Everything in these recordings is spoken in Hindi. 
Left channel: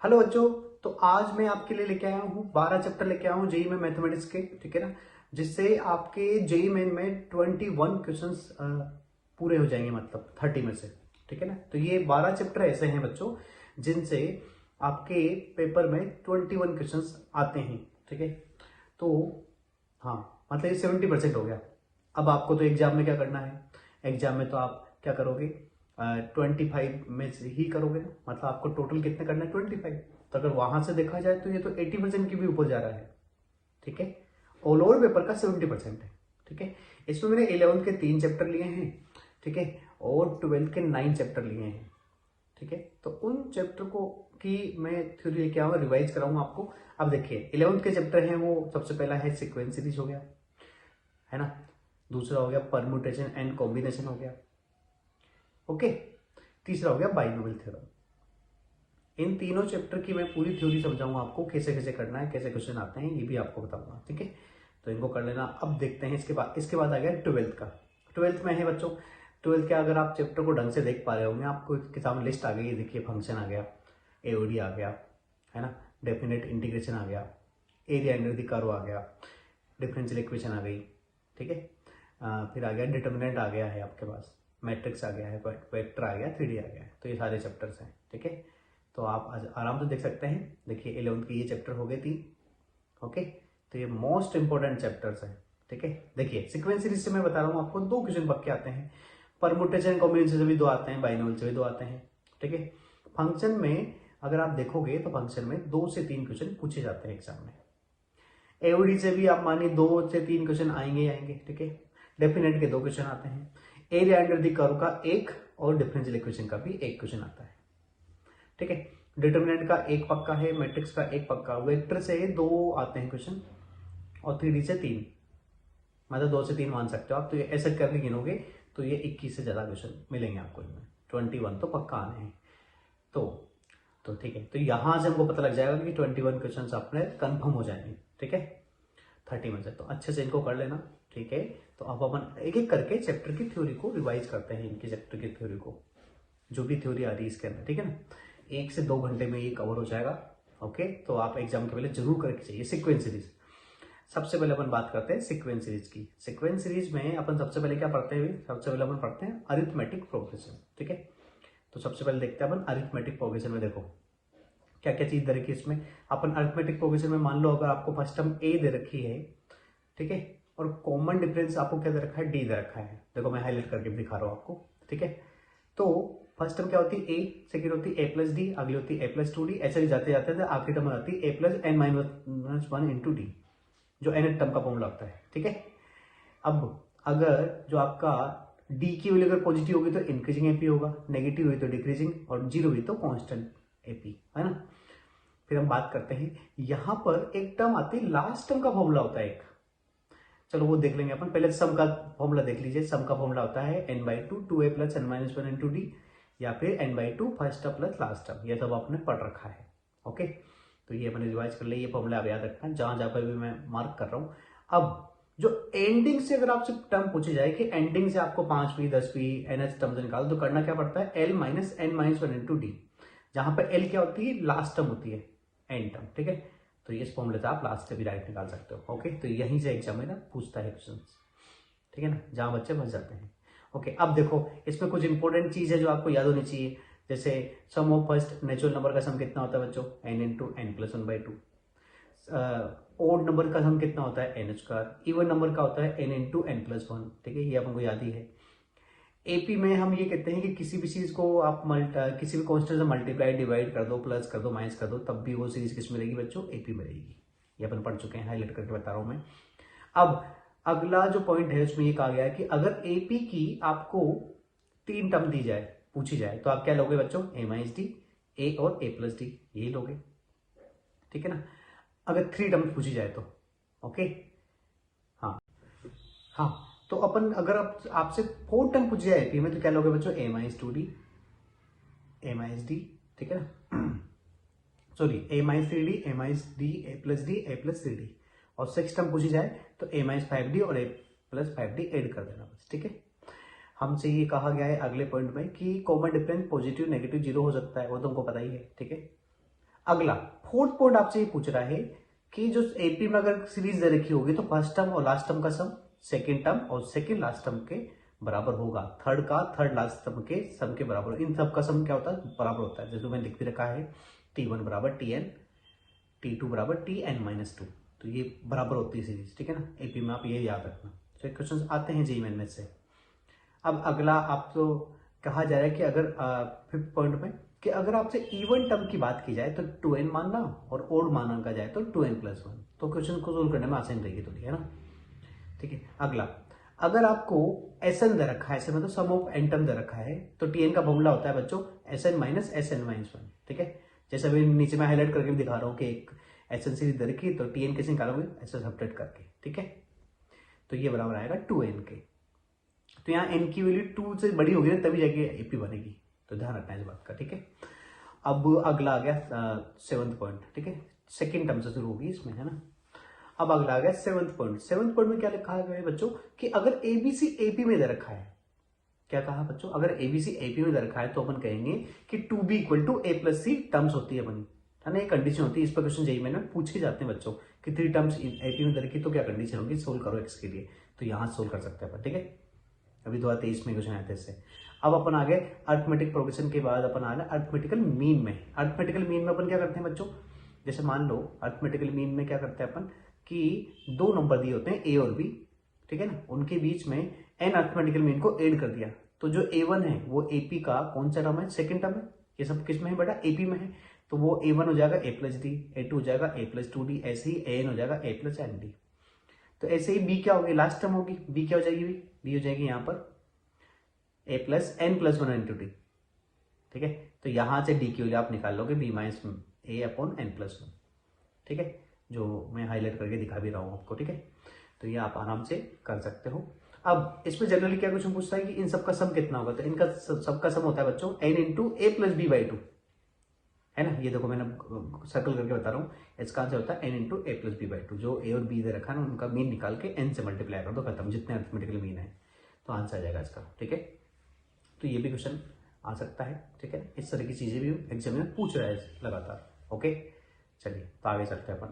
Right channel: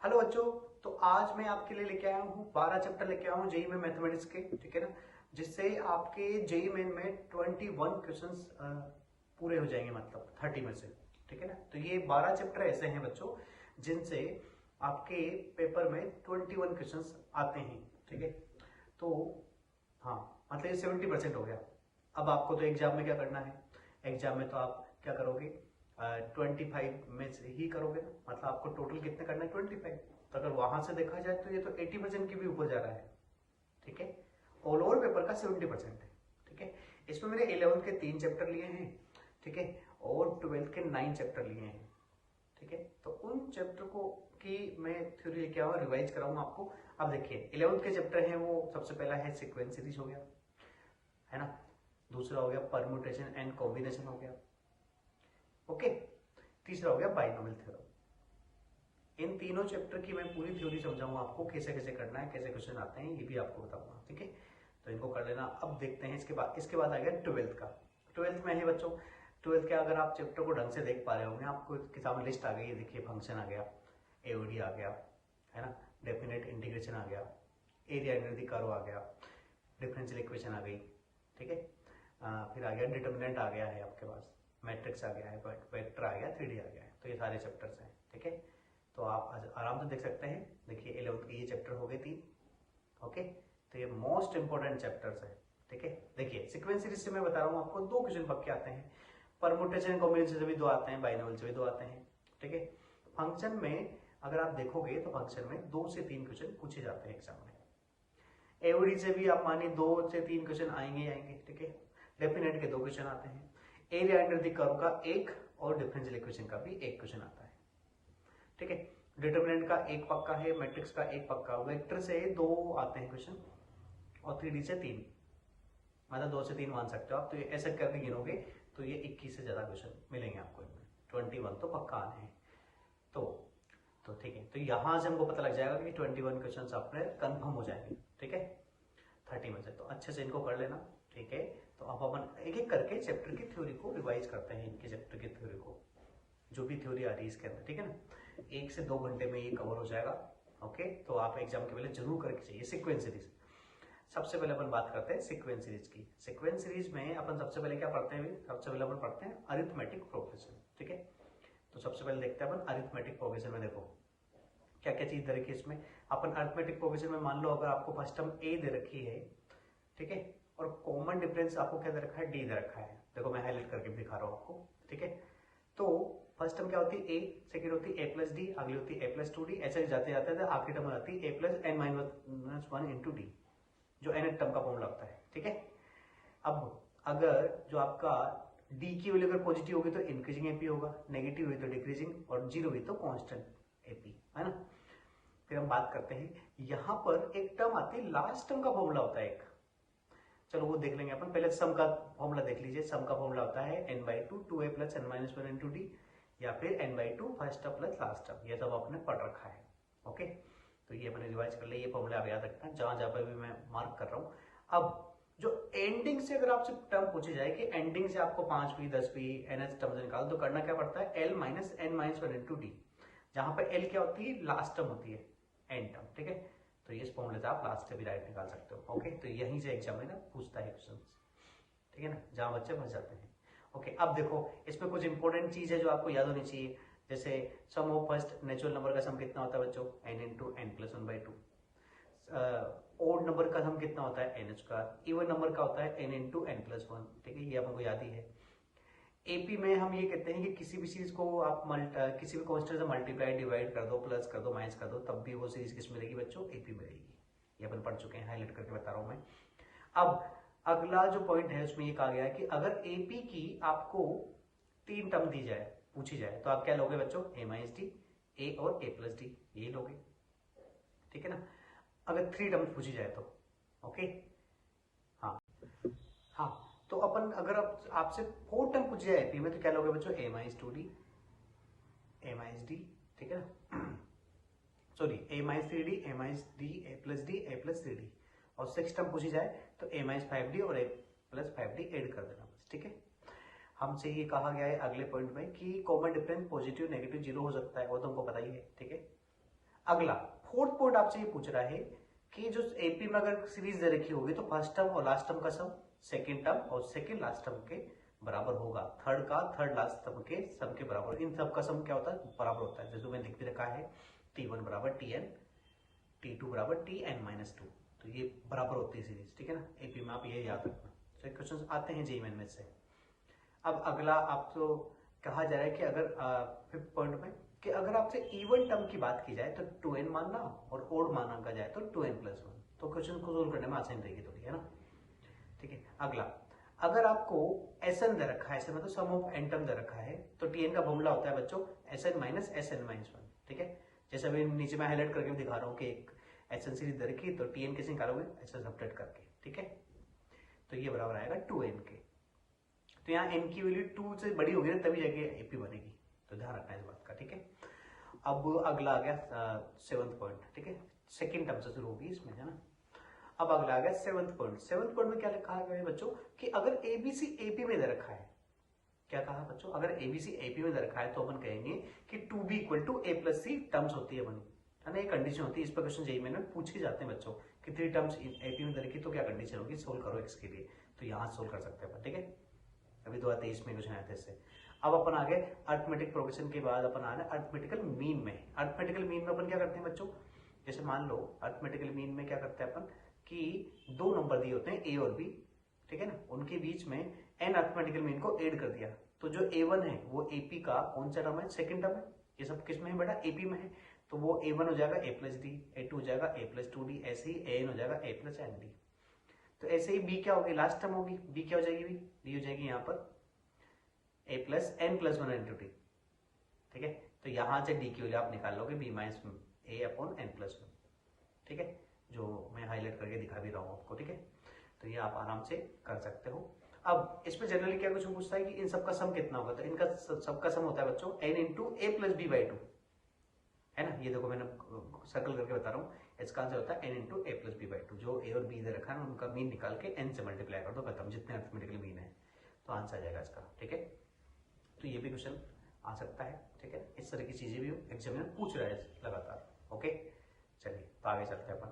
हेलो बच्चों। तो आज मैं आपके लिए लेके आया हूँ 12 चैप्टर लेके आया हूँ जेई में मैथमेटिक्स के, ठीक है ना। जिससे आपके जेई मेन में 21 क्वेश्चंस पूरे हो जाएंगे, मतलब 30 में से, ठीक है ना। तो ये 12 चैप्टर ऐसे हैं बच्चों जिनसे आपके पेपर में 21 क्वेश्चंस आते हैं, ठीक है। तो हाँ, मतलब ये 70% हो गया। अब आपको तो एग्जाम में क्या करना है, एग्जाम में तो आप क्या करोगे, 25 में से ही करोगे ना, मतलब आपको टोटल कितने करना है, 25। तो अगर वहां से देखा जाए तो ये तो 80% की भी ऊपर जा रहा है, ठीक है। ऑल ओवर पेपर का 70% है, ठीक है। इसमें मैंने 11th के 3 चैप्टर लिए हैं, ठीक है, और 12th के 9 चैप्टर लिए हैं, ठीक है। तो उन चैप्टर को की मैं थ्योरी लेके आऊंगा, रिवाइज कराऊंगा आपको। अब देखिए 11th के चैप्टर हैं, वो सबसे पहला है सीक्वेंस सीरीज हो गया, है ना। दूसरा हो गया परम्यूटेशन एंड कॉम्बिनेशन हो गया, ओके। तीसरा हो गया बाइनोमियल थ्योरम। इन तीनों चैप्टर की मैं पूरी थ्योरी समझाऊंगा आपको, कैसे कैसे करना है, कैसे क्वेश्चन आते हैं, ये भी आपको बताऊंगा, ठीक है। तो इनको कर लेना। अब देखते हैं इसके बाद आ गया 12th का। 12th में है बच्चों, 12th के अगर आप चैप्टर को ढंग से देख पा रहे होंगे, आपको इसके सामने लिस्ट आ गई है, देखिए फंक्शन आ गया, एओडी आ गया, है ना, डेफिनेट इंटीग्रेशन आ गया, एरिया अंडर द कर्व आ गया, डिफरेंशियल इक्वेशन आ गई, ठीक है। फिर आ गया डिटर्मिनेंट आ गया है आपके पास, मैट्रिक्स आ गया है, वेक्टर आ गया, 3D आ गया है। तो ये सारे चैप्टर्स हैं, ठीक है। तो आप आज आराम से देख सकते हैं। देखिए 11th के ये चैप्टर हो गए 3, ओके। तो ये मोस्ट इंपॉर्टेंट चैप्टर्स हैं, ठीक है। देखिए सीक्वेंस सीरीज से मैं बता रहा हूँ आपको, 2 क्वेश्चन पक्के आते हैं, परमुटेशन कॉम्बिनेशन से भी 2 आते हैं, बाइनोमियल से भी 2 आते हैं, ठीक है। फंक्शन में अगर आप देखोगे तो फंक्शन में 2 से 3 क्वेश्चन पूछे जाते हैं एग्जाम में। एओडी से भी आप मानिए 2 से 3 क्वेश्चन आएंगे ही आएंगे, ठीक है। डेफिनेट के 2 क्वेश्चन आते हैं, एरिया अंडर द कर्व का 1 और डिफरेंशियल इक्वेशन का भी 1 क्वेश्चन आता है, ठीक है। डिटर्मिनेंट का 1 पक्का है, मैट्रिक्स का 1 पक्का, वेक्टर से 2 आते हैं क्वेश्चन, और 3D से 3, मतलब 2 से 3 मान सकते हो आप। तो ये ऐसे करके गिनोगे तो ये 21 से ज्यादा क्वेश्चन मिलेंगे आपको इनमें, 21 तो पक्का आने हैं। तो ठीक है। तो यहां से हमको पता लग जाएगा कि 21 क्वेश्चन अपने कंफर्म हो जाएंगे, ठीक है, 30 में से। तो अच्छे से इनको कर लेना, ठीक है। तो अब अपन एक एक करके चैप्टर की थ्योरी को रिवाइज करते हैं, इनके चैप्टर की थ्योरी को, जो भी थ्योरी आ रही है इसके अंदर, ठीक है ना। 1 से 2 घंटे में ये कवर हो जाएगा, ओके। तो आप एग्जाम के पहले जरूर करके चाहिए सीक्वेंस सीरीज। सबसे पहले अपन बात करते हैं सीक्वेंस सीरीज की। सीक्वेंस सीरीज में अपन सबसे पहले क्या पढ़ते हैं, सबसे पहले अपन पढ़ते हैं अरिथमेटिक प्रोग्रेशन, ठीक है। तो सबसे पहले देखते हैं अपन अरिथमेटिक प्रोग्रेशन में, देखो क्या क्या चीज दे रखी है इसमें। अपन अरिथमेटिक प्रोग्रेशन में मान लो अगर आपको फर्स्ट टर्म ए दे रखी है, ठीक है, और कॉमन डिफरेंस आपको क्या दे रखा है, डी दे रखा है। देखो मैं हाईलाइट करके भी दिखा रहा हूं आपको, ठीक है। तो फर्स्ट टर्म क्या होती है ए, सेकंड होती है ए प्लस डी, अगली होती है ए प्लस 2 डी, ऐसे ही जाते जाते आखिरी टर्म आती है A plus N minus 1 into D, जो एन टर्म का फॉर्मूला होता है, ठीक है। अब अगर जो आपका डी की वैल्यू अगर पॉजिटिव होगी तो इंक्रीजिंग एपी होगा, नेगेटिव हुई तो डिक्रीजिंग, और जीरो हुई तो कांस्टेंट एपी, है ना। फिर हम बात करते हैं, यहां पर एक टर्म आती है, लास्ट टर्म का फॉर्मूला होता है एक, चलो वो देख लेंगे अपन। पहले सम का फॉर्मूला देख लीजिए। सम का फॉर्मूला होता है n/2 2a plus n minus 1 into D, या फिर n/2 first term plus last term. ये सब आपने पढ़ रखा है, ओके। तो ये अपने रिवाइज कर ले, ये फॉर्मूला आप याद रखना, जहां जहां पर भी मैं मार्क कर रहा हूं। अब जो एंडिंग से अगर आपसे टर्म पूछी जाए कि एंडिंग से आपको 5p 10p NH टर्म से निकालो, तो करना क्या पड़ता है, l minus n minus 1 into D, जहां पर l क्या होती है, लास्ट टर्म होती है, एंड टर्म, ठीक है। तो इस फॉर्मूले से आप लास्ट से भी राइट निकाल सकते हो, ओके। तो यहीं से एग्जामिनर पूछता है क्वेश्चन, ठीक है ना, जहां बच्चे फंस जाते हैं, ओके। अब देखो इसमें कुछ इंपॉर्टेंट चीज है जो आपको याद होनी चाहिए, जैसे sum of first natural number का सम कितना होता है बच्चों, n into N plus 1/2। Odd number का सम कितना होता है, n स्क्वायर। इवन नंबर का होता है n इंटू एन प्लस 1, ठीक है, ये आपको याद ही है। एपी में हम ये कहते हैं कि किसी भी चीज को आप किसी भी कॉन्स्टेंट से मल्टीप्लाई डिवाइड कर दो, प्लस कर दो, माइनस कर दो, तब भी वो सीरीज किस मिलेगी बच्चों, एपी मिलेगी। ये अपन पढ़ चुके हैं, हाईलाइट करके बता रहा हूं मैं। अब अगला जो पॉइंट है उसमें ये कहा गया है कि अगर एपी की आपको 3 टर्म दी जाए, पूछी जाए, तो आप क्या लोगे बच्चों, ए माइनस डी, ए और ए प्लस डी, यही लोगे, ठीक है ना। अगर 3 टर्म पूछी जाए तो, ओके। हाँ हाँ, तो अपन अगर आपसे 4 टर्म पूछी जाए एपी में, तो क्या लोगे बच्चों, ए माइनस 2 डी, ए माइनस डी, ठीक है ना, सॉरी ए माइनस 3 डी, ए माइनस डी, ए प्लस डी, ए प्लस 3 डी, और 6 टर्म पूछी जाए तो ए माइनस 5 डी और ए प्लस 5 डी एड कर देना बस, ठीक है। हमसे ये कहा गया है अगले पॉइंट में कि common difference positive negative zero हो सकता है, वो तो हमको पता ही है, ठीक है। अगला फोर्थ पॉइंट आपसे ये पूछ रहा है कि जो एपी में अगर सीरीज दे रखी होगी तो फर्स्ट टर्म और लास्ट टर्म का सम सेकेंड टर्म और सेकेंड लास्ट टर्म के बराबर होगा, थर्ड का थर्ड लास्ट टर्म के सम के बराबर, इन सब का सम क्या होता है, बराबर होता है। जैसे मैंने लिख भी रखा है T1 बराबर Tn, T2 बराबर Tn-2, तो ये बराबर होती है सीरीज, ठीक है ना। एपी में आप ये याद रखना। तो ये क्वेश्चन आते हैं जेईई मेन में से। अब अगला आप तो कहा जा रहा है कि अगर फिफ्थ पॉइंट में कि अगर आपसे इवन टर्म की बात की जाए तो 2n मानना और ओड माना का जाए तो 2n+1, तो क्वेश्चन को सोल्व करने में आसान रहेगी थोड़ी, है ना। ठीक है, अगला अगर आपको Sn दे रखा है, ऐसे मतलब सम ऑफ n टर्म दे रखा है, तो Tn का फॉर्मूला होता है बच्चों Sn माइनस Sn-1, ठीक है। जैसे अभी नीचे मैं हाईलाइट करके भी दिखा रहा हूँ कि एक Sn सीरीज दे रखी है तो Tn कैसे निकालोगे, ऐसे सब्ट्रैक्ट करके, ठीक है। तो ये बराबर आएगा 2n के। तो यहाँ n की वैल्यू 2 से बड़ी होगी ना तभी जाके एपी बनेगी, तो ध्यान रखना है इस बात का, ठीक है। अब अगला आ गया सेवंथ पॉइंट, ठीक है, सेकेंड टर्म से शुरू होगी इसमें, है ना। अब अगला आ गया सेवंथ पॉइंट। सेवंथ पॉइंट में क्या लिखा है बच्चों कि अगर एबीसी एपी में दे रखा है, क्या कहा बच्चों, अगर एबीसी एपी में दे रखा है तो अपन कहेंगे कि 2b equal to a+c terms होती है बनी, है ना। ये कंडीशन होती है, इस पर क्वेश्चन जेईई मेन में पूछे जाते हैं बच्चों कि 3 टर्म्स एपी में दे रखी तो क्या कंडीशन होगी, सोल्व करो एक्स के लिए, तो यहाँ सोल्व कर सकते हैं अपन, ठीक है। अभी 2023 में क्वेश्चन आए थे इससे। अब अपन आ गए अर्थमेटिक प्रोग्रेशन के बाद अपन आ गए अर्थमेटिकल मीन में। अर्थमेटिकल मीन में अपन क्या करते हैं बच्चों, जैसे मान लो अर्थमेटिकल मीन में क्या करते हैं अपन कि 2 नंबर दिए होते हैं ए और बी, ठीक है ना, उनके बीच में एन अर्थमेटिकल मीन को ऐड कर दिया, तो जो A1 है वो AP का कौन सा टर्म है, सेकंड टर्म है। ये सब किस में है बेटा, AP में है, तो वो A1 हो जाएगा A+D, A2 हो जाएगा A+2D, ऐसे ही AN हो जाएगा A+ND। तो ऐसे ही B क्या होगी, लास्ट टर्म होगी, B क्या हो जाएगी, B हो जाएगी यहाँ पर A+n+1 × D, ठीक है। तो यहाँ से D की वैल्यू आप निकाल लोगे B-A/n+1, ठीक है, जो मैं हाईलाइट करके दिखा भी रहा हूँ आपको, ठीक है। तो ये आप आराम से कर सकते हो। अब इसमें जनरली क्या क्वेश्चन पूछता है कि इन सबका सम कितना होगा, तो इनका सबका सम होता है बच्चों n × a+b/2, है ना। ये देखो मैंने सर्कल करके बता रहा हूँ, इसका आंसर होता है n × a+b/2। जो a और b दे रखा है ना उनका मीन निकाल के n से मल्टीप्लाई कर दो, खत्म, जितने अर्थमेटिकल मीन है तो आंसर आ जाएगा इसका, ठीक है। तो ये भी क्वेश्चन आ सकता है, ठीक है। इस तरह की चीजें भी एग्जाम में पूछ रहा है लगातार, ओके। चलिए तो आगे चलते हैं अपन।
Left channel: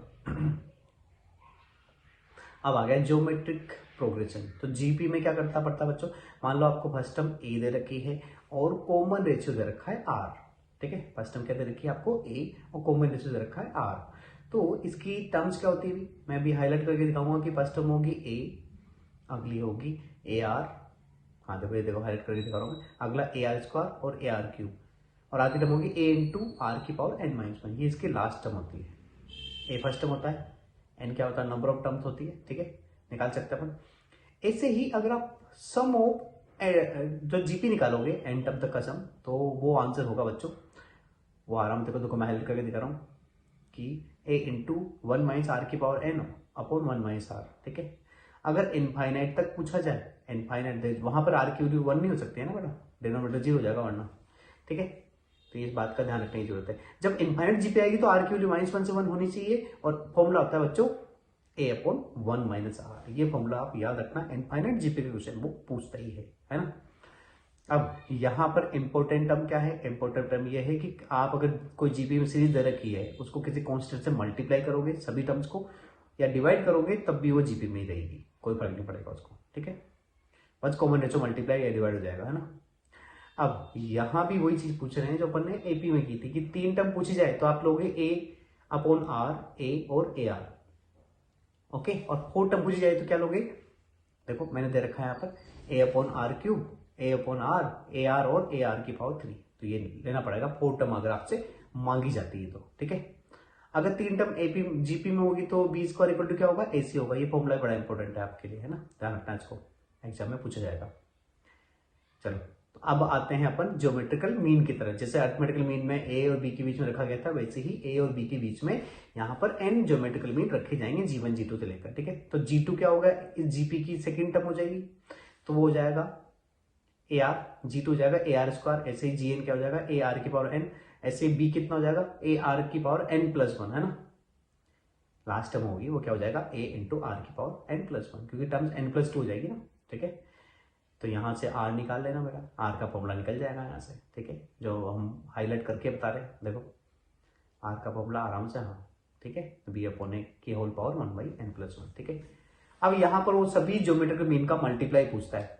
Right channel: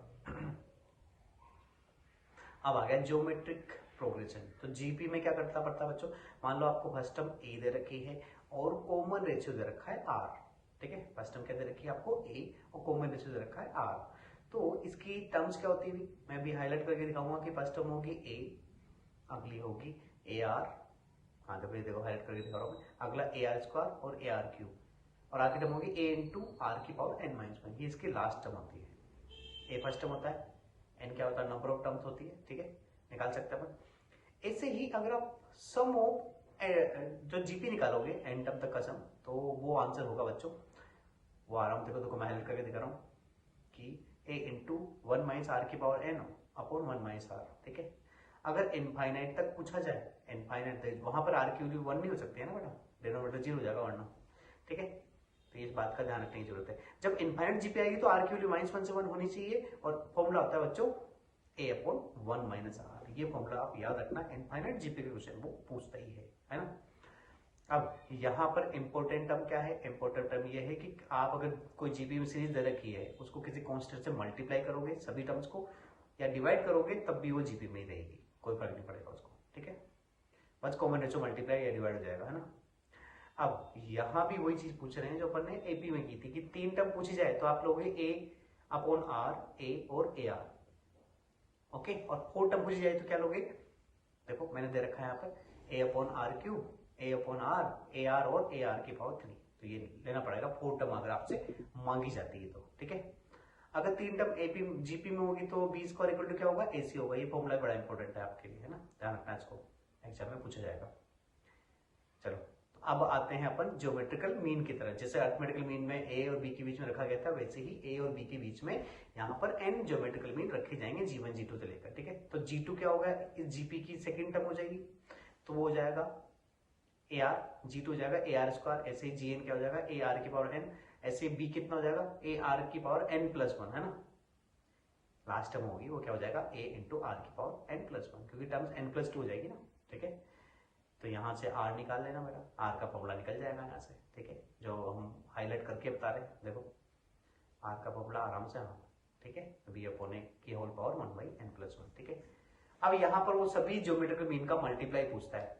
अब आ गया ज्योमेट्रिक प्रोग्रेशन। तो जीपी में क्या करता पड़ता बच्चों, मान लो आपको फर्स्ट टर्म ए दे रखी है और कॉमन रेशियो दे रखा है आर, ठीक है। फर्स्ट टर्म क्या दे रखी है आपको ए और कॉमन रेशियो दे रखा है आर, तो इसकी टर्म्स क्या होती है मैं भी हाईलाइट करके दिखाऊंगा कि फर्स्ट टर्म होगी ए, अगली होगी ए आर, हाँ देखो ये देखो हाईलाइट करके दिखा रहा हूँ मैं, अगला AR² और AR3, और आगे टर्म होगी a × r⁻n−1, ये इसकी लास्ट टर्म होती है। ए फर्स्ट टर्म होता है, एन क्या होता है, नंबर ऑफ टर्म्स होती है, ठीक है, निकाल सकते हैं अपन। ऐसे ही अगर आप सम ऑफ जो जीपी निकालोगे एन टर्म तक का सम, तो वो आंसर होगा बच्चों, वो आराम देखो देखो मैं हाईलाइट करके दिखा रहा हूँ कि a × 1−r⁻n/1−r, ठीक है। अगर इनफाइनाइट तक पूछा जाए, इनफाइनाइट वहां पर आर की वैल्यू 1 नहीं हो सकती है ना बेटा, डिनोमिनेटर 0 हो जाएगा वरना, ठीक है। तो इस बात का ध्यान रखने की जरूरत है, जब इनफाइनाइट जीपी आएगी तो आर की वैल्यू -1 से 1 होनी चाहिए, और फॉर्मूला होता है बच्चों a/1 - r। ये फॉर्मूला आप याद रखना, इनफाइनाइट जीपी के क्वेश्चन वो पूछता ही है ना। अब यहाँ पर इंपॉर्टेंट टर्म क्या है, इंपॉर्टेंट टर्म ये है कि आप अगर कोई जीपी में सीरीज दे रखी है उसको किसी कांस्टेंट से मल्टीप्लाई करोगे सभी टर्म्स को, या डिवाइड करोगे तब भी वो जीपी में ही रहेगी, कोई फर्क नहीं पड़ेगा उसको, ठीक है। बस कॉमन रेशो मल्टीप्लाई या डिवाइड हो जाएगा, है ना। अब यहाँ भी वही चीज पूछ रहे हैं जो अपन ने एपी में की थी कि 3 टर्म पूछी जाए तो आप लोगे a/r, a और ar, ओके। और 4 टर्म पूछी जाए तो क्या लोगे, देखो मैंने दे रखा है यहाँ पर a/r3, a/r, ar और ar⁻3, तो ये लेना पड़ेगा 4 टर्म अगर आपसे मांगी जाती है तो, ठीक है। अगर 3 टर्म एपी जीपी में होगी तो b² = क्या होगा, ac होगा। ये फॉर्मूला बड़ा इंपॉर्टेंट है आपके लिए, है ना, ध्यान रखना इसको, एग्जाम में पूछा जाएगा। चलो तो अब आते हैं अपन ज्योमेट्रिकल मीन की तरह। जैसे अर्थमेटिकल मीन में ए और बी के बीच में रखा गया था, वैसे ही ए और बी के बीच में यहाँ पर n ज्योमेट्रिकल मीन रखे जाएंगे G1 G2 से लेकर, ठीक है। तो G2 क्या होगा, इस जीपी की सेकेंड टर्म हो जाएगी, तो वो हो जाएगा AR, G2 हो जाएगा AR², ऐसे ही Gn क्या हो जाएगा AR⁻n, ऐसे b कितना हो जाएगा AR⁻n+1, है ना। लास्ट टर्म होगी वो क्या हो जाएगा a × r⁻n+1, क्योंकि टर्म्स n+2 हो जाएगी ना, ठीक है। तो यहाँ से r निकाल लेना मेरा, r का फॉर्मूला निकल जाएगा यहाँ से, ठीक है, जो हम हाईलाइट करके बता रहे हैं, देखो आर का फॉर्मूला आराम से, हाँ ठीक है, बी अपॉन ए की होल पावर 1/n+1, ठीक है। अब यहाँ पर वो सभी ज्योमेट्रिकल मीन का मल्टीप्लाई पूछता है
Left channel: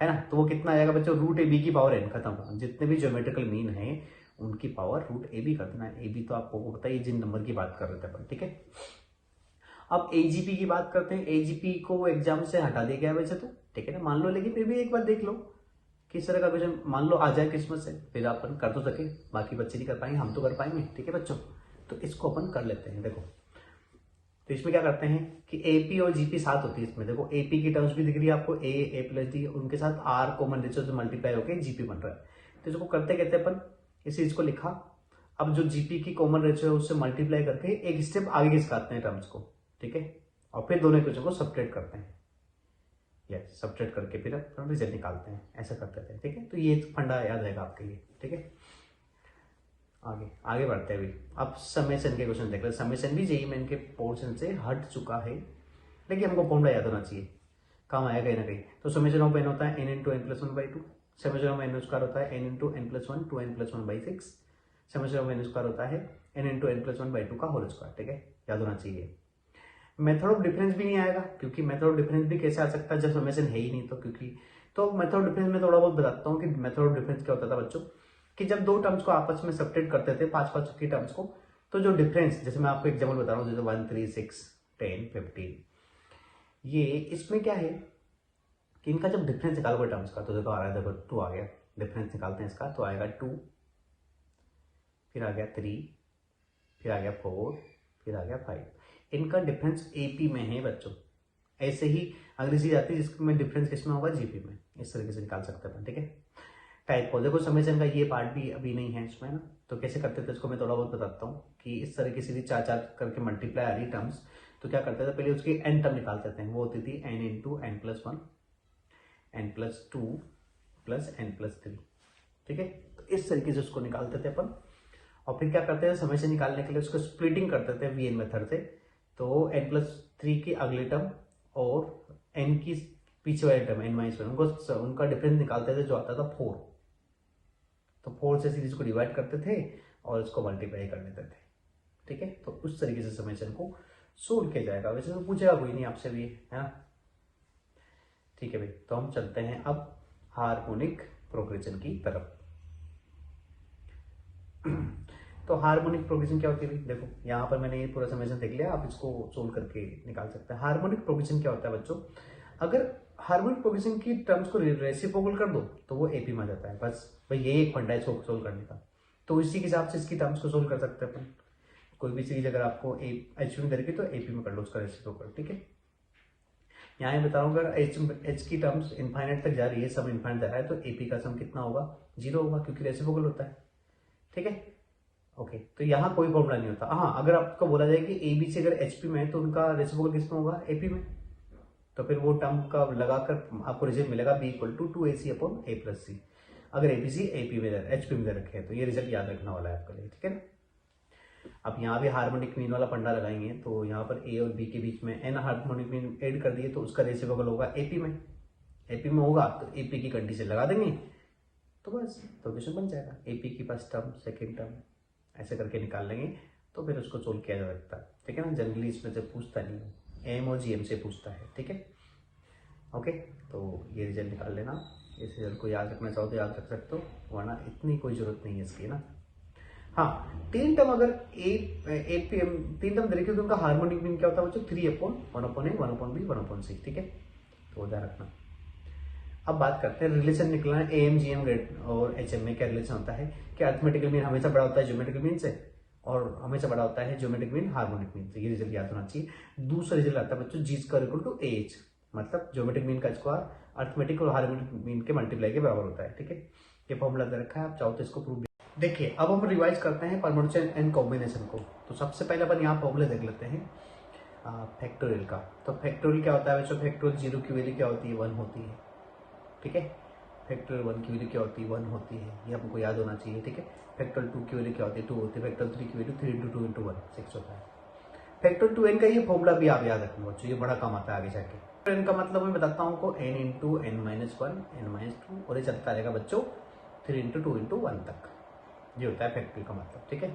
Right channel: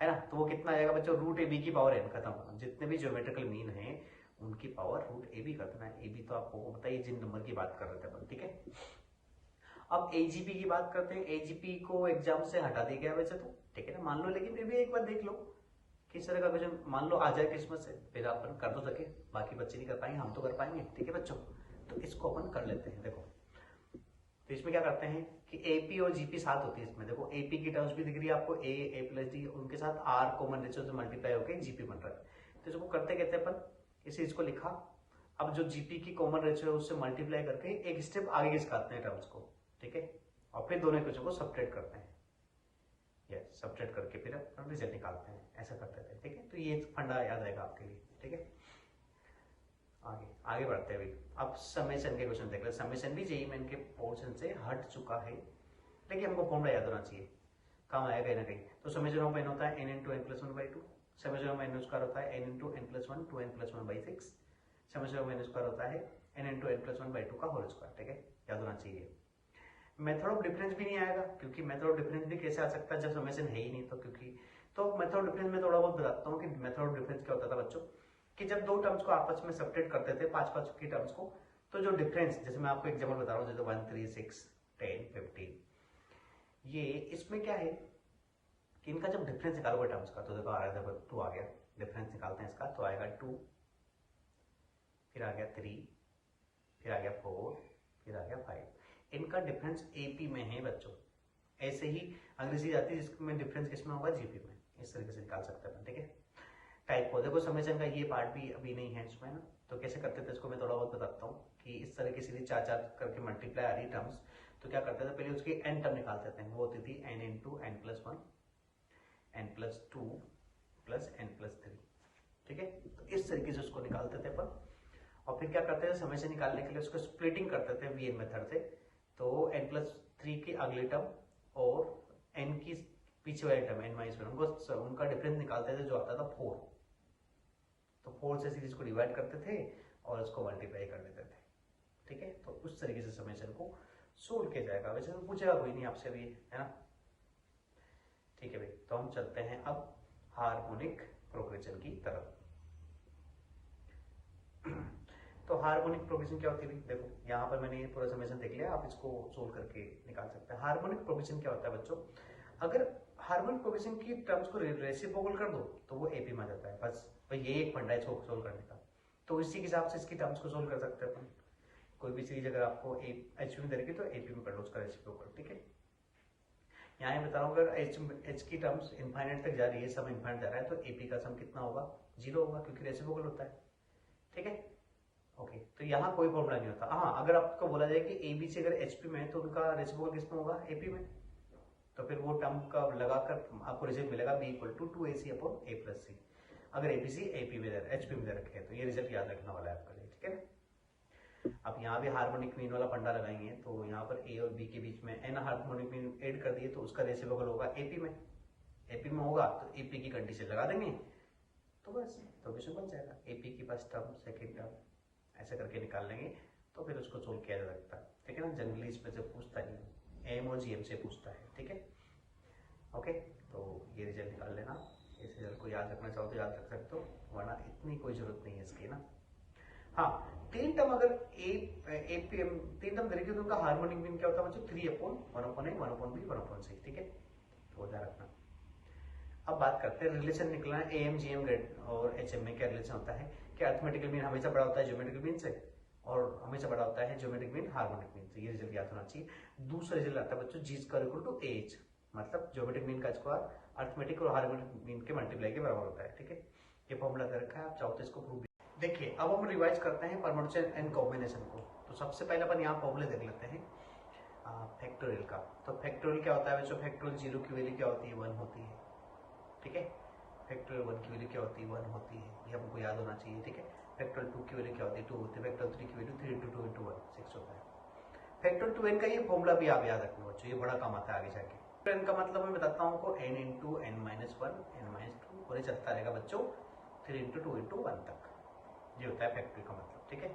ना, तो वो कितना आ जाएगा बच्चों, रूट ए बी की पावर n, खत्म। जितने भी ज्योमेट्रिकल मीन हैं उनकी पावर रूट ए बी कर देना। ए बी तो आपको पता है जिन नंबर की बात कर रहे थे अपन, ठीक है। अब एजीपी की बात करते हैं। एजीपी को एग्जाम से हटा दिया गया वैसे तो, ठीक है ना, मान लो, लेकिन फिर भी एक बार देख लो किस तरह का क्वेश्चन मान लो आ जाए किस्मत से, फिर अपन कर तो सके, बाकी बच्चे नहीं कर पाएंगे, हम तो कर पाएंगे, ठीक है बच्चों। तो इसको अपन कर लेते हैं। देखो तो इसमें क्या करते हैं कि एपी और जीपी साथ होती है इसमें। देखो एपी की टर्म्स भी दिख रही है आपको, ए प्लस डी, उनके साथ आर कॉमन रेशियो से मल्टीप्लाई होकर जीपी बन रहा है। तो इसको करते कहते अपन इस चीज को लिखा। अब जो जीपी की कॉमन रेशियो है उससे मल्टीप्लाई करके एक स्टेप आगे खिसकाते हैं टर्म्स को, ठीक है, और फिर दोनों क्वेश्चन को सब्ट्रैक्ट करते हैं, यस सब्ट्रैक्ट करके फिर अपन रिजल्ट निकालते हैं, ऐसा करते थे, ठीक है। तो ये फंडा याद रहेगा आपके लिए, ठीक है। आगे आगे बढ़ते हैं अभी। अब समेशन के क्वेश्चन देख रहे हैं। समेशन भी जेईई मेन के पोर्शन से हट चुका है, लेकिन हमको फॉर्मूला याद होना चाहिए, काम आएगा कहीं ना कहीं। तो समेशन ऑफ एन होता है n into N plus 1/2, summation of n square होता है n इंटू एन प्लस 1 two n+1/6, summation of n square होता है n इंटू n+1/2 का होल स्क्वायर, ठीक है, याद होना चाहिए। मेथड ऑफ डिफरेंस भी नहीं आएगा, क्योंकि मेथड ऑफ डिफरेंस भी कैसे आ सकता है जब समेशन है ही नहीं, तो क्योंकि तो मेथड ऑफ डिफरेंस में थोड़ा बहुत बताता हूँ कि मेथड ऑफ डिफरेंस क्या होता था बच्चों, कि जब दो टर्म्स को आपस में सब्ट्रैक्ट करते थे, 5 की टर्म्स को, तो जो डिफरेंस, जैसे मैं आपको एग्जाम्पल बता रहा हूँ, जैसे 1 3 6 10 15, ये इसमें क्या है कि इनका जब डिफरेंस निकालोगे टर्म्स का, तो देखो आ रहा है, देखो 2 आ गया, डिफरेंस निकालते हैं इसका, तो आएगा 2, फिर आ गया 3, फिर आ गया 4, फिर आ गया 5। इनका डिफरेंस एपी में है बच्चों। ऐसे ही अगली चीज आती है जिसमें डिफरेंस किसमें होगा, जीपी में। इस तरीके से निकाल सकते हैं, ठीक है। टाइप को देखो, समेशन का ये पार्ट भी अभी नहीं है इसमें ना, तो कैसे करते थे इसको मैं थोड़ा बहुत बताता हूँ कि इस तरह की सीधी 4 करके मल्टीप्लाई आ रही टर्म्स, तो क्या करते थे पहले उसकी एन टर्म निकालते थे, वो होती थी n into n+1 n+2 plus n+3, ठीक है। तो इस तरीके से उसको निकालते थे अपन, और फिर क्या करते थे समेशन निकालने के लिए उसको स्प्लिटिंग करते थे वीएन मेथड से। तो n+3 की अगले टर्म और n की पीछे वाले टर्म n-1 उनको उनका डिफरेंस निकालते थे, जो आता था 4। तो 4 से सीरीज को डिवाइड करते थे और इसको मल्टीप्लाई कर लेते थे, ठीक है। तो उस तरीके से समेशन को सोल्व किया जाएगा। वैसे तो पूछेगा कोई नहीं आपसे भी, है ना, ठीक है भाई। तो हम चलते हैं अब हार्मोनिक प्रोग्रेशन की तरफ। तो हार्मोनिक प्रोग्रेशन क्या होती है भाई, देखो यहाँ पर मैंने ये पूरा समेशन देख लिया, आप इसको सोल्व करके निकाल सकते हैं। हार्मोनिक प्रोग्रेशन क्या होता है बच्चों, अगर हार्मोनिक प्रोग्रेशन की टर्म्स को रेसिप्रोकल कर दो तो वो एपी में आ जाता है, बस भाई यही एक फंडा है इसको सोल्व करने का। तो इसी के हिसाब से इसकी टर्म्स को सोल्व कर सकते हैं अपन। कोई भी सीरीज अगर आपको एच में करेगी तो एपी में कर लो उसका रेसिप्रोकल, ठीक है। यहाँ ये बता रहा हूँ, अगर एच की टर्म्स इनफाइनाइट तक जा रही है, सम इनफाइनाइट जा रहा है, तो एपी का सम कितना होगा, 0 होगा, क्योंकि रेसिप्रोकल होता है, ठीक है। ओके, तो यहाँ कोई फॉर्मूला नहीं होता। हाँ, अगर आपको बोला जाए कि ए बी सी अगर एचपी में है तो उनका रेसिप्रोकल किसमें होगा, एपी में, तो फिर वो टर्म का लगाकर आपको रिजल्ट मिलेगा B equal to 2ac upon a plus C. अगर एबीसी एपी में एचपी में रखे हैं तो ये रिजल्ट याद रखने वाला है आपके लिए, ठीक है ना। अब यहाँ भी हार्मोनिक मीन वाला फंडा लगाएंगे, तो यहाँ पर ए और बी के बीच में एन हार्मोनिक मीन ऐड कर दिए, तो उसका रेसिप्रोकल होगा एपी में। एपी में होगा तो एपी की कंडीशन लगा देंगे, तो बस तो क्वेश्चन बन जाएगा। एपी की फर्स्ट टर्म, सेकेंड टर्म, ऐसे करके निकाल लेंगे, तो फिर उसको सोल्व किया जा सकता है, ठीक है ना। जनरली इसमें से पूछता नहीं, एम और जीएम से पूछता है, ठीक है। ओके, तो ये रिजल्ट निकाल लेना। इस रिजल्ट को याद रखना चाहो तो याद रख सकते हो, वरना इतनी कोई जरूरत नहीं है इसकी ना। हाँ, 3 टर्म अगर एपीएम 3 टर्म देखिए तो उनका हार्मोनिक मीन क्या होता है बच्चों, 3/1/a 1/b 1/6, ठीक है। तो ध्यान रखना। अब बात करते हैं रिलेशन निकलना है एएम जीएम ग्रेड और एचएम में क्या रिलेशन होता है कि अरिथमेटिकल मीन हमेशा बड़ा होता है ज्योमेट्रिकल मीन से, और हमेशा बड़ा होता है ज्योमेट्रिक मीन हार्मोनिक मीन से। ये रिजल्ट याद होना चाहिए। दूसरा रिजल्ट आता है बच्चों जी स्क्वायर इक्वल टू एच, मतलब ज्योमेट्रिक मीन का स्क्वायर अरिथमेटिक और हार्मोनिक मीन के मल्टीप्लाई के बराबर होता है, ठीक है। ये फॉर्मूला दे रखा है, आप चाहो तो इसको प्रूव। देखिए अब हम रिवाइज करते हैं परम्यूटेशन एंड कॉम्बिनेशन को। तो सबसे पहले अपन यहाँ फॉर्मूले देख लेते हैं फैक्टोरियल का। तो फैक्टोरियल क्या होता है बच्चों, फैक्टोरियल 0 की वैल्यू क्या होती है, 1 होती है, ठीक है। फैक्टोरियल 1 की वैल्यू क्या होती है, 1 होती है, ये हमको याद होना चाहिए, ठीक है। फैक्टोरियल 2 की वैल्यू क्या होती है, 2 होती है। फैक्टोरियल 3 की वैल्यू 3 इंटू 2 इंटू 1 6 होता है। फैक्टोरियल 2n का ये फॉर्मूला भी आप याद रखना बच्चों, ये बड़ा काम आता है आगे जाके। तो n का मतलब मैं बताता हूँ आपको, n इंटू n-1 n-2, और ये चलता रहेगा बच्चों 3 इंटू 2 इंटू 1 तक। ये होता है फैक्टोरियल का मतलब, ठीक है।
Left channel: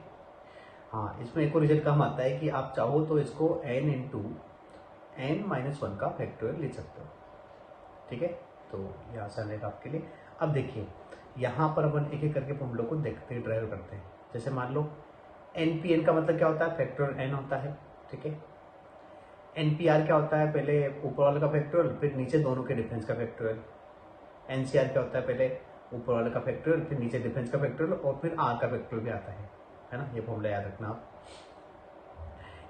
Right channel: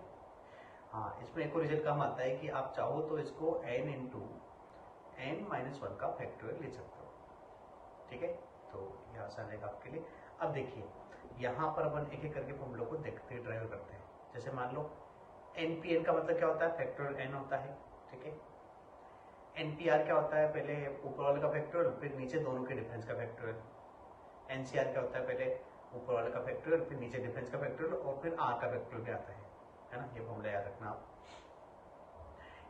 हाँ, इसमें एक और रिजल्ट काम आता है कि आप चाहो तो इसको n इंटू n-1 का फैक्टोरियल लिख सकते हो, ठीक है। तो ये आसान रहेगा आपके लिए। अब देखिए यहाँ पर अपन एक एक करके फॉर्मूलों को देखते ड्राइव करते हैं। जैसे मान लो NPN का मतलब क्या होता है, फैक्टोरियल n होता है, ठीक है। NPR क्या होता है, पहले ऊपर वाले का फैक्टोरियल फिर नीचे दोनों के डिफरेंस का फैक्टोरियल। NCR क्या होता है, पहले ऊपर वाले का फैक्टोरियल फिर नीचे डिफरेंस का फैक्टोरियल और फिर R का फैक्टोरियल भी आता है ना। ये फॉर्मूला याद रखना आप।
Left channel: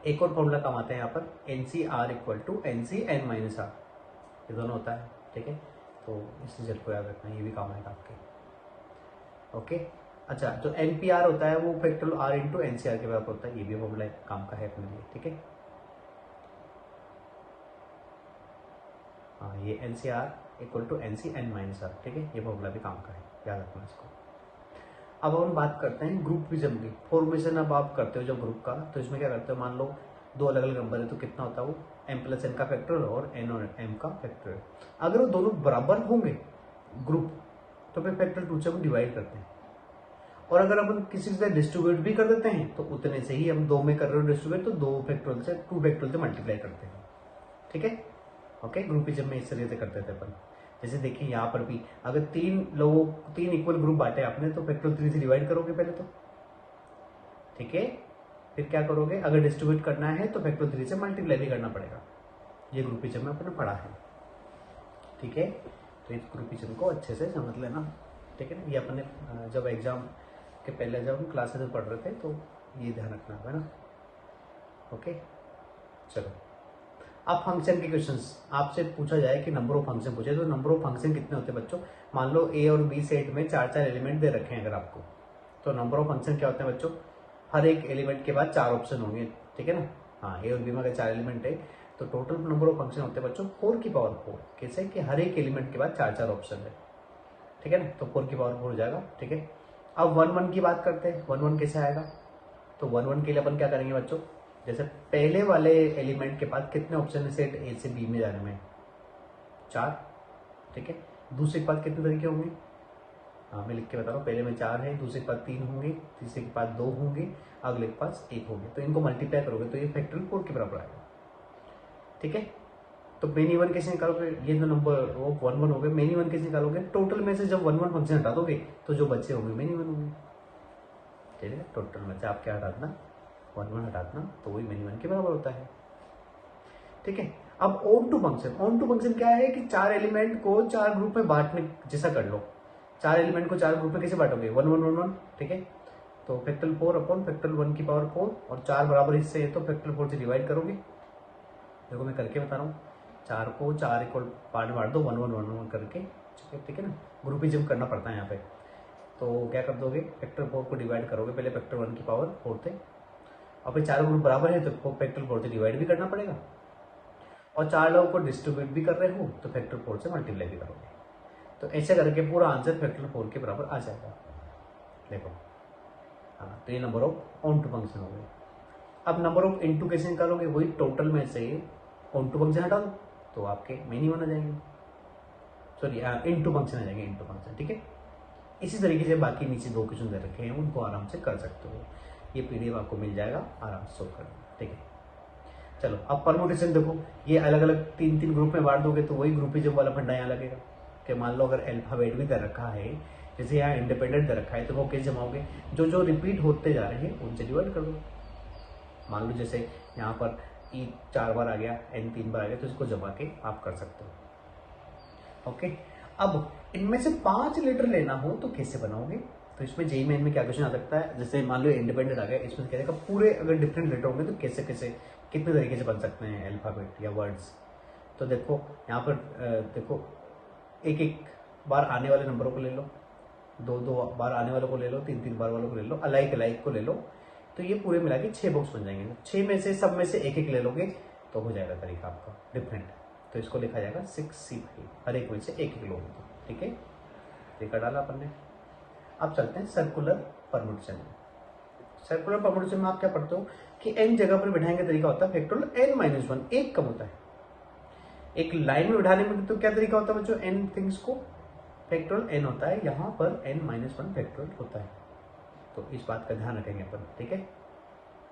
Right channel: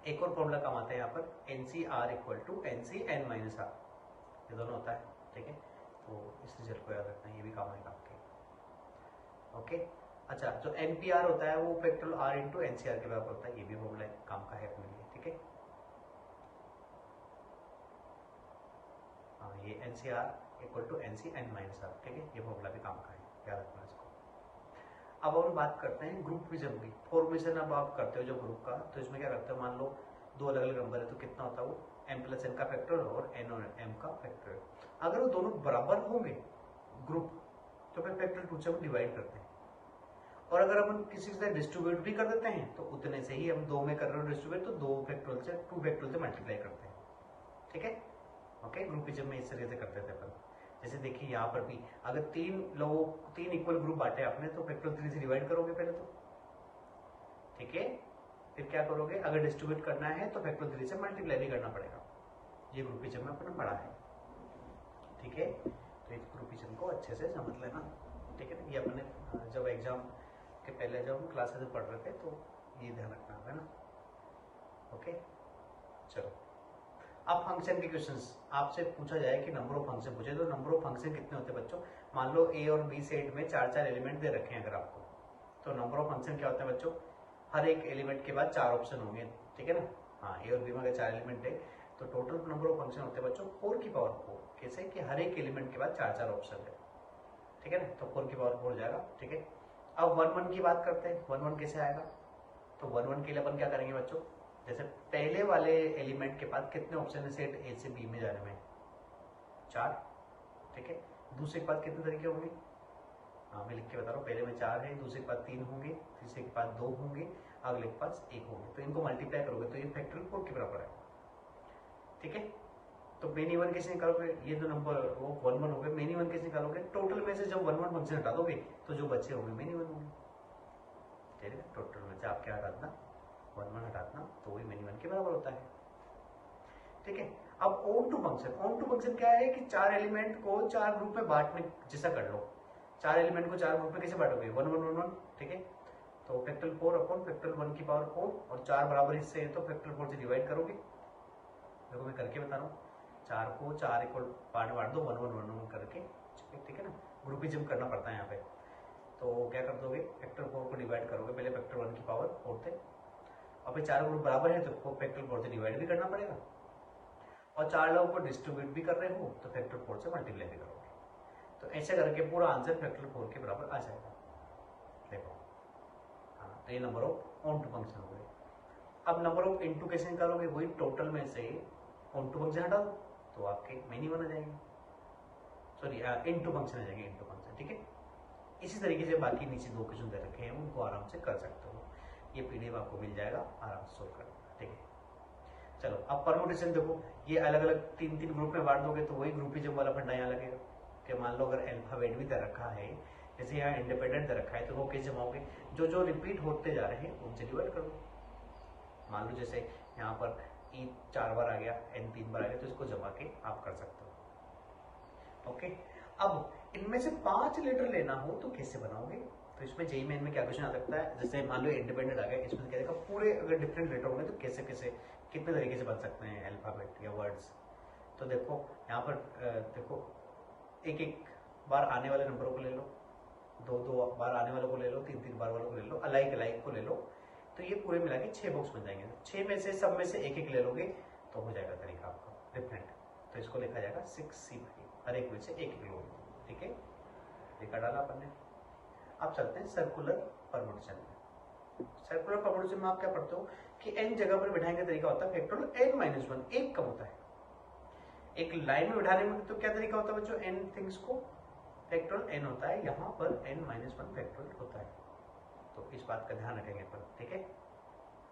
एक और फॉर्मूला काम आता है यहाँ पर, NCR इक्वल टू NCn-R, ये दोनों होता है, ठीक है। तो इस रिजल्ट को याद रखना, ये भी काम आएगा आपके। ओके, अच्छा, जो NPR होता है वो फैक्टोरियल R इंटू NCR के बराबर होता है, ये भी फॉर्मूला काम का है अपने लिए, ठीक है। हाँ, ये NCR इक्वल टू NCn-R, ठीक है, ये फॉर्मूला भी काम का है, याद रखना इसको। अब हम बात करते हैं ग्रुपिज्म की। फॉर्मेशन अब आप करते हो जब ग्रुप का, तो इसमें क्या करते हो, मान लो दो अलग अलग नंबर है तो कितना होता है वो m+n का फैक्टोरियल और n और m का फैक्टोरियल। अगर वो दोनों बराबर होंगे ग्रुप तो फिर फैक्टर 2 से हम डिवाइड करते हैं, और अगर अपन किसी से डिस्ट्रीब्यूट भी कर देते हैं तो उतने से ही, हम 2 में कर रहे हो डिस्ट्रीब्यूट तो 2 फैक्टोरियल से मल्टीप्लाई करते हैं, ठीक है। ओके, ग्रुपिज्म में इस तरीके से करते थे अपन। जैसे देखिए यहाँ पर भी अगर 3 इक्वल ग्रुप बांटे आपने तो फैक्टोरियल 3 से डिवाइड करोगे पहले तो, ठीक है। फिर क्या करोगे, अगर डिस्ट्रीब्यूट करना है तो फैक्टोरियल 3 से मल्टीप्लाई भी करना पड़ेगा। ये ग्रुपिज्म में अपने पढ़ा है, ठीक है। तो इस ग्रुपिज्म को अच्छे से समझ लेना, ठीक है ना। ये अपने जब एग्जाम के पहले जब हम क्लासेस में पढ़ रहे थे तो ये ध्यान रखना है ना। ओके, चलो अब फंक्शन के क्वेश्चंस आपसे पूछा जाए कि नंबर ऑफ फंक्शन पूछे तो नंबर ऑफ फंक्शन कितने होते हैं बच्चों। मान लो ए और बी सेट में 4 एलिमेंट दे रखे हैं अगर आपको, तो नंबर ऑफ फंक्शन क्या होते हैं बच्चों, हर एक एलिमेंट के बाद 4 ऑप्शन होंगे, ठीक है ना। हाँ, ए और बी में अगर 4 एलिमेंट है तो टोटल नंबर ऑफ फंक्शन होते हैं बच्चों 4 की पावर 4। कैसे कि हर एक एलिमेंट के बाद 4 ऑप्शन है, ठीक है ना, तो 4 की पावर 4 हो जाएगा, ठीक है। अब 1 1 की बात करते हैं, 1 1 कैसे आएगा, तो 1 1 के लिए अपन क्या करेंगे बच्चों, जैसे पहले वाले एलिमेंट के पास कितने ऑप्शन है सेट ए से बी में जाने में, 4, ठीक है। दूसरे के पास कितने तरीके होंगे, हाँ मैं लिख के बता रहा हूँ, पहले में 4 है, दूसरे के पास 3 होंगे, तीसरे के पास 2 होंगे, अगले के पास 1 होंगे, तो इनको मल्टीप्लाई करोगे तो ये फैक्टोरियल 4 के बराबर आएगा, ठीक है। तो मेन इवन कैसे निकालोगे, ये जो नंबर वो 1 1 हो गए, मेन इवन कैसे निकालोगे, टोटल में से जब 1 1 फंक्शन हटा दोगे तो जो बच्चे होंगे मेन इवन होंगे, ठीक है। टोटल में से आप क्या हटा देना, 1 1 हटा देना, तो वही मेन इवन के बराबर होता है, ठीक है। अब ऑन टू फंक्शन क्या है कि 4 एलिमेंट को 4 ग्रुप में बांटने जैसा कर लो। 4 एलिमेंट को 4 ग्रुप में कैसे बांटोगे, 1 1 1 1, ठीक है। तो फैक्टोरियल 4 अपॉन फैक्टोरियल 1 की पावर 4, और 4 बराबर हिस्से है तो फैक्टोरियल 4 से डिवाइड करोगे। देखो मैं करके बता रहा हूँ, 4 को 4 इक्वल पार्ट में बांट दो 1 1 1 1 करके, ठीक है ना। ग्रुपिज्म करना पड़ता है यहाँ पे, तो क्या कर दोगे, फैक्टोरियल 4 को डिवाइड करोगे पहले फैक्टोरियल 1 की पावर 4 से, और फिर 4 ग्रुप बराबर है तो फैक्टोरियल 4 से डिवाइड भी करना पड़ेगा, और 4 लोगों को डिस्ट्रीब्यूट भी कर रहे हो तो फैक्टोरियल 4 से मल्टीप्लाई भी करोगे, तो ऐसे करके पूरा आंसर फैक्टोरियल 4 के बराबर आ जाएगा। देखो, हाँ, तो ये number of onto function हो गए। अब नंबर ऑफ इनटू कैसे निकालोगे, वही टोटल में से ऑन टू फंक्शन हटा दो तो आपके मेन इवन आ जाएंगे, सॉरी इनटू फंक्शन आ जाएंगे, इनटू फंक्शन, ठीक है। इसी तरीके से बाकी नीचे 2 क्वेश्चन दे रखे हैं उनको आराम से कर सकते हो, ये पीडीएफ आपको मिल जाएगा, आराम से सोल्व कर लेना, ठीक है। चलो अब परमुटेशन देखो, ये अलग अलग 3 ग्रुप में बांट दोगे तो वही ग्रुपिज्म वाला फंडा यहाँ लगेगा कि मान लो अगर अल्फाबेट भी दे रखा है, जैसे यहाँ इंडिपेंडेंट दे रखा है, तो वो कैसे जमाओगे, जो जो रिपीट होते जा रहे हैं उनसे डिवाइड कर दो। मान लो जैसे यहाँ पर ई 4 बार आ गया, एन 3 बार आ गया, तो इसको जमा के आप कर सकते हो, ओके। अब इनमें से 5 लेटर लेना हो तो कैसे बनाओगे, तो इसमें जेई मेन में क्या क्वेश्चन आ सकता है, जैसे मान लो इंडिपेंडेंट आ गया, इसमें क्या देगा पूरे अगर डिफरेंट लेटर होंगे तो कैसे कैसे कितने तरीके से बन सकते हैं अल्फाबेट या वर्ड्स। तो देखो यहाँ पर देखो एक एक बार आने वाले नंबरों को ले लो, 2 बार आने वालों को ले लो, 3 बार वालों को ले लो, अलाइक को ले लो, तो ये पूरे मिला के 6 बॉक्स बन जाएंगे। 6 में से सब में से एक एक ले लोगे तो हो जाएगा तरीका आपका डिफरेंट, तो इसको लिखा जाएगा 6C5, हर एक में से एक एक लोगे तो, ठीक है। तरीका डाला अपन ने। अब चलते हैं सर्कुलर परमुटेशन में। सर्कुलर परमुटेशन में आप क्या पढ़ते हो कि n जगह पर बिठाएंगे तरीका होता है फैक्टोरियल n-1, एक कम होता है। एक लाइन में बिठाने में तो क्या तरीका होता है बच्चों, n थिंग्स को फैक्टोरियल n होता है, यहाँ पर n-1 फैक्टोरियल होता है, तो इस बात का ध्यान रखेंगे अपन, ठीक है।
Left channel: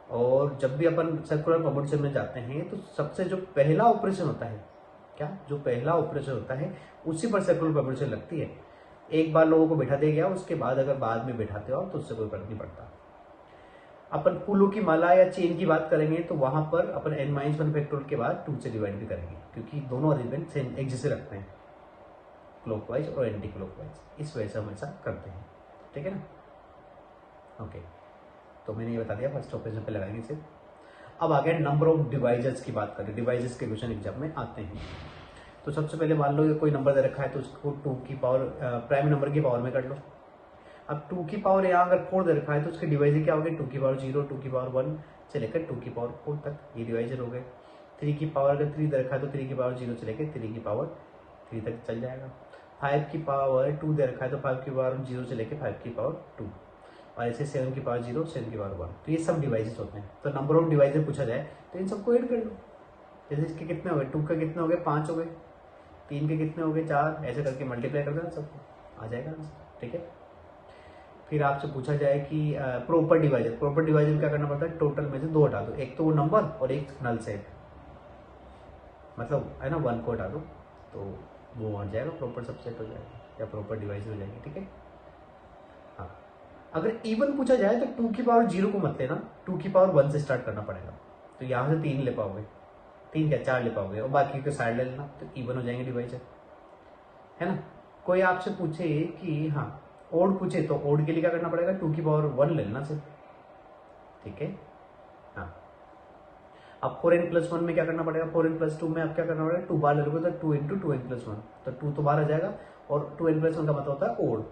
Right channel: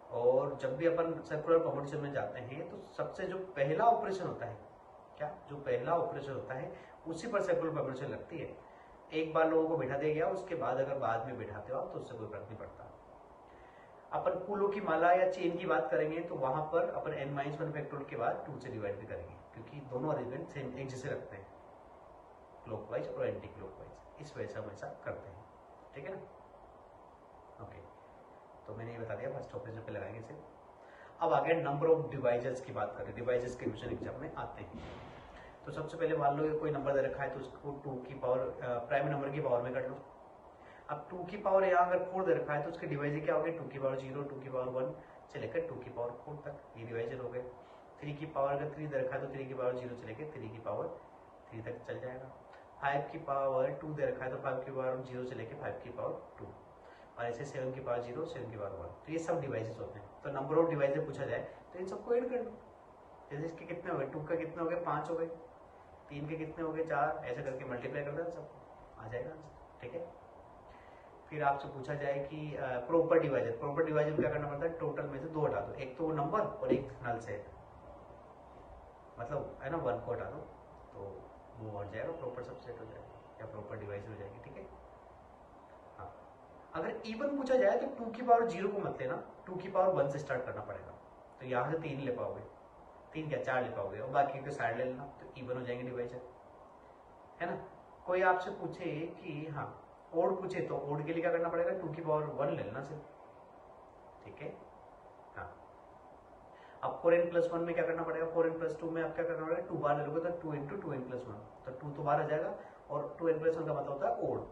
और जब भी अपन सर्कुलर प्रपोर्शन में जाते हैं तो सबसे जो पहला ऑपरेशन होता है, क्या जो पहला ऑपरेशन होता है उसी पर सर्कुलर प्रपोर्शन लगती है। एक बार लोगों को बैठा दिया गया, उसके बाद अगर बाद में बैठाते हो तो उससे कोई फर्क नहीं पड़ता। अपन फूलों की माला या चेन की बात करेंगे तो वहां पर अपन n-1 फैक्टोरियल के बाद 2 से डिवाइड भी करेंगे, क्योंकि दोनों अरेंजमेंट सेम एक जैसे रखते हैं, क्लॉकवाइज और एंटी क्लॉकवाइज, इस वजह से हम ऐसा करते हैं। ठीक है ना, ओके। तो मैंने ये बता दिया फर्स्ट ऑपरेशन पे लगाएंगे सिर्फ। अब आ गया नंबर ऑफ डिवाइजर्स की बात करें। डिवाइजर्स के क्वेश्चन एग्जाम में आते हैं। तो सबसे पहले मान लो कोई नंबर दे रखा है तो उसको 2 की पावर प्राइम नंबर की पावर में कर लो। अब 2 की पावर यहाँ अगर 4 दे रखा है तो उसके डिवाइजर क्या हो गए, 2 की पावर 0, 2 की पावर 1 से लेकर 2 की पावर 4 तक, ये डिवाइजर हो गए। 3 की पावर अगर 3 दे रखा है तो 3 की पावर 0 से लेकर 3 की पावर 3 तक चल जाएगा। 5 की पावर 2 दे रखा है तो 5 की पावर 0 से लेकर 5 की पावर 2, और ऐसे 7 की पावर 0, 7 की पावर 1। तो ये सब डिवाइसेस होते हैं। तो नंबर ऑफ डिवाइसेस पूछा जाए तो इन सबको ऐड कर लो। जैसे इसके कितने हो गए, 2 के कितने हो गए, 5 हो गए, 3 के कितने हो गए, 4, ऐसे करके मल्टीप्लाई कर देना सबको, आ जाएगा आंसर। ठीक है। फिर आपसे पूछा जाए कि प्रॉपर डिवाइजर, प्रॉपर डिवाइजर में क्या करना पड़ता है, टोटल में से 2 हटा दो, एक तो वो नंबर और एक नल सेट, मतलब है ना 1 को हटा दो तो वो हट जाएगा, प्रॉपर सबसेट हो जाएगा या प्रॉपर डिवाइजर हो जाएंगे। ठीक है। हाँ, अगर इवन पूछा जाए तो 2 की पावर 0 को मत लेना, 2 की पावर 1 से स्टार्ट करना पड़ेगा। तो यहाँ से 3 ले पाओगे, 3 क्या 4 ले पाओगे, और बाकी के साइड ले लेना तो इवन हो जाएंगे डिवाइजर, है ना। कोई आपसे पूछे कि हाँ ओड पूछे तो ओड के लिए क्या करना पड़ेगा, 2 की पावर 1 ले लेना सिर्फ। ठीक है। हाँ, अब 4n+1 में क्या करना पड़ेगा, 4n+2 में आप क्या करना पड़ेगा, 2 बार ले लोगे तो 2 इंटू 2n+1, तो 2 तो बाहर आ जाएगा, और 2n+1 का मतलब होता है ओड,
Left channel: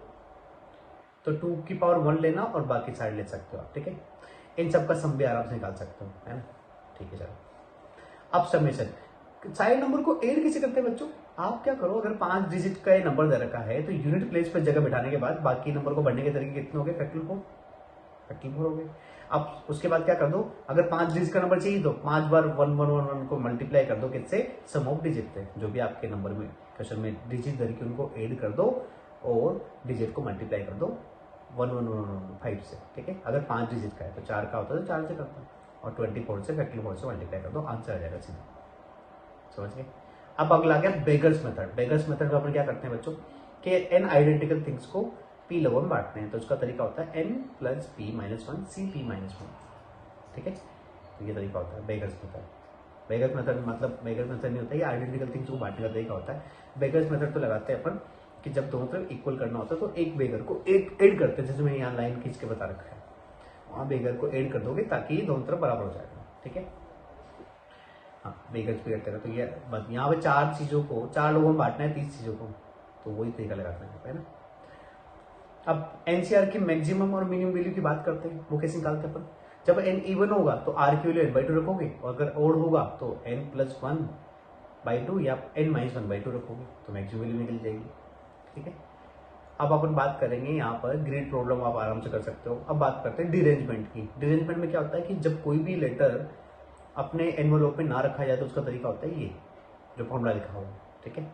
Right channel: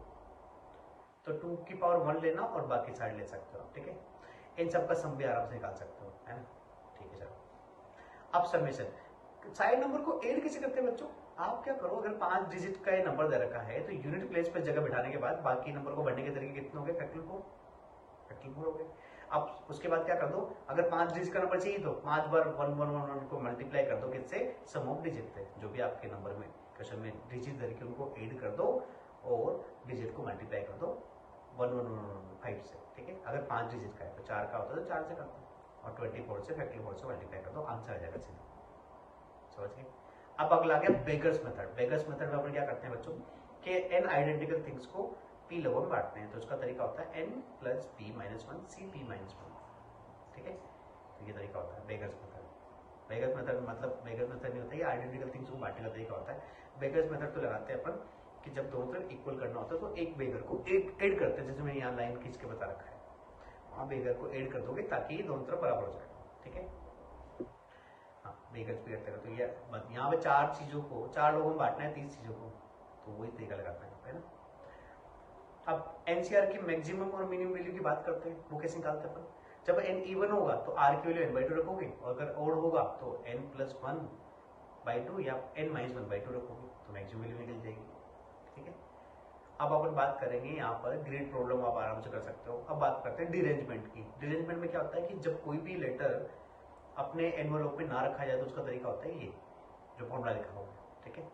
तो 2 की पावर 1 लेना और बाकी साइड ले सकते हो आप। ठीक है। इन सब का सम भी आराम से निकाल सकते हो, है ना। ठीक है, चलो अब समेशन। साइड नंबर को ऐड कैसे करते हैं बच्चों, आप क्या करो, अगर 5 डिजिट का ये नंबर दे रखा है तो यूनिट प्लेस पर जगह बिठाने के बाद बाकी नंबर को बढ़ने के तरीके कितने हो गए, फैक्टोरियल 4 हो गए। अब उसके बाद क्या कर दो, अगर 5 डिजिट का नंबर चाहिए तो 5 बार 1 को मल्टीप्लाई कर दो किससे, सम ऑफ डिजिट थे, जो भी आपके नंबर में क्वेश्चन में डिजिट दे रखी उनको ऐड कर दो और डिजिट को मल्टीप्लाई कर दो 1115 से। ठीक है। अगर 5 डिजिट का है तो 4 का होता है तो 4 से करता है, और 24 से फैक्टोरियल 4 से मल्टीप्लाई कर दो, आंसर आ जाएगा सीधा। समझ गए। अब अगला आ गया बेगर्स मेथड। बेगर्स मेथड में अपन क्या करते हैं बच्चों कि एन आइडेंटिकल थिंग्स को पी लोगों में बांटते हैं, तो उसका तरीका होता है n+p-1 cp-1। ठीक है। तो ये तरीका होता है बेगर्स मेथड। बेगर्स मेथड मतलब बेगर्स मेथड नहीं होता, ये आइडेंटिकल थिंग्स को बांटने का तरीका होता है। बेगर्स मेथड तो लगाते हैं अपन कि जब दोनों तरफ इक्वल करना होता है तो एक बेगर को ऐड करते हैं, जैसे मैंने यहाँ लाइन खींच के बता रखा है, वहाँ बेगर को ऐड कर दोगे ताकि दोनों तरफ बराबर हो जाएगा। ठीक है। हाँ, बेगर्स भी करते हैं। तो ये बस यहाँ पे 4 चीज़ों को 4 लोगों में बांटना है, 30 चीज़ों को, तो वही तरीका लगाना है ना। अब एनसीआर की मैक्सिमम और मिनिमम वैल्यू की बात करते हैं, वो कैसे निकालते हैं अपन, जब एन इवन होगा तो आर की वैल्यू n/2 रखोगे, और अगर ओड होगा तो n+1/2 या n-1/2 रखोगे, तो मैक्सिमम वैल्यू निकल जाएगी। ठीक है। अब अपन बात करेंगे यहाँ पर ग्रेड प्रॉब्लम, आप आराम से कर सकते हो। अब बात करते हैं डिरेंजमेंट की। डिरेंजमेंट में क्या होता है कि जब कोई भी लेटर अपने एनवलप में ना रखा जाए तो उसका तरीका होता है ये जो फॉर्मूला लिखा हुआ है। ठीक है।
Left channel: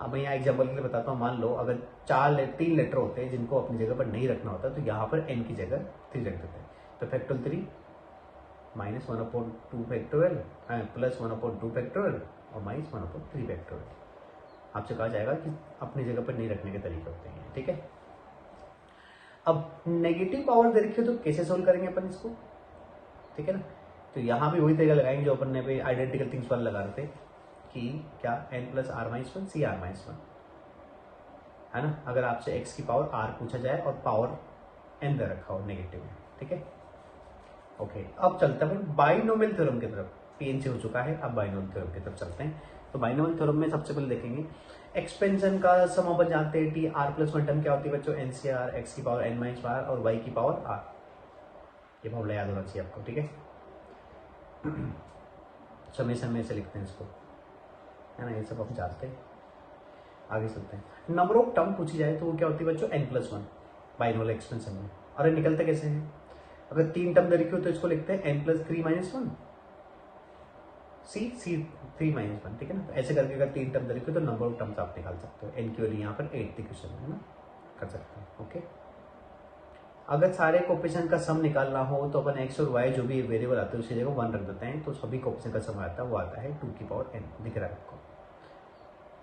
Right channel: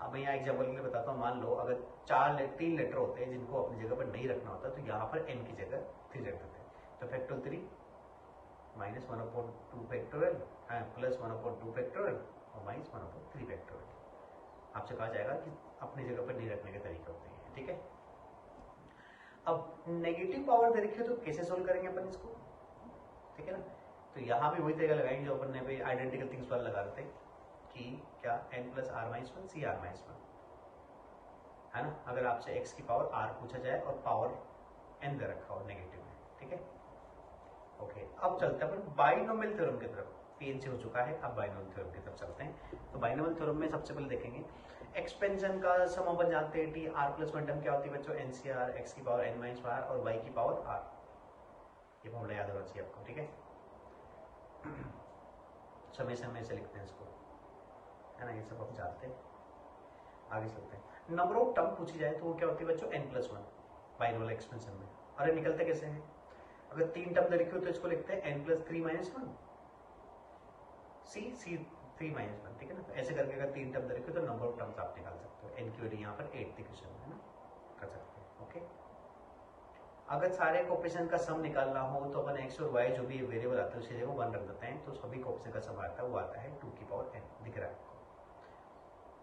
अब मैं यहाँ एग्जाम्पल के लिए बताता हूँ, मान लो अगर 3 लेटर होते हैं जिनको अपनी जगह पर नहीं रखना होता, तो यहाँ पर n की जगह 3 रख देते हैं, तो फैक्टोरियल 3 -1/2 फैक्टोरियल +1/2 फैक्टोरियल और -1/3 फैक्टोरियल। आपसे कहा जाएगा कि अपनी जगह पर नहीं रखने के तरीके होते हैं। ठीक है। अब नेगेटिव पावर दे रखी हो तो कैसे सोल्व करेंगे अपन इसको, ठीक है ना। तो यहाँ भी वही तरीका लगाएंगे जो अपन ने पे आइडेंटिकल थिंग्स वाला लगा रहे थे कि क्या n+r-1 c(r-1), है ना। अगर आपसे x की पावर r पूछा जाए और पावर n दे रखा हो नेगेटिव में। ठीक है। ओके, अब चलते हैं अपन बाइनोमियल थ्योरम की तरफ। पीएनसी हो चुका है, अब बाइनोमियल थ्योरम की तरफ चलते हैं। तो बाइनोमियल थ्योरम में सबसे पहले देखेंगे एक्सपेंशन का सम अपन जानते हैं tr+1 टर्म क्या होती है बच्चों, NCR, x की पावर n-r और y की पावर r। ये फॉर्मूला याद होना चाहिए आपको। ठीक है। समेशन में से लिखते हैं इसको, है ना, ये सब हम जानते हैं। आगे चलते हैं। नंबर ऑफ टर्म पूछी जाए तो वो क्या होती है बच्चों, n+1 बाइनोमियल एक्सपेंशन में। और ये निकलते कैसे हैं, अगर 3 टर्म दे रखी हो तो इसको लिखते हैं n+3-1 c(3-1), ठीक है ना। तो ऐसे करके अगर 3 टर्म दे रखी हो तो नंबर ऑफ टर्म्स आप निकाल सकते हो। n की वैल्यू यहाँ पर 8 थी क्वेश्चन में, है ना, कर सकते हैं। ओके, अगर सारे कोफिशिएंट का सम निकालना हो तो अपन एक्स और वाई जो भी वेरिएबल आते हैं उसी जगह 1 रख देते हैं, तो सभी कोफिशिएंट का सम आता है वो आता है 2n, दिख रहा है आपको,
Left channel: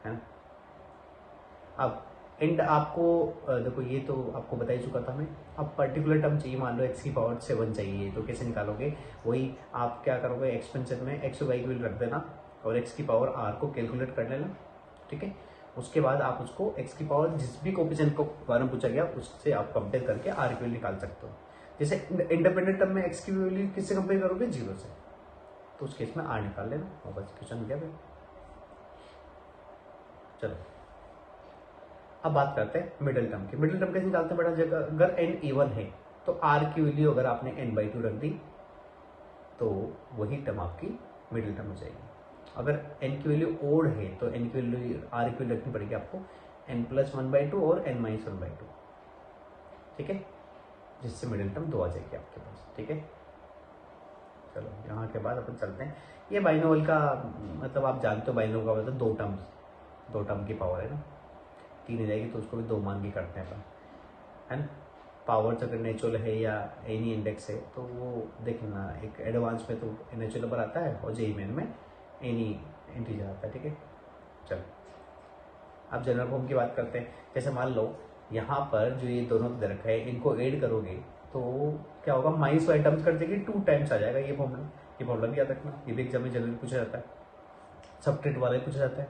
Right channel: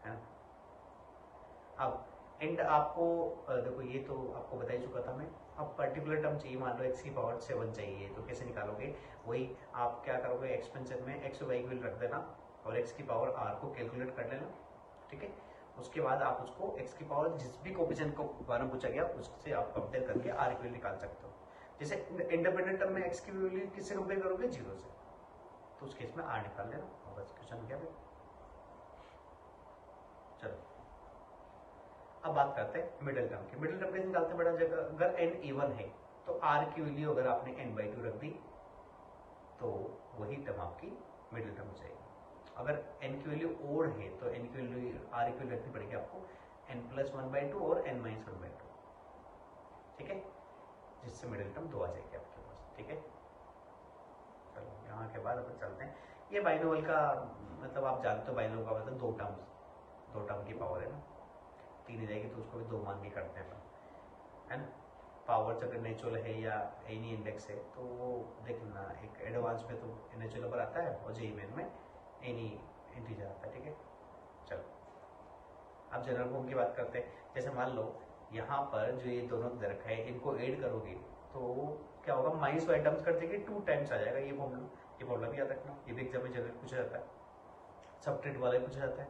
है ना। अब एंड आपको देखो ये तो आपको बता ही चुका था मैं। अब पर्टिकुलर टर्म चाहिए, मान लो x⁴ चाहिए, तो कैसे निकालोगे, वही आप क्या करोगे, एक्सपेंशन में x और y की वैल्यू रख देना और x⁴ को कैलकुलेट कर लेना, ठीक है। उसके बाद आप उसको x⁴ जिस भी कोफिशिएंट को बारे में पूछा गया उससे आप कंपेयर करके r की वैल्यू निकाल सकते हो। जैसे इंडिपेंडेंट टर्म में x की वैल्यू किससे कंपेयर करोगे, 0 से, तो उस केस में r निकाल लेना और बस क्वेश्चन हो गया फिर। चलो अब बात करते हैं मिडिल टर्म की। मिडिल टर्म कैसे निकालते हैं बेटा, जगह अगर n इवन है तो r की वैल्यू अगर आपने n/2 रख दी तो वही टर्म आपकी मिडिल टर्म हो जाएगी। अगर n की वैल्यू ओड है तो n की वैल्यू r की वैल्यू रखनी पड़ेगी आपको n+1/2 और n-1/2, ठीक है, जिससे मिडिल टर्म 2 आ जाएगी आपके पास, ठीक है। चलो यहाँ के बाद अपन चलते हैं, ये बाइनोमियल का मतलब आप जानते हो, बाइनोमियल का मतलब दो टर्म की पावर है ना, 3 हो जाएगी तो उसको भी 2 मान के करते हैं अपन, है ना। पावर अगर नेचुरल है या एनी इंडेक्स है तो वो देख लेना, एक एडवांस में तो नेचुरल नंबर आता है और जेई मेन में एनी इंटीजर आता है, ठीक है। चलो अब जनरल फॉर्म की बात करते हैं। जैसे मान लो यहाँ पर जो ये दोनों दे रखा है इनको ऐड करोगे तो क्या होगा, माइनस वाई टर्म्स कर देगी 2 टाइम्स आ जाएगा ये फॉर्मूला भी याद रखना, ये भी एग्जाम में जनरली पूछा जाता है, सब्ट्रैक्ट वाला भी पूछा जाता है,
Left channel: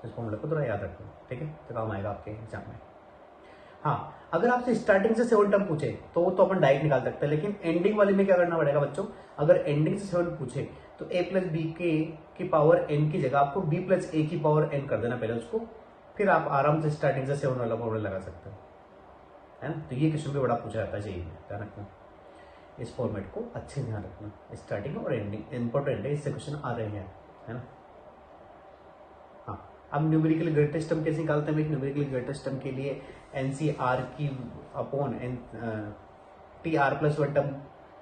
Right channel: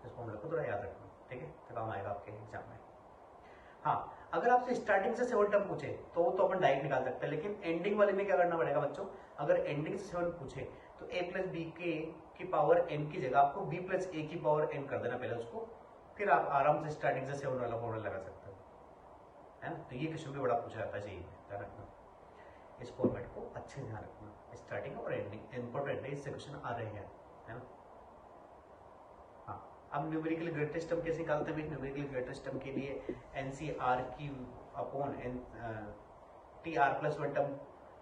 तो इस फॉर्मूला को थोड़ा याद रखना, ठीक है, तो काम आएगा आपके एग्जाम में। हाँ, अगर आपसे स्टार्टिंग से 7 टर्म पूछे तो अपन डायरेक्ट निकाल सकते हैं, लेकिन एंडिंग वाले में क्या करना पड़ेगा बच्चों, अगर एंडिंग से 7 पूछे तो a+b की पावर n की जगह आपको b+a की पावर n कर देना पहले उसको, फिर आप आराम से स्टार्टिंग से 7 वाला फॉर्मूला लगा सकते हैं, है ना। तो ये क्वेश्चन भी बड़ा पूछा जाता है, चाहिए ध्यान रखना, इस फॉर्मेट को अच्छे ध्यान रखना, स्टार्टिंग और एंडिंग इंपॉर्टेंट है, इससे क्वेश्चन आ रहे हैं, है ना। हाँ, अब न्यूमेरिकल ग्रेटेस्ट टर्म कैसे निकालते हैं, न्यूमेरिकल ग्रेटेस्ट टर्म के लिए NCR की upon TR+1 term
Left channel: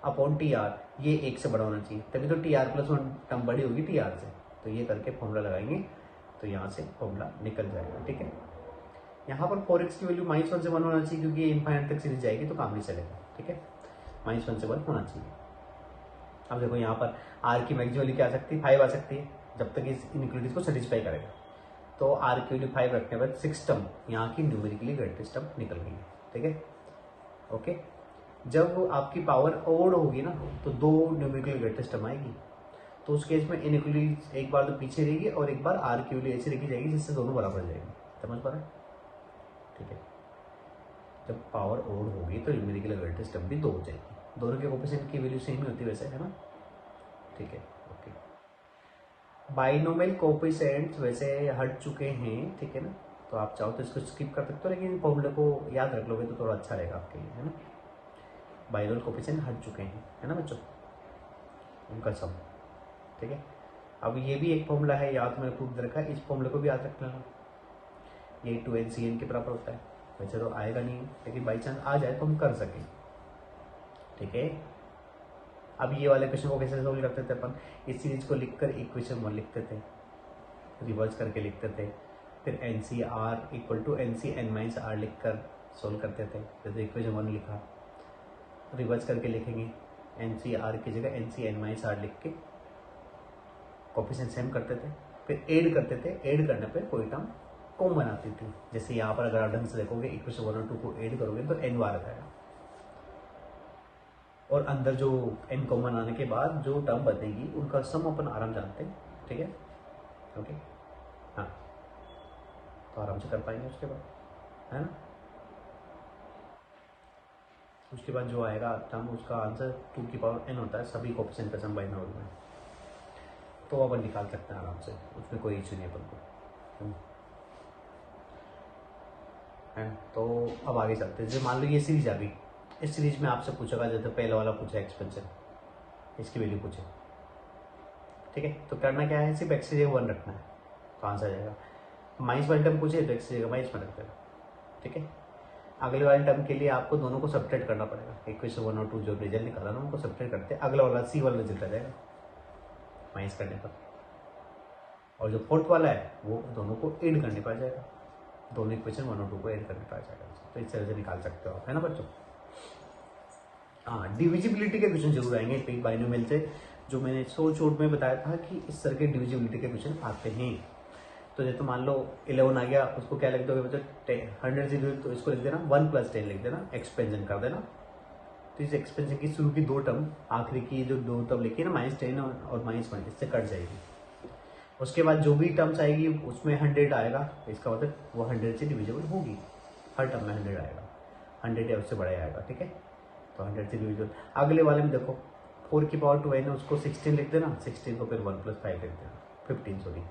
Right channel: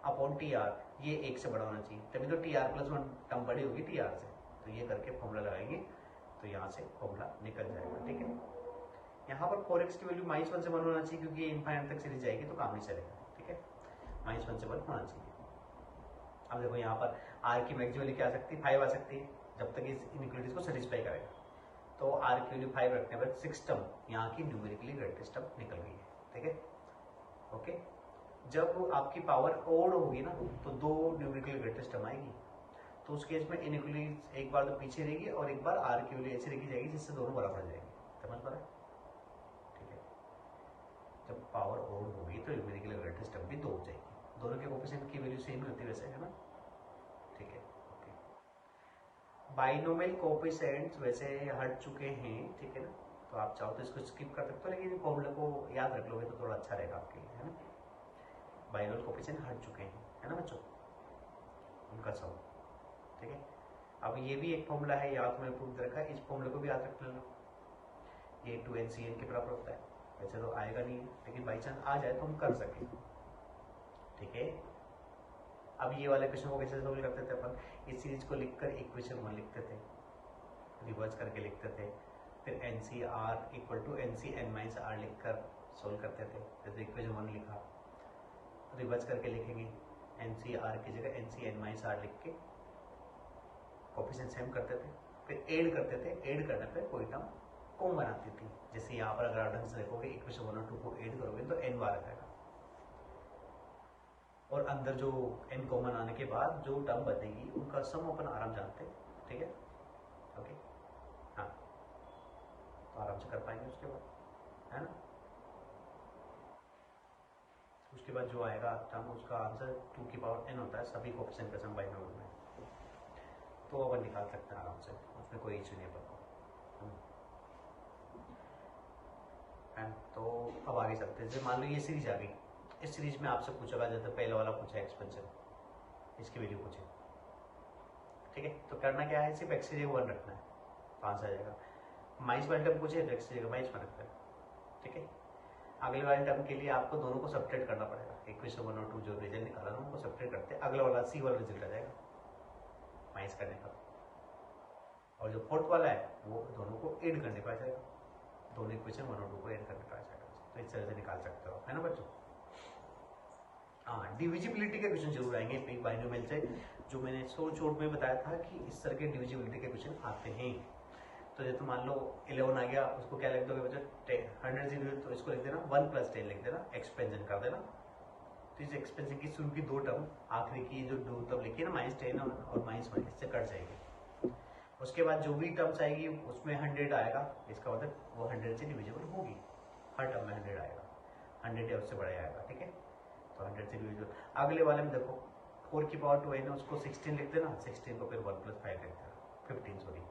upon TR, ये 1 से बड़ा होना चाहिए, तभी तो TR+1 टर्म बड़ी होगी TR से, तो ये करके फॉर्मूला लगाएंगे तो यहाँ से फॉर्मूला निकल जाएगा, ठीक है। यहाँ पर 4x की वैल्यू -1 से 1 होना चाहिए क्योंकि ये इनफाइनाइट तक सीरीज जाएगी तो काम नहीं चलेगा, ठीक है, -1 से 1 होना चाहिए। अब देखो यहाँ पर r की मैक्सिमम वैल्यू क्या आ सकती है, 5 आ सकती है, जब तक इस इनइक्वालिटीज को सेटिस्फाई करेगा, तो r की वैल्यू 5 रखने पर 6 टर्म यहाँ की न्यूमेरिकली ग्रेटेस्ट टर्म निकल गई है, ठीक है, ओके। जब आपकी पावर ओड होगी ना तो 2 न्यूमेरिकली ग्रेटेस्ट टर्म आएगी, तो उस केस में इनइक्वालिटी एक बार तो पीछे रहेगी और एक बार r की वैल्यू ऐसी रखी जाएगी जिससे दोनों बराबर हो जाएगी, समझ पा रहे हैं, ठीक है। जब पावर ओड होगी तो न्यूमेरिकल ग्रेटेस्ट टर्म भी 2 हो जाएगी, दोनों के कोफिशिएंट की वैल्यू सेम ही होती है वैसे, है ना, ठीक है, ओके। बाइनोमियल कोफिशिएंट्स वैसे हट चुके हैं, ठीक है ना, तो आप चाहो तो इसको स्किप कर सकते हो, लेकिन फॉर्मूले को याद रख लोगे तो थोड़ा अच्छा रहेगा आपके लिए, है ना। बाइनोमियल कोफिशिएंट हट चुके हैं, है ना बच्चों, उनका सम, ठीक है। अब ये भी एक फॉर्मूला है, याद मैंने प्रूफ दे रखा है, इस फॉर्मूले को भी याद रख लेना, ये 2NCN के बराबर होता है, वैसे तो आएगा नहीं है लेकिन बाई चांस आ जाए तो हम कर सकें, ठीक है। अब ये वाले क्वेश्चन को कैसे सोल्व करते थे अपन, इस सीरीज को लिखकर इक्वेशन 1 लिखते थे, रिवर्स करके लिखते थे, फिर NCR = NCN-R लिखकर सोल्व करते थे, जैसे इक्वेशन 1 लिखा, रिवर्स करके लिखेंगे NCR की जगह NCN-R लिख के कोफिशिएंट सेम करते थे, फिर ऐड करते थे, ऐड करने पे कोई टर्म कॉमन आती थी, जैसे यहाँ पर अगर आप ढंग से देखोगे इक्वेशन 1 और 2 को ऐड करोगे तो n बार आ जाएगा, और अंदर जो n कॉमन आने के बाद जो टर्म बनेगी उनका सम अपन आराम जानते हैं, ठीक है, ओके। हाँ, तो आराम से कर पाएंगे उसके बाद, है ना। उसके बाद जो आएगा टर्म उसका आंसर 2 की पावर n होता है, सभी कोफिशिएंट का सम बाइनोमियल में, तो अपन निकाल सकते हैं आराम से, उसमें कोई इशू नहीं अपन को, है। तो अब आगे चलते हैं, जैसे मान लो ये सीरीज आ गई, इस सीरीज में आपसे पूछेगा, जैसे पहले वाला पूछा एक्सपेंशन, इसकी वैल्यू पूछे, ठीक है, तो करना क्या है, सिर्फ x की जगह 1 रखना है तो आंसर आ जाएगा, माइनस वाले टर्म पूछे तो x की जगह माइनस में रख देगा, ठीक है। अगले वाले टर्म के लिए आपको दोनों को सब्ट्रैक्ट करना पड़ेगा, इक्वेशन 1 और 2 जो रिजल्ट निकाला ना उनको सब्ट्रैक्ट करते हैं, अगला वाला C वाला रिजल्ट आ जाएगा माइनस करने पर, और जो फोर्थ वाला है वो दोनों को ऐड करने पर आ जाएगा, दोनों इक्वेशन 1 और 2 को ऐड करने पर आ जाएगा, तो इस तरह से निकाल सकते हो आप, है ना बच्चों। हाँ, डिविजिबिलिटी के क्वेश्चन जरूर आएंगे एक बाइनोमियल से, जो मैंने शॉर्ट में बताया था कि इस तरह के डिविजिबिलिटी के क्वेश्चन आते हैं। तो जैसे मान लो 11 आ गया, उसको क्या लिख दोगे बच्चों, 100 से डिवाइड, तो इसको लिख देना 1 + 10 लिख देना, एक्सपेंशन कर देना। तो इस एक्सपेंशन की शुरू की 2 टर्म, आखिरी की जो 2 टर्म लिखी है ना, -10 और -1, इससे कट जाएगी। उसके बाद जो भी टर्म्स आएगी उसमें 100 आएगा, इसका मतलब वो 100 से डिविजिबल होगी, हर टर्म में 100 आएगा, 100 या उससे बड़ा आएगा, ठीक है। तो 100 से डिविजिबल। अगले वाले में देखो 4 की पावर 2 है, उसको 16 लिख देना, 16 को फिर 1 + 5 लिख देना, 15 सॉरी,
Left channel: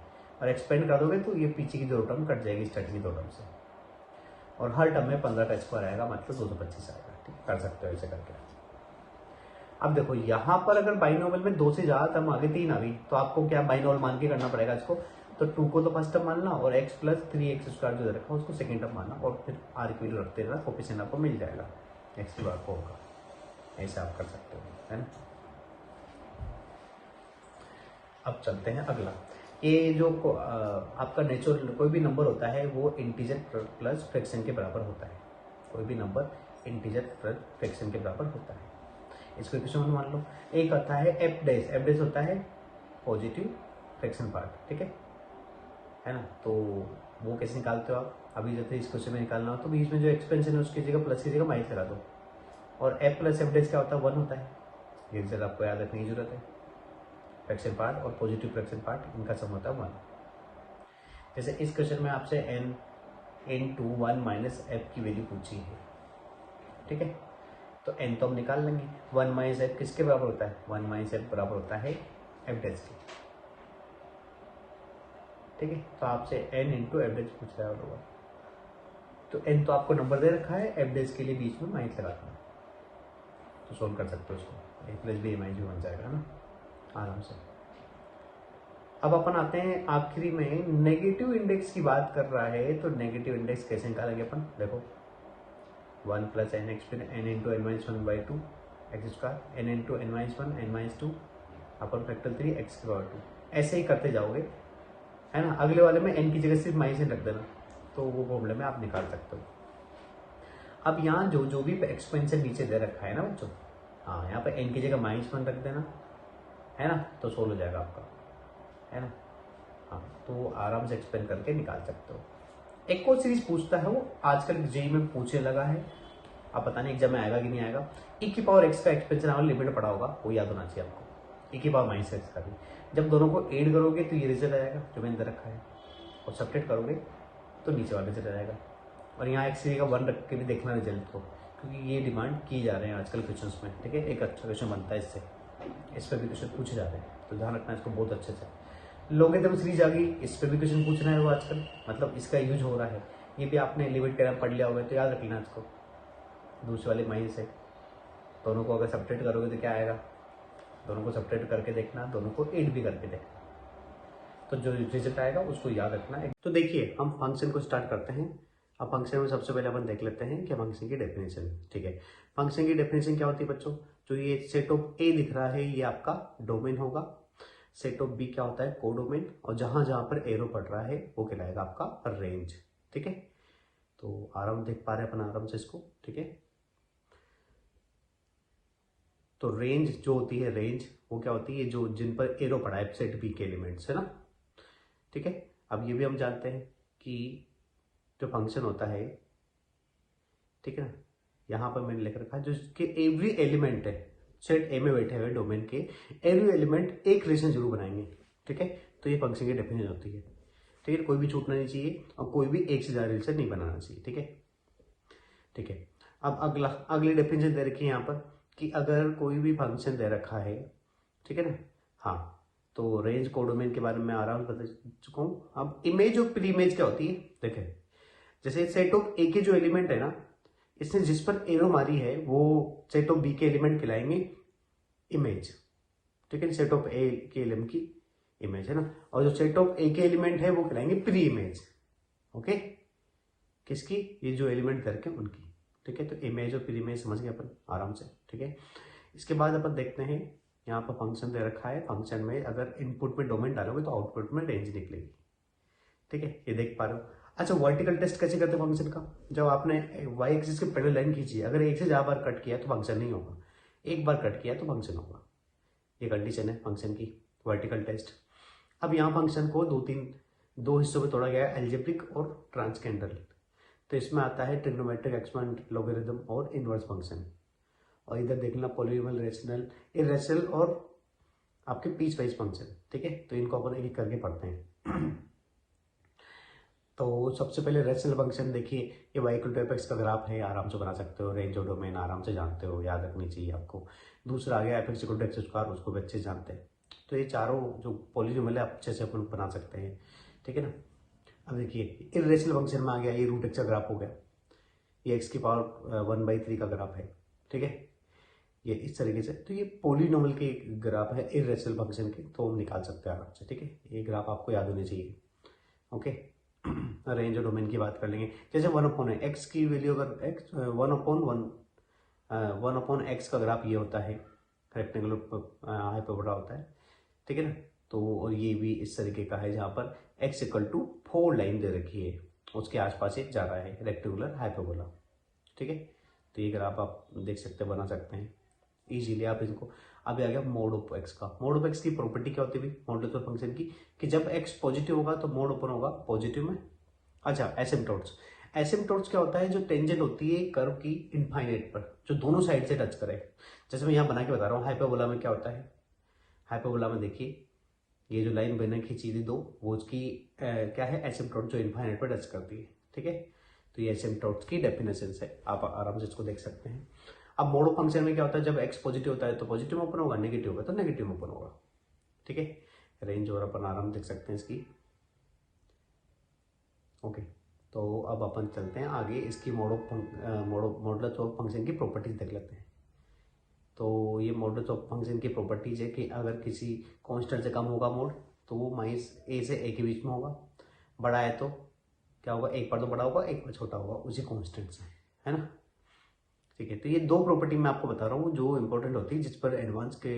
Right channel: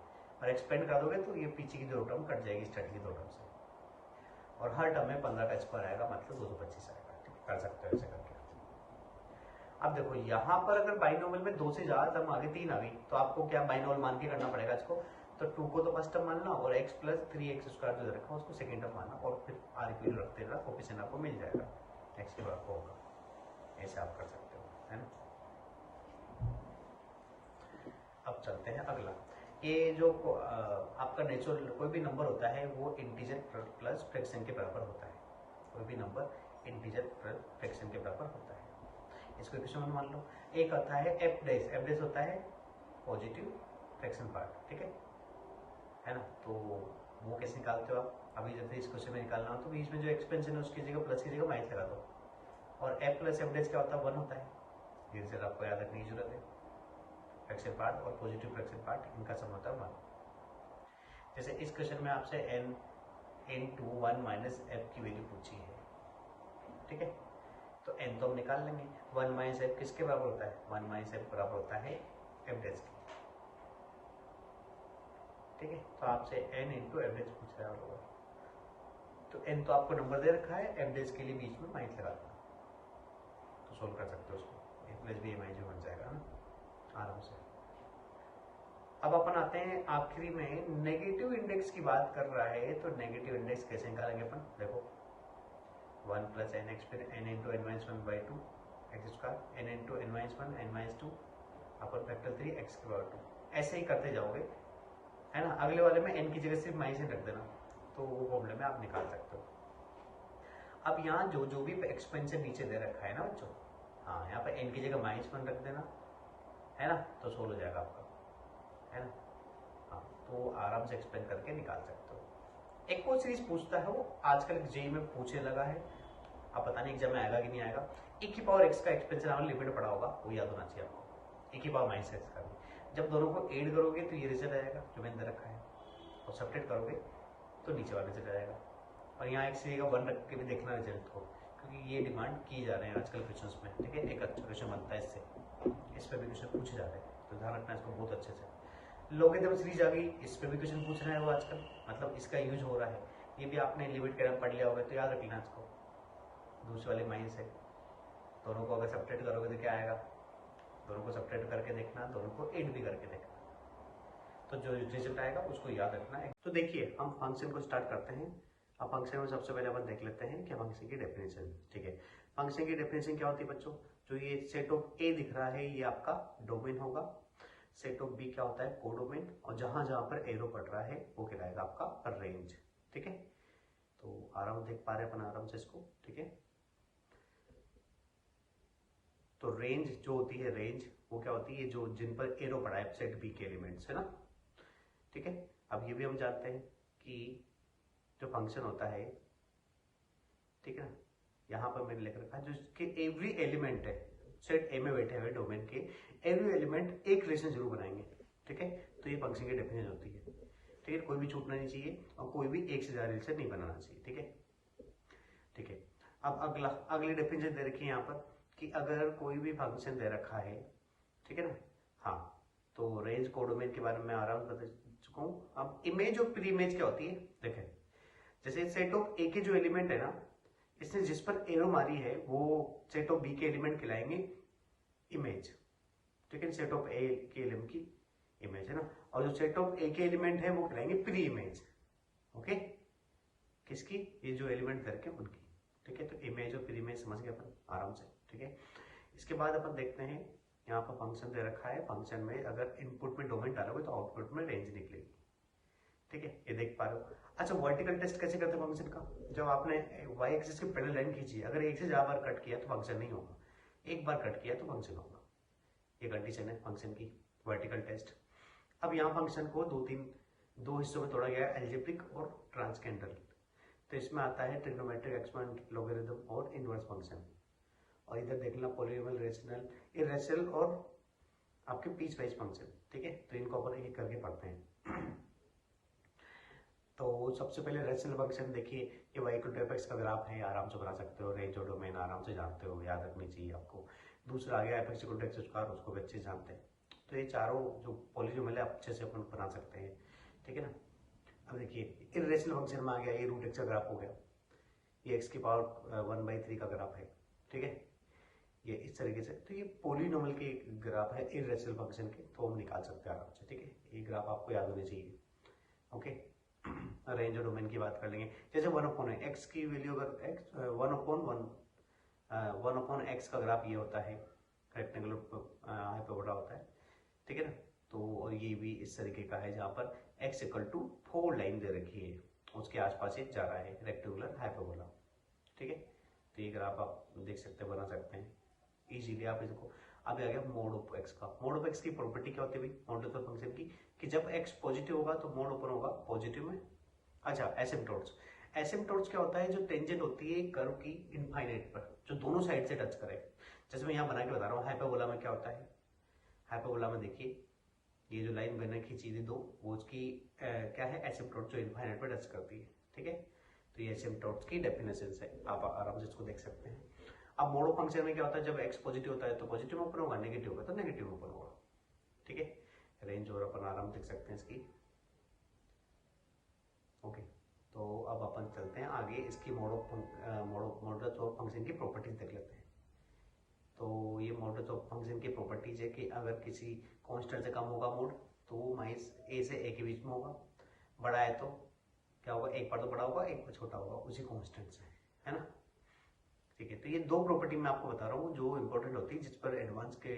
और एक्सपेंड कर दोगे तो ये पीछे की 2 टर्म कट जाएगी स्टार्टिंग की 2 टर्म से, और हर टर्म में 15 का स्क्वायर आएगा, मतलब 225 आएगा, ठीक है। कर सकते हो ऐसे करके। अब देखो यहाँ पर अगर बाइनोमियल में 2 से ज़्यादा टर्म आगे 3 आ गई, तो आपको क्या बाइनोमियल मान के करना पड़ेगा इसको। तो 2 को तो फर्स्ट टर्म मानना, और x + 3x² जो रखा उसको सेकेंड टर्म मानना, और फिर r की वैल्यू रखते रहना, कोफिशिएंट आपको मिल जाएगा, x की बार को होगा। ऐसे आप कर सकते हो, है ना। अब चलते हैं अगला। ये जो आपका नेचुरल कोई भी नंबर होता है वो इंटीजर प्लस फ्रैक्शन के बराबर होता है। कोई भी नंबर इंटीजर प्लस फ्रैक्शन के बराबर होता है। इसको क्वेश्चन मान लो, एक आता है एफ डैश होता है पॉजिटिव फ्रैक्शन पार्ट, ठीक है ना। तो वो कैसे निकालते हो आप, अभी जैसे इस क्वेश्चन में निकालना हो तो बीच में जो एक्सपेंशन है उसकी जगह प्लस की जगह माइनस लगा दो, और एफ प्लस एफ डैश क्या होता है, 1 होता है। ये जरा आपको याद रखने की जरूरत है। फ्रैक्शन पार्ट और पॉजिटिव फ्रैक्शन पार्ट, इनका सम होता है 1। जैसे इस क्वेश्चन में आपसे n/(1 - f) की वैल्यू पूछी है, ठीक है। तो n तो हम निकाल लेंगे, 1 - f किसके बराबर होता है, 1 - f बराबर होता है f डैश के, ठीक है। तो आपसे n × f डैश पूछ रहा होगा, तो n तो आपको नंबर दे रखा है, f डैश के लिए बीच में माइनस लगा देना, तो सोल्व कर सकते हो उसको, a + b - बन जाएगा ना आराम से। अब अपन आते हैं आखिरी में, नेगेटिव इंडेक्स की बात कर रहा है, तो नेगेटिव इंडेक्स कैसे निकालेंगे अपन, देखो 1 + nx फिर n × n-1/2 x², n × n-1 n-2 अपन फैक्टर 3 x², ऐसे ही करते जाओगे, है ना। अगले वाले में n की जगह सिर्फ -n रख देना, तो वो फॉर्मूले में आप निकाल सकते हो। अब यहाँ जो भी एक्सपेंशन नीचे दे रखा है ना बच्चों, हाँ यहाँ पर n की जगह -1 रख देना, है ना, तो सोल्व हो जाएगा आपका, है ना। हाँ, तो वो आराम से एक्सपेंड करके निकाल सकते हो। एक और सीरीज पूछता है, वो आजकल जेई में पूछने लगा है, अब पता नहीं एग्जाम में आएगा कि नहीं आएगा। e⁻x का एक्सपेंशन आपने लिमिट पढ़ा होगा, वो याद होना चाहिए आपको। e⁻−x का भी जब दोनों को ऐड करोगे तो ये रिजल्ट आएगा जो मैंने दे रखा है, और सब्ट्रैक्ट करोगे तो नीचे वाला रिजल्ट आएगा। और यहाँ एक सीरीज का 1 रख के भी देखना रिजल्ट को, क्योंकि ये डिमांड की जा रहे हैं आजकल क्वेश्चन में, ठीक है। एक अच्छा क्वेश्चन बनता है इससे, इस पर भी क्वेश्चन पूछे जा रहे हैं, तो ध्यान रखना इसको बहुत अच्छे से। लोगरिथम सीरीज आ गई, इस पर भी क्वेश्चन पूछ रहे हैं वो आजकल, मतलब इसका यूज हो रहा है। ये भी आपने लिमिट का पढ़ लिया होगा, तो याद रख लेना इसको। दूसरे वाले माइनस है, दोनों को अगर सब्ट्रैक्ट करोगे तो क्या आएगा, दोनों को सब्ट्रैक्ट करके देखना, दोनों को ऐड भी करके देखना, तो जो रिजल्ट आएगा उसको याद रखना है। तो देखिए हम फंक्शन को स्टार्ट करते हैं। अब फंक्शन में सबसे पहले अपन देख लेते हैं कि फंक्शन की डेफिनेशन, ठीक है। फंक्शन की डेफिनेशन क्या होती है बच्चों, जो ये सेट ऑफ ए दिख रहा है ये आपका डोमेन होगा, सेट ऑफ बी क्या होता है कोडोमेन, और जहां जहां पर एरो पड़ रहा है वो कहलाएगा आपका रेंज, ठीक है। तो आराम देख पा रहे हैं अपन आराम से इसको, ठीक है। तो रेंज जो होती है, रेंज वो क्या होती है, जो जिन पर एरो पड़ा है सेट बी के एलिमेंट्स, है ना, ठीक है। अब ये भी हम जानते हैं कि जो फंक्शन होता है, ठीक है ना, यहाँ पर मैंने लिख रखा है जो इसके एवरी एलिमेंट है, सेट ए में बैठे हुए डोमेन के एवरी एलिमेंट एक रिलेशन जरूर बनाएंगे, ठीक है। तो ये फंक्शन की डेफिनेशन होती है, ठीक है। कोई भी छूटना नहीं चाहिए और कोई भी एक से ज़्यादा रिलेशन नहीं बनाना चाहिए, ठीक है, ठीक है। अब अगली डेफिनेशन दे रखी है यहाँ पर कि अगर कोई भी फंक्शन दे रखा है, ठीक है ना, हाँ, तो रेंज कोडोमेन के बारे में आराम से बता चुका हूँ। अब इमेज और प्री इमेज क्या होती है, देखें जैसे सेट ऑफ ए के जो एलिमेंट है ना, इसने जिस पर एरो मारी है वो सेट ऑफ बी के एलिमेंट कहलाएंगे इमेज, ठीक है। सेट ऑफ ए के एलिमेंट की इमेज है ना, और जो सेट ऑफ ए के एलिमेंट है वो कहलाएंगे प्री इमेज, ओके। किसकी, ये जो एलिमेंट करके उनकी, ठीक है। तो इमेज और प्री इमेज समझ गए अपन आराम से, ठीक है। इसके बाद अपन देखते हैं यहाँ पर फंक्शन दे रखा है, फंक्शन में अगर इनपुट में डोमेन डालोगे तो आउटपुट में रेंज निकलेगी, ठीक है, ये देख पा रहे हो। अच्छा, वर्टिकल टेस्ट कैसे करते हैं फंक्शन का, जब आपने वाई एक्सिस के पैरेलल लाइन खींची, अगर एक से ज्यादा बार कट किया तो फंक्शन नहीं होगा, एक बार कट किया तो फंक्शन होगा। ये कंडीशन है फंक्शन की, वर्टिकल टेस्ट। अब यहाँ फंक्शन को दो हिस्सों में तोड़ा गया है, एल्जेब्रिक और ट्रांसकेंडल। तो इसमें आता है ट्रिग्नोमेट्रिक, एक्सपोनेंट, लॉगरिथम और इनवर्स फंक्शन। और इधर देखना पॉलिनोमियल, रेशनल, इरेशनल और आपके पीस वाइज फंक्शन। ठीक है, तो इनको अपन एक एक करके पढ़ते हैं। तो सबसे पहले रेशनल फंक्शन देखिए, ये y equal to f x का ग्राफ है, आराम से बना सकते हो, रेंज और डोमेन आराम से जानते हो, याद रखनी चाहिए आपको। दूसरा आ गया f x equal to x square, उसको भी अच्छे से जानते हैं। तो ये चारों जो पॉलिनोमियल है अच्छे से अपन बना सकते हैं। ठीक है ना। अब देखिए इरेशनल फंक्शन में आ गया, ये रूट एक्स का ग्राफ हो गया, ये एक्स की पावर 1/3 का ग्राफ है। ठीक है, ये इस तरीके से। तो ये पॉलिनोमियल के ग्राफ है इरेशनल फंक्शन के, तो हम निकाल सकते हैं आराम से। ठीक है, ये ग्राफ आपको याद होने चाहिए। ओके, रेंज और डोमेन की बात कर लेंगे। जैसे 1/, एक्स की वैल्यू अगर एक्स 1/1 एक्स का ग्राफ ये होता है, रेक्टेंगुलर हाइपरबोला होता है। ठीक है ना। तो और ये भी इस तरीके का है जहाँ पर एक्स इक्वल टू 4 लाइन दे रखी है, उसके आसपास ये जा रहा है, रेक्टेंगुलर हाइपरबोला। ठीक है, तो ये ग्राफ आप देख सकते हैं, बना सकते हैं इजीली आप इसको। अभी आ गया मोड ऑफ एक्स का। मोड ऑफ एक्स की प्रॉपर्टी क्या होती है भाई मॉडुलस ऑफ फंक्शन की, कि जब एक्स पॉजिटिव होगा तो मोड ओपन होगा पॉजिटिव में। अच्छा, एसिम्पटोट्स। एसिम्पटोट्स क्या होता है, जो टेंजेंट होती है कर्व की इनफाइनाइट पर, जो दोनों साइड से टच करे। जैसे मैं यहाँ बना के बता रहा हूँ, हाइपरबोला में क्या होता है, हाइपरबोला में देखिए ये जो लाइन मैंने खींची थी दो, वो उसकी क्या है, एसिम्पटोट जो इनफाइनाइट पर टच करती है। ठीक है, तो ये एसिम्पटोट्स की डेफिनेशन है, आप आराम से इसको देख सकते हैं। अब मोड ऑफ फंक्शन में क्या होता है, जब एक्स पॉजिटिव होता है तो पॉजिटिव में ओपन होगा, नेगेटिव होगा तो नेगेटिव में ओपन होगा। ठीक है, रेंज और अपन आराम देख सकते हैं इसकी। ओके, तो अब अपन चलते हैं आगे, इसकी मॉडुलस ऑफ फंक्शन की प्रॉपर्टीज देख लेते हैं। तो ये मॉडुलस ऑफ फंक्शन की प्रॉपर्टीज है कि अगर किसी कांस्टेंट से कम होगा मोड, तो वो माइनस ए से ए के बीच में होगा। बड़ा है तो क्या होगा, एक बार तो बड़ा होगा, एक बार छोटा होगा, उसी कांस्टेंट से, है ना। ठीक है, तो ये दो प्रॉपर्टी मैं आपको बता रहा हूँ जो इंपॉर्टेंट होती है, जिस पर एडवांस के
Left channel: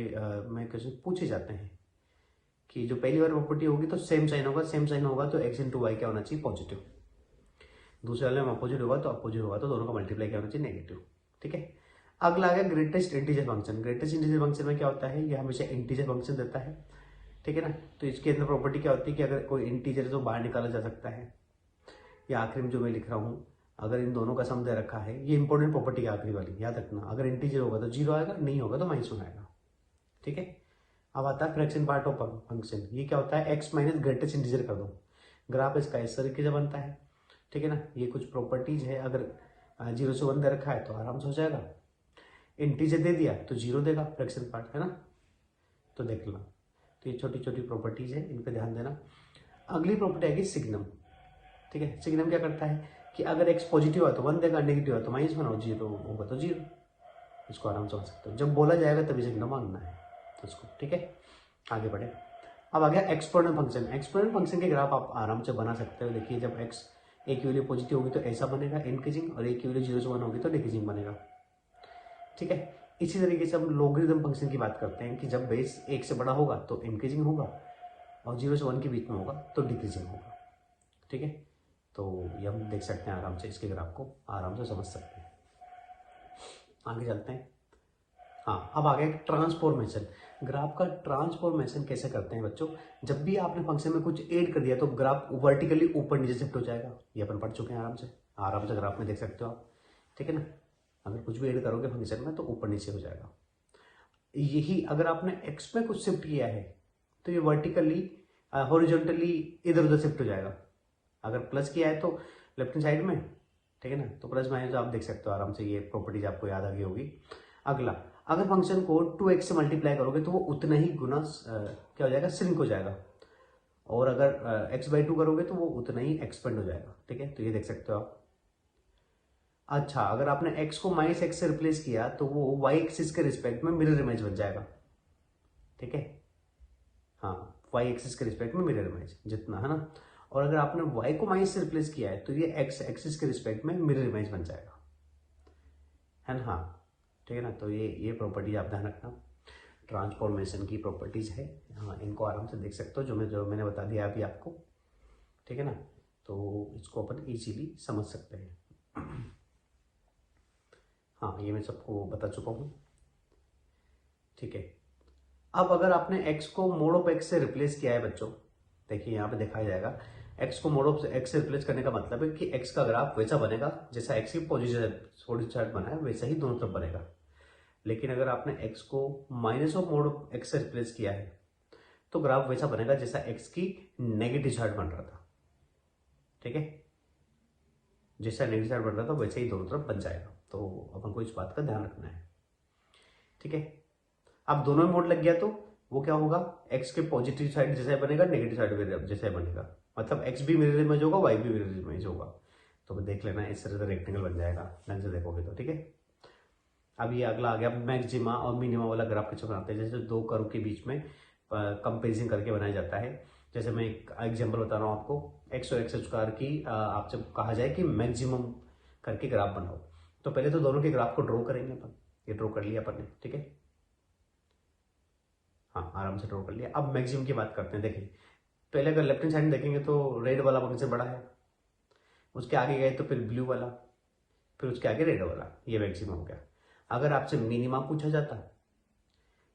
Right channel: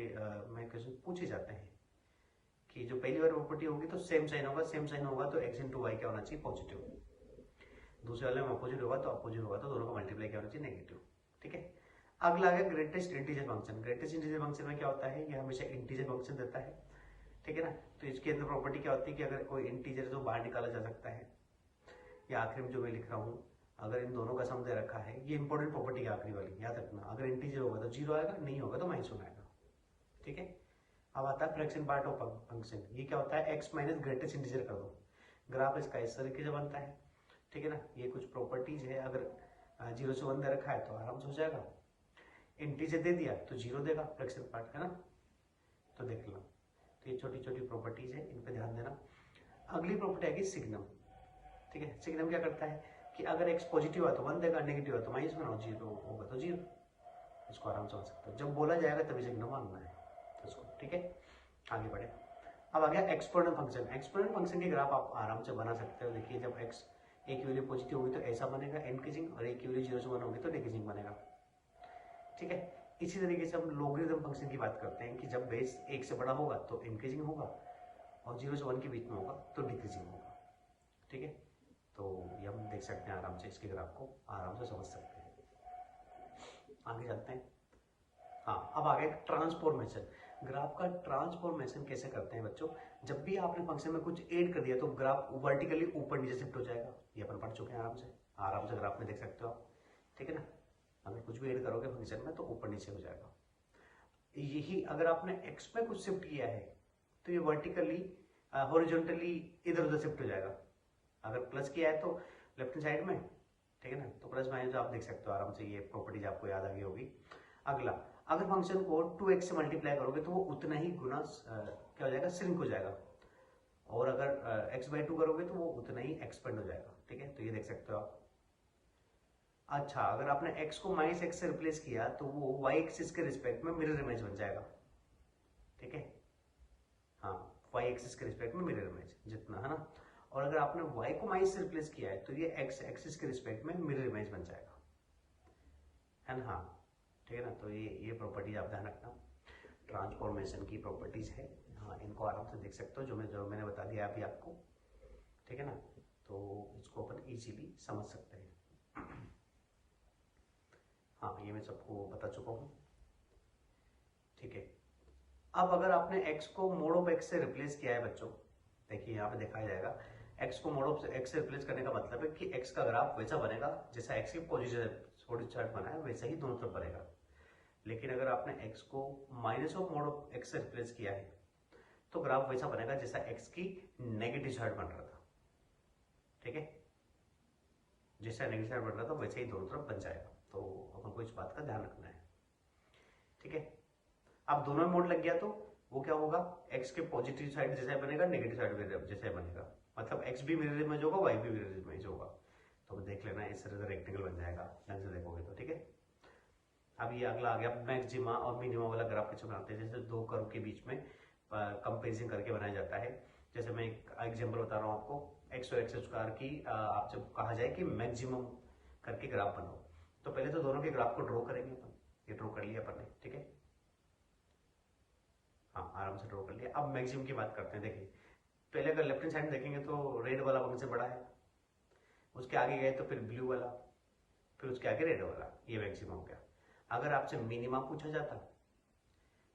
में क्वेश्चन पूछे जाते हैं। कि जो पहली बार प्रॉपर्टी होगी तो सेम साइन होगा, सेम साइन होगा तो एक्स इंटू वाई क्या होना चाहिए, पॉजिटिव। दूसरे वाले में अपोजिट होगा तो अपोजिट होगा तो दोनों का मल्टीप्लाई क्या होना चाहिए, नेगेटिव। ठीक है, अगला आ गया greatest integer function. Greatest integer function में क्या होता है, ये हमेशा इंटीजर फंक्शन देता है। ठीक है ना, तो इसके अंदर प्रॉपर्टी क्या होती है कि अगर कोई इंटीजर है तो बाहर निकाला जा सकता है। या आखिरी में जो मैं लिख रहा हूँ, अगर इन दोनों का सम दे रखा है, ये इंपॉर्टेंट प्रॉपर्टी है आखिरी वाली, याद रखना। अगर इंटीजर होगा तो 0 आएगा, नहीं होगा तो -1 आएगा। ठीक है, अब आता है फ्रैक्शन पार्ट ऑफ फंक्शन। ये क्या होता है, एक्स माइनस ग्रेटेस्ट इंटीजर कर दो, ग्राफ इसका इस तरीके से बनता है। ठीक है ना, ये कुछ प्रॉपर्टीज है। अगर 0 से 1 दे रखा है तो आराम से हो जाएगा, इंटीजर दे दिया तो 0 देगा फ्रैक्शन पार्ट, है ना। तो देख लो, तो ये छोटी छोटी प्रॉपर्टीज है, इन पर ध्यान देना। अगली प्रॉपर्टी आएगी सिग्नम। ठीक है, सिग्नम क्या करता है कि अगर एक्स पॉजिटिव है तो 1 देगा, नेगेटिव है तो -1 और 0 होगा तो 0। इसको आराम से समझ सकते हो, जब बोला जाएगा तभी सिग्नम मांगना है उसको। ठीक है, आगे बढ़े। अब आ गया एक्सपोनेंट फंक्शन। एक्सपोनेंट फंक्शन के ग्राफ आप आराम से बना सकते हो। देखिए, जब एक्स ए की वैल्यू पॉजिटिव होगी तो ऐसा बनेगा इंक्रीजिंग, और ए की वैल्यू 0 से 1 होगी तो डिक्रीजिंग बनेगा। ठीक है, इसी तरीके से हम लॉगरिथम फंक्शन की बात करते हैं कि जब बेस 1 से बड़ा होगा तो इंक्रीजिंग होगा, और 0 से 1 के बीच में होगा तो डिक्रीजिंग होगा। ठीक है, तो ये हम देख सकते हैं आराम से, इसके ग्राफ को आराम से समझ सकते हैं। आगे चलते हैं। हाँ, अब आ गया ट्रांसफॉर्मेशन। ग्राफ का ट्रांसफॉर्मेशन कैसे करते हैं बच्चों, जब भी आपने फंक्शन में कुछ ऐड कर दिया तो ग्राफ वर्टिकली ऊपर नीचे शिफ्ट हो जाएगा। ये अपन पढ़ चुके हैं आराम से ग्राफ में देख सकते हो आप। ठीक है ना, अगर कुछ भी ऐड करोगे फंक्शन में तो ऊपर नीचे हो जाएगा। यही अगर आपने एक्स में कुछ शिफ्ट किया है तो ये वर्टिकली हॉरिजॉन्टली इधर उधर शिफ्ट हो जाएगा। अगर प्लस किया है तो लेफ्ट हैंड साइड में, ठीक है ना, तो प्लस माइनस आप देख सकते हो आराम से, ये प्रॉपर्टीज आपको याद आ गई होगी। अगला, अगर फंक्शन को 2x से मल्टीप्लाई करोगे तो वो उतना ही गुना क्या हो जाएगा, श्रिंक हो जाएगा। और अगर x/2 करोगे तो वो उतना ही एक्सपेंड हो जाएगा। ठीक है, तो ये देख सकते हो आप। अच्छा, अगर आपने x को -x से रिप्लेस किया तो वो y एक्सिस के रिस्पेक्ट में मिरर इमेज बन जाएगा। ठीक है, हाँ, y एक्सिस के रिस्पेक्ट में मिरर इमेज जितना, है ना। और अगर आपने y को माइनस से रिप्लेस किया है तो ये x एक्सिस के रिस्पेक्ट में मिरर इमेज बन जाएगा, है ना। हाँ, ठीक है ना, तो ये प्रॉपर्टीज आप ध्यान रखना, ट्रांसफॉर्मेशन की प्रॉपर्टीज है। हाँ, इनको आराम से देख सकते हो, जो मैंने बता दिया अभी आपको। ठीक है ना, तो इसको अपन इजीली समझ सकते हैं। हाँ, ये मैं सबको बता चुका हूँ। ठीक है। अब अगर आपने x को मोड ऑफ x से रिप्लेस किया है बच्चों, देखिए यहाँ पे दिखाया जाएगा, x को मोड ऑफ x से रिप्लेस करने का मतलब है कि x का ग्राफ वैसा बनेगा जैसा x की पोजीशन चार्ट बना है वैसा ही दोनों तरफ बनेगा। लेकिन अगर आपने x को minus of mode of x से रिप्लेस किया है तो ग्राफ वैसा बनेगा जैसा x की नेगेटिव चार्ट बन रहा था। ठीक है, जैसा नेगेटिव चार्ट बन रहा था वैसे ही दोनों तरफ बन जाएगा। तो अपन को इस बात का ध्यान रखना है। ठीक है, अब दोनों में मोड लग गया तो वो क्या होगा, x के पॉजिटिव साइड जैसा ही बनेगा, नेगेटिव साइड जैसा ही बनेगा, मतलब x भी मिरर इमेज होगा, y भी मिरर इमेज होगा। तो देख लेना, इस तरह से रेक्टेंगल बन जाएगा ढंग से देखोगे तो। ठीक है, अब ये अगला आ गया मैक्सिमा और मिनिमा वाला ग्राफ कैसे बनाते हैं। जैसे दो कर्व के बीच में कंपेरिजन करके बनाया जाता है। जैसे मैं एक एग्जाम्पल बता रहा हूँ आपको, x और x² की आपसे कहा जाए कि मैक्सिमम करके ग्राफ बनाओ, तो पहले तो दोनों के ग्राफ को ड्रॉ करेंगे अपन। ये ड्रॉ कर लिया अपन ने। ठीक है, हाँ आराम से ड्रॉ कर लिया। अब मैक्सिमम की बात करते हैं। देखिए पहले अगर लेफ्ट हैंड साइड में देखेंगे तो रेड वाला फंक्शन बड़ा है, उसके आगे गए तो फिर ब्लू वाला, फिर उसके आगे रेड वाला, ये मैक्सिमम हो गया। अगर आपसे मिनिमम पूछा जाता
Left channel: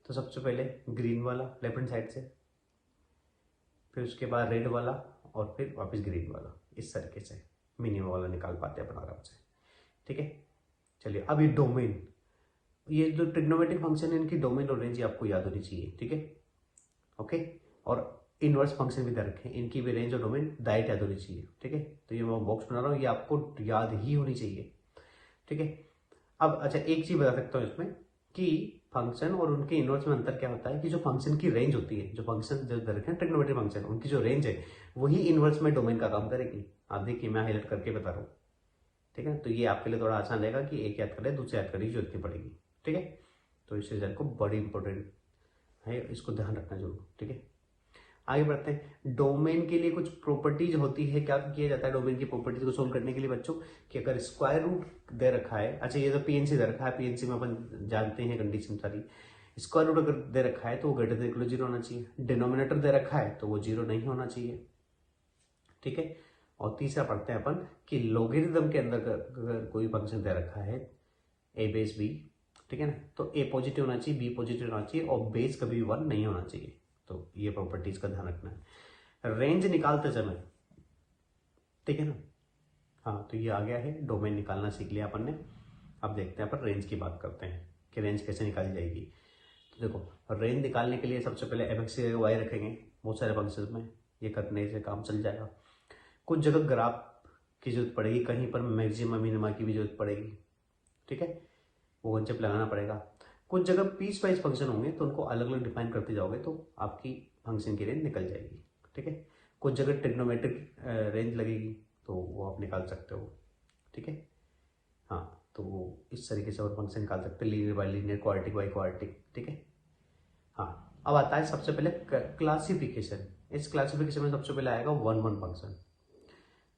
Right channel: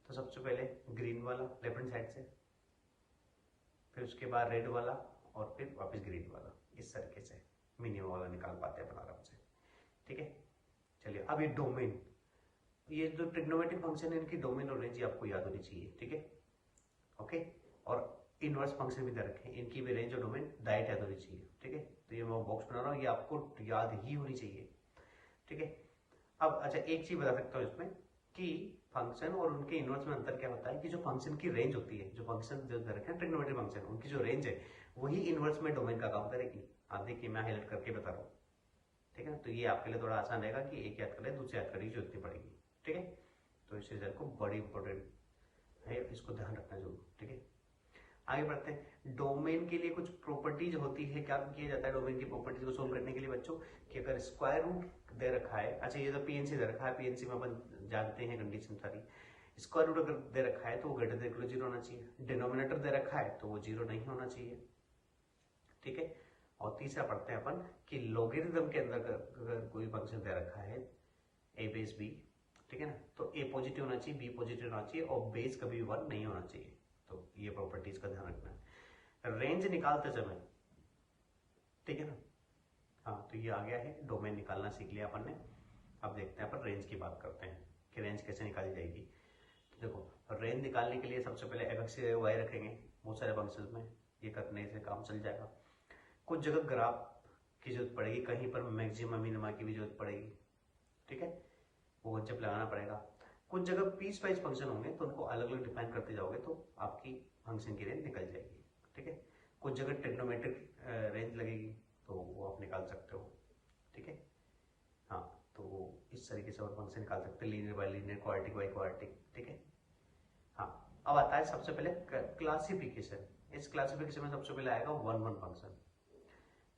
तो सबसे पहले ग्रीन वाला लेफ्ट हैंड साइड से, फिर उसके बाद रेड वाला और फिर वापस ग्रीन वाला। इस तरीके से मिनिमम वाला निकाल पाते हैं अपन आराम से। ठीक है, चलिए अब ये डोमेन, ये जो ट्रिग्नोमेट्रिक फंक्शन है इनकी डोमेन और रेंज आपको याद होनी चाहिए। ठीक है, ओके, और इनवर्स फंक्शन भी दे रखे हैं, इनकी भी रेंज और डोमेन डायरेक्ट याद होनी चाहिए। ठीक है, तो ये मैं बॉक्स बना रहा हूँ, ये आपको याद ही होनी चाहिए। ठीक है, अब अच्छा एक चीज बता सकता हूँ इसमें कि फंक्शन और उनके इनवर्स में अंतर क्या होता है कि जो फंक्शन की रेंज होती है, जो फंक्शन जो दे रखे हैं ट्रिग्नोमेट्रिक फंक्शन, उनकी जो रेंज है वही इनवर्स में डोमेन का काम करेगी। आप देखिए मैं हाईलाइट करके बता रहा हूँ। ठीक है, तो ये आपके लिए थोड़ा आसान रहेगा कि एक याद कर ले, दूसरे याद करने की जरूरत नहीं पड़ेगी। ठीक है, तो इस रिजल्ट को बड़ी इंपॉर्टेंट है, इसको ध्यान रखना जरूर। ठीक है, आगे बढ़ते हैं। डोमेन के लिए कुछ प्रॉपर्टीज होती है। क्या किया जाता है डोमेन की प्रॉपर्टीज को सोल्व करने के लिए बच्चों, कि अगर स्क्वायर रूट दे रखा है, अच्छा ये तो पीएनसी दे रखा है, पीएनसी में अपन जानते हैं कंडीशन सारी, स्क्वायर रूट अगर दे रखा है तो वो ग्रेटर देन इक्वल टू 0 होना चाहिए, डिनोमिनेटर दे रखा है तो वो 0 नहीं होना चाहिए। ठीक है, और तीसरा पढ़ते हैं अपन कि लोगेरिथम के अंदर अगर कोई फंक्शन दे रखा है ए बेस बी, ठीक है ना, तो ए पॉजिटिव होना चाहिए, बी पॉजिटिव होना चाहिए और बेस कभी भी 1 नहीं होना चाहिए। तो ये प्रॉपर्टीज का ध्यान रखना है रेंज निकालते समय। ठीक है ना, हाँ तो ये आ गया है, डोमेन निकालना सीख लिया अपन ने। अब देखते हैं अपन रेंज की बात करते हैं कि रेंज कैसे निकाली जाएगी। तो देखो रेंज निकालने के लिए सबसे पहले एफ एक्स वाई रखेंगे बहुत सारे फंक्शंस में, ये करने से काम चल जाएगा। कुछ जगह ग्राफ की जरूरत पड़ेगी, कहीं पर मैक्सिमम मिनिमा की भी जरूरत पड़ेगी। ठीक है, वो कंसेप्ट लगाना पड़ेगा। कुछ जगह पीस वाइज फंक्शन होंगे तो उनको अलग अलग डिफाइन करते जाओगे तो आपकी फंक्शन की रेंज निकल जाएगी। ठीक है, कुछ जगह ट्रिग्नोमेट्रिक रेंज लगेगी तो वो आप निकाल सकते हो। ठीक है, हाँ तो इस तरीके से और फंक्शन निकाल सकते हैं, linear by linear, quadratic by quadratic. ठीक है, हाँ अब आता है सबसे पहले क्लासिफिकेशन। इस क्लासिफिकेशन में सबसे पहले आएगा 1 1 फंक्शन।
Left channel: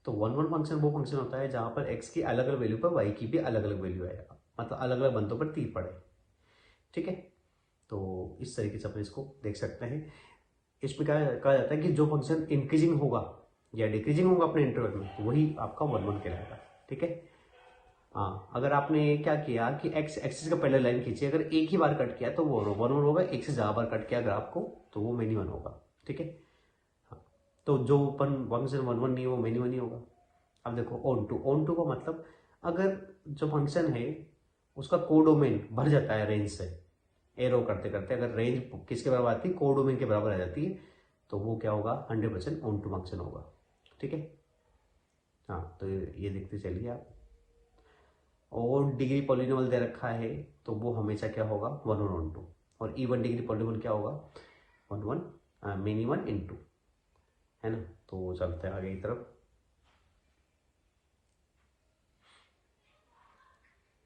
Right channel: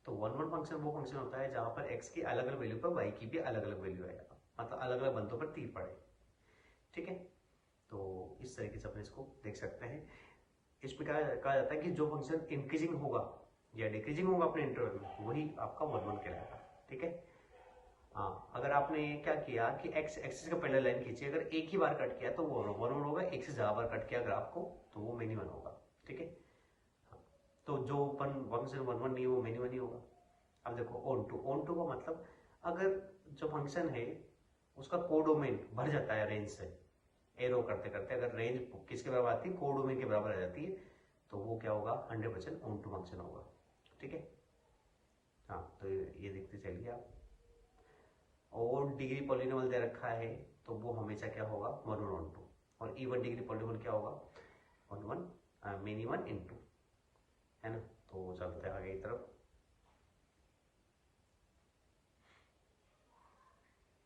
तो 1 1 फंक्शन वो फंक्शन होता है जहाँ पर x की अलग अलग वैल्यू पर y की भी अलग अलग वैल्यू है, मतलब अलग अलग बंदों पर तीर पड़े। ठीक है, तो इस तरीके से अपन इसको देख सकते हैं। इसमें क्या कहा जाता है कि जो फंक्शन इंक्रीजिंग होगा या डिक्रीजिंग होगा अपने इंटरवल में वही आपका 1 1 कहलाएगा। ठीक है, हाँ अगर आपने क्या किया कि एक्स एक्सिस का पहले लाइन खींची, अगर एक ही बार कट किया तो वो 1 1 होगा, एक से ज़्यादा बार कट किया ग्राफ को तो वो मेनी 1 होगा। ठीक है, हाँ तो जो अपन फंक्शन 1 1 नहीं हो वो मेनी 1 ही होगा। अब देखो ऑन टू का मतलब अगर जो फंक्शन है उसका कोडोमेन भर जाता है रेंज से, एरो करते करते अगर रेंज किसके बराबर आती है, कोडोमेन के बराबर आ जाती है, तो वो क्या होगा 100% ऑन टू फंक्शन होगा। ठीक है, हाँ तो ये देखते चलिए आप। और डिग्री पॉलिनोमियल दे रखा है तो वो हमेशा क्या होगा 1 1 ऑन टू, और इवन डिग्री पॉलिनोमियल क्या होगा 1 1 मेनी 1 इनटू, है ना। तो चलते हैं आगे की तरफ।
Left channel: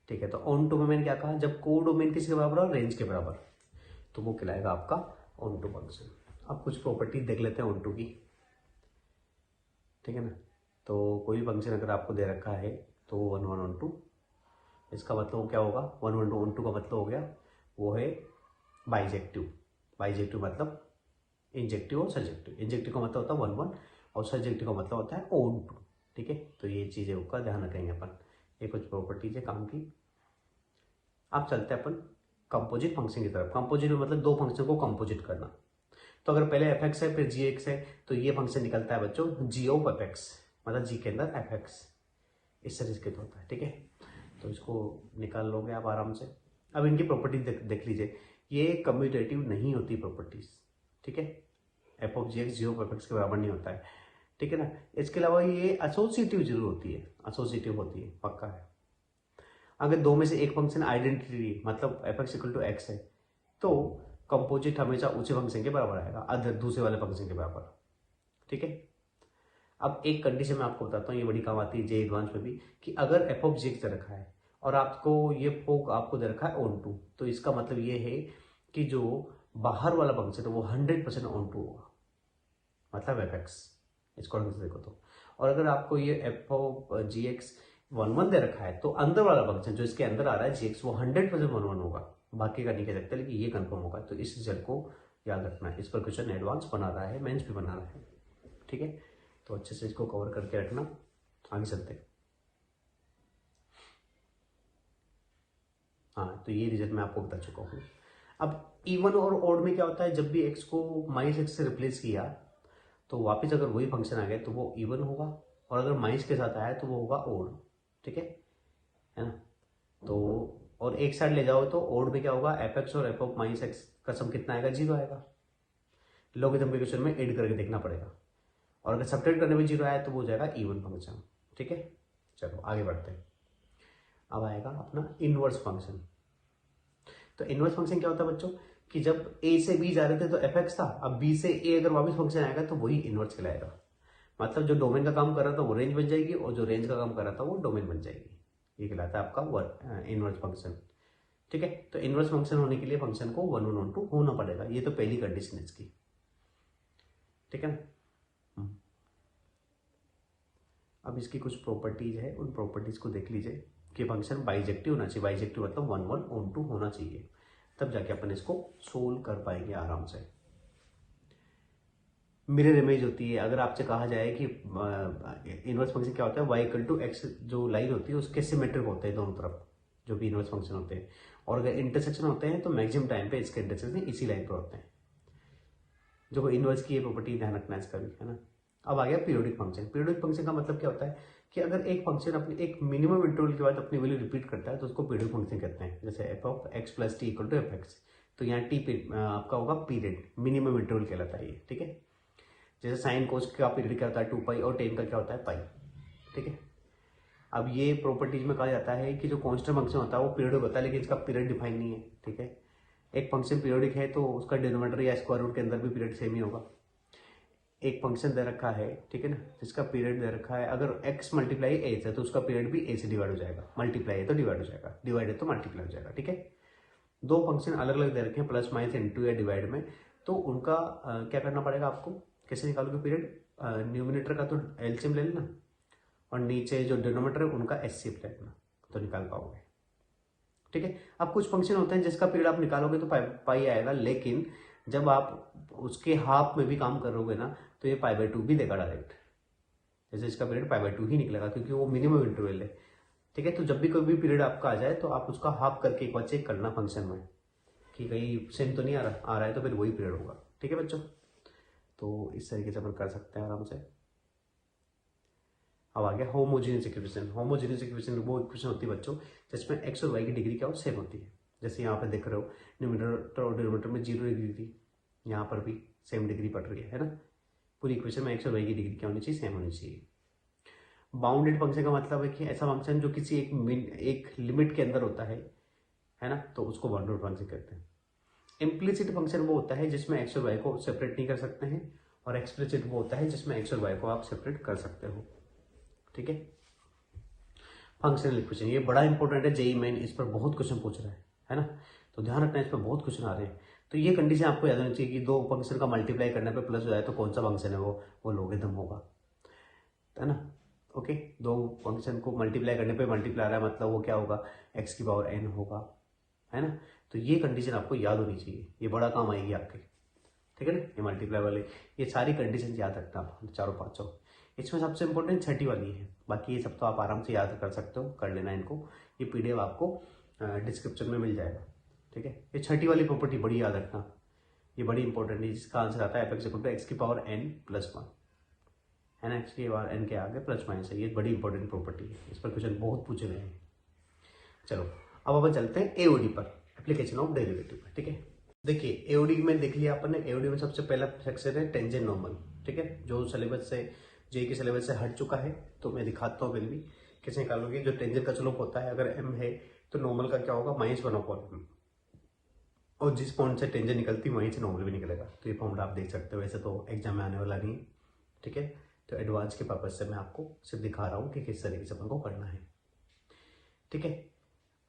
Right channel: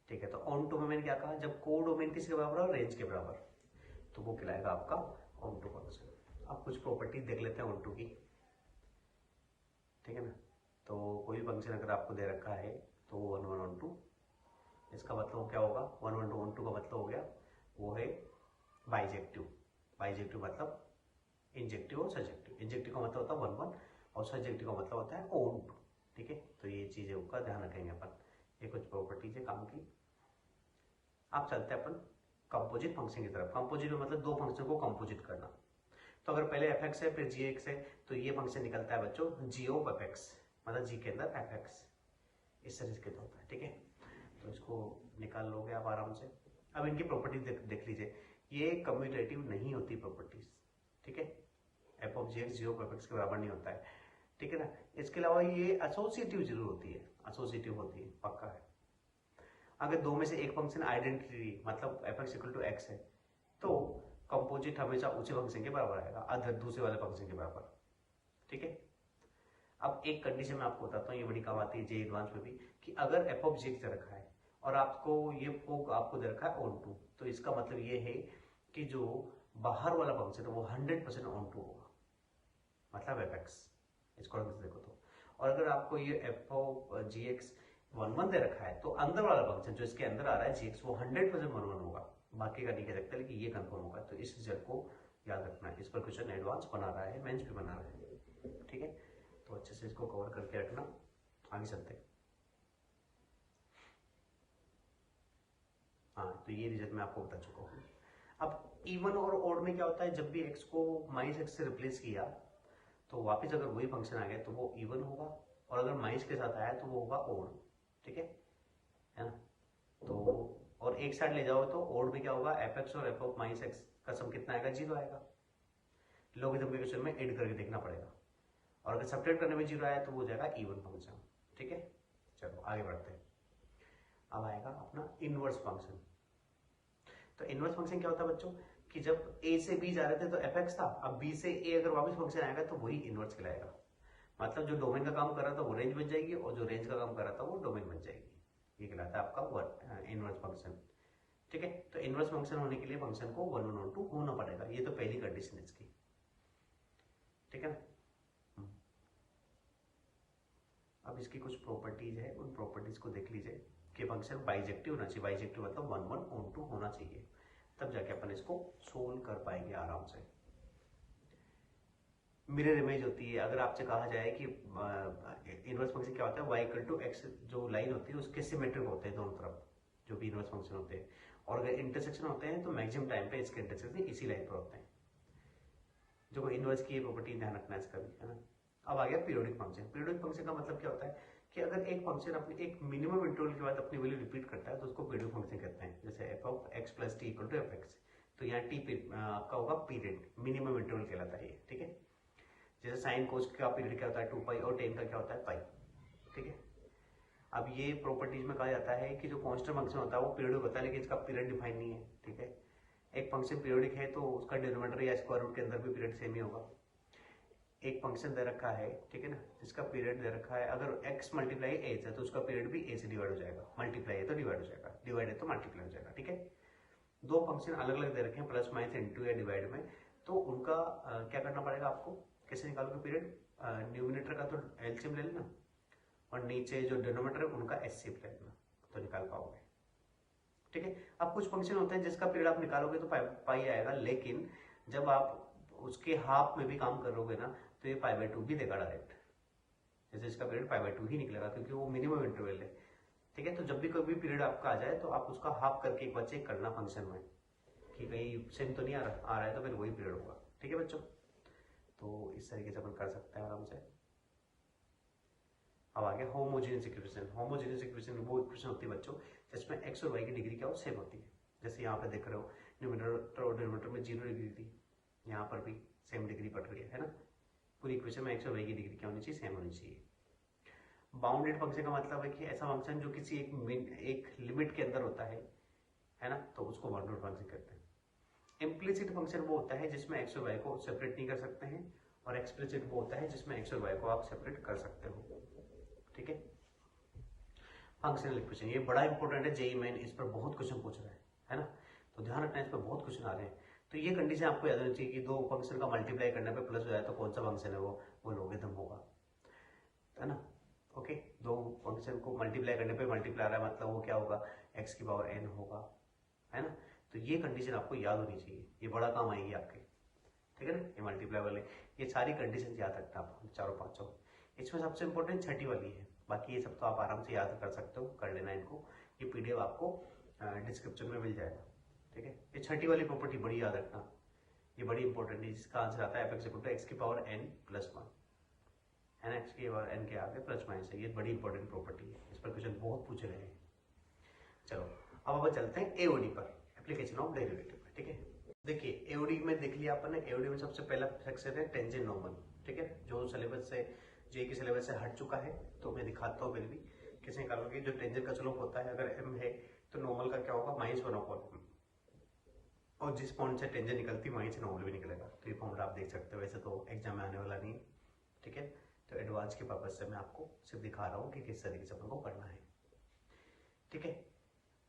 ठीक है, तो ऑन टू में मैंने क्या कहा, जब कोडोमेन किसके बराबर हो रेंज के बराबर तो वो कहलाएगा आपका ऑन टू फंक्शन। अब कुछ प्रॉपर्टीज देख लेते हैं ऑन टू की। ठीक है ना, तो कोई फंक्शन अगर आपको दे रखा है तो 1 1 ऑन टू, इसका मतलब क्या होगा 1 1 ऑन टू का मतलब हो गया वो है बाइजेक्टिव। बाइजेक्टिव मतलब इंजेक्टिव और सब्जेक्टिव। इंजेक्टिव का मतलब होता है 1 1 और सब्जेक्टिव का मतलब होता है ऑन टू। ठीक है, तो ये चीज़ें का ध्यान रखेंगे अपन, ये कुछ प्रॉपर्टीज है काम की। अब चलते हैं अपन कंपोजिट फंक्शन की तरफ। कंपोजिट में मतलब दो फंक्शन को कंपोजिट करना। तो अगर पहले एफ एक्स है फिर जी एक्स है तो ये फंक्शन निकलता है बच्चों जी ऑफ एफ एक्स, मतलब जी के अंदर एफ एक्स, इस तरीके से होता है। ठीक है, तो इसको निकाल लोगे आप आराम से। अब इनकी प्रॉपर्टीज देख लीजिए, ये कम्यूटेटिव नहीं होती प्रॉपर्टीज। ठीक है, f of g x g of f x के बराबर नहीं होता है। ठीक है ना, इसके अलावा ये एसोसिएटिव जरूर होती है, एसोसिएटिव होती है, पक्का है। अगर दो में से एक फंक्शन आइडेंटिटी मतलब f x equal to x है तो कंपोजिट हमेशा उसी फंक्शन के बराबर आएगा, अदर दूसरे वाले फंक्शन के बराबर। ठीक है, अब एक कंडीशन मैं आपको बताता हूँ, ये बड़ी काम आती है जे एडवांस में भी, कि अगर एफ ऑफ जी एक्स दे रखा है और आपको ये फोक आपको दे रखा है ऑन टू, तो इसका मतलब ये है कि जो बाहर वाला फंक्शन है वो 100% ऑन टू होगा, मतलब एफ एक्स, इसको देखो तो। और अगर आपको ये एफ ऑफ जी एक्स 1 1 दे रखा है तो अंदर वाला फंक्शन जो इसके अंदर आ रहा है जी एक्स वो 100% 1 1 होगा, बाकी का नहीं कह सकते, लेकिन ये कंफर्म होगा। तो इस रिजल्ट को याद रखना है, इस पर क्वेश्चन एडवांस बना रहा है, मेंस भी बना रहा है। ठीक है, तो अच्छे से इसको कवर करके रखना, आगे चलते हैं। हाँ, तो ये रिजल्ट मैं आपको बता चुका हूँ। अब इवन और ओड में क्या होता है, जब भी एक्स को माइनस एक्स से रिप्लेस किया तो वापस अगर वही फंक्शन आ गया तो वो इवन होगा, और अगर माइनस के साथ आया तो वो होगा ओड। ठीक है ना, तो और एक साइड ले जाओ तो ओड में क्या होगा, एफ एक्स और एफ ऑफ माइनस एक्स का सम कितना आएगा, 0 आएगा। लॉगरिथम के क्वेश्चन में ऐड करके देखना पड़ेगा, और अगर सब्ट्रैक्ट करने में 0 आया तो वो हो जाएगा इवन फंक्शन। ठीक है, चलो आगे बढ़ते हैं। अब आएगा अपना इनवर्स फंक्शन। तो इनवर्स फंक्शन क्या होता है बच्चों, कि जब ए से बी जा रहे थे तो एफ एक्स था, अब बी से ए अगर वापस फंक्शन आएगा तो वही इनवर्स कहलाएगा। मतलब जो डोमेन का काम कर रहा था वो रेंज बन जाएगी, और जो रेंज का काम कर रहा था वो डोमेन बन जाएगी। ये कहलाता है आपका इनवर्स फंक्शन। ठीक है, तो इनवर्स फंक्शन होने के लिए फंक्शन को 1 1 1 2 होना पड़ेगा, ये तो पहली कंडीशन है इसकी। ठीक है ना, अब इसकी कुछ प्रॉपर्टीज है, उन प्रॉपर्टीज को देख लीजिए कि फंक्शन बाइजेक्टिव होना चाहिए। बाइजेक्टिव मतलब 1 1 ऑन 2 होना चाहिए, तब जाके अपन इसको सोल्व कर पाएंगे आराम से। मिरर इमेज होती है, अगर आपसे कहा जाए कि इनवर्स फंक्शन क्या होता है, वाई इक्वल टू एक्स जो लाइन होती है उसके सिमेट्रिक होते हैं दोनों तरफ, जो भी इनवर्स फंक्शन होते हैं, और अगर इंटरसेक्शन होते हैं तो मैक्सिमम टाइम पे इसके इंटरसेक्शन इसी लाइन पर होते हैं। जो इनवर्स की ये प्रॉपर्टी ध्यान रखना है इसका भी, है ना। अब आ गया पीरियोडिक फंक्शन। पीरियोडिक फंक्शन का मतलब क्या होता है कि अगर एक फंक्शन अपने एक मिनिमम इंटरवल के बाद अपनी वैल्यू रिपीट करता है तो उसको पीरियोडिक फंक्शन कहते हैं। जैसे f of x plus t equal to f x, तो यहाँ टी आपका होगा पीरियड, मिनिमम इंटरवल कहलाता है ये। ठीक है, जैसे साइन कोस का पीरियड क्या होता है 2 पाई, और टेन का क्या होता है पाई। ठीक है, अब ये प्रॉपर्टीज में कहा जाता है कि जो कांस्टेंट फंक्शन होता है वो पीरियडिक होता है, लेकिन इसका पीरियड डिफाइन नहीं है। ठीक है, एक फंक्शन पीरियडिक है तो उसका डिनोमिनेटर या स्क्वायर रूट के अंदर भी पीरियड सेम ही होगा। एक फंक्शन दे रखा है, ठीक है ना, जिसका पीरियड दे रखा है, अगर x मल्टीप्लाई ए है तो उसका पीरियड भी a से डिवाइड हो जाएगा, मल्टीप्लाई है तो डिवाइड हो जाएगा, डिवाइड है तो मल्टीप्लाई हो जाएगा। ठीक है, दो फंक्शन अलग अलग दे रखे हैं, प्लस माइनस इंटू या डिवाइड में, तो उनका क्या करना पड़ेगा आपको, कैसे निकालोगे पीरियड, न्यूमिनेटर का तो एलसीएम ले लेना, और नीचे जो डिनोमिनेटर है उनका एचसीएफ ले लेना, तो निकाल पाओगे। ठीक है, अब कुछ फंक्शन होते हैं जिसका पीरियड आप निकालोगे तो पाई आएगा, लेकिन जब आप उसके हाफ में भी काम करोगे ना तो ये π/2 भी देगा डायरेक्ट। जैसे इसका पीरियड π/2 ही निकलेगा क्योंकि वो मिनिमम इंटरवल है। ठीक है, तो जब भी कोई भी पीरियड आपका आ जाए तो आप उसका हाफ करके एक बार चेक करना फंक्शन में कि कहीं सेम तो नहीं आ रहा है, तो फिर वही पीरियड होगा। ठीक है बच्चों, तो इस तरीके से अपन कर सकते हैं आराम से। अब आ गया होमोजेनियस इक्वेशन। होमोजेनियस इक्वेशन वो इक्वेशन होती है बच्चों जिसमें एक्स और वाई की डिग्री क्या हो, सेम होती है। जैसे यहाँ पे देख रहे हो न्यूमिनेटर और डिनोमिनेटर में 0 डिग्री थी, यहाँ पर भी सेम डिग्री पड़ रही है ना। पूरी इक्वेशन में एक्स और वाई की डिग्री क्या होनी चाहिए, सेम होनी चाहिए। बाउंडेड फंक्शन का मतलब है कि ऐसा फंक्शन जो किसी एक लिमिट के अंदर होता है ना, तो उसको बाउंडेड फंक्शन कहते हैं। इम्प्लिसिट फंक्शन वो होता है जिसमें एक्स और वाई को सेपरेट नहीं कर सकते हैं, और एक्सप्लिसिट वो होता है जिसमें एक्स और वाई को आप सेपरेट कर सकते हो। ठीक है, फंक्शनल इक्वेशन ये बड़ा इंपॉर्टेंट है, जेईई मेन इस पर बहुत क्वेश्चन पूछ रहा है ना, तो ध्यान रखना, इस पर बहुत क्वेश्चन आ रहे हैं। तो ये कंडीशन आपको याद होनी चाहिए कि दो फंक्शन का मल्टीप्लाई करने पे प्लस हो जाए तो कौन सा फंक्शन है वो लॉगरिथम होगा, है ना। ओके, दो फंक्शन को मल्टीप्लाई करने पे मल्टीप्लाई आ रहा है मतलब वो क्या होगा, x की पावर n होगा, है ना। तो ये कंडीशन आपको याद होनी चाहिए, ये बड़ा काम आएगी आपके। ठीक है ना, ये मल्टीप्लाई वाले ये सारी कंडीशन याद रखना आप, चारों पाँचों। इसमें सबसे इंपॉर्टेंट छठी वाली है, बाकी ये सब तो आप आराम से याद कर सकते हो, कर लेना इनको। ये PDF आपको डिस्क्रिप्शन में मिल जाएगा। ठीक है। ये छठी वाली प्रॉपर्टी बड़ी याद रखना, ये बड़ी इंपॉर्टेंट है, जिसका आंसर आता है f x equal to x की पावर एन प्लस वन, है ना, एक्स की पावर एन के आगे प्लस माइनस है। ये बड़ी इंपॉर्टेंट प्रॉपर्टी है, इस पर क्वेश्चन बहुत पूछे गए हैं। चलो अब अपन चलते हैं एओडी पर, एप्लीकेशन ऑफ डेरिवेटिव पर। ठीक है, देखिए एओडी में देख लिया अपन ने। एओडी में सबसे पहला सेक्शन है टेंजेंट नॉर्मल, ठीक है, जो सिलेबस से जेई के सिलेबस से हट चुका है। तो मैं दिखाता हूँ फिर भी कैसे निकालोगे। जो टेंजेंट का स्लोप होता है, अगर एम है तो नॉर्मल का क्या होगा, -1/m, और जिस पॉइंट से टेंजेंट निकलती वहीं से नॉर्मल भी निकलेगा। तो ये फॉर्मूला आप देख सकते हो, वैसे तो एग्जाम में आने वाला नहीं है, ठीक है। तो एडवांस के पर्पज से मैं आपको सिर्फ दिखा रहा हूँ कि किस तरीके से अपन को करना है, ठीक है।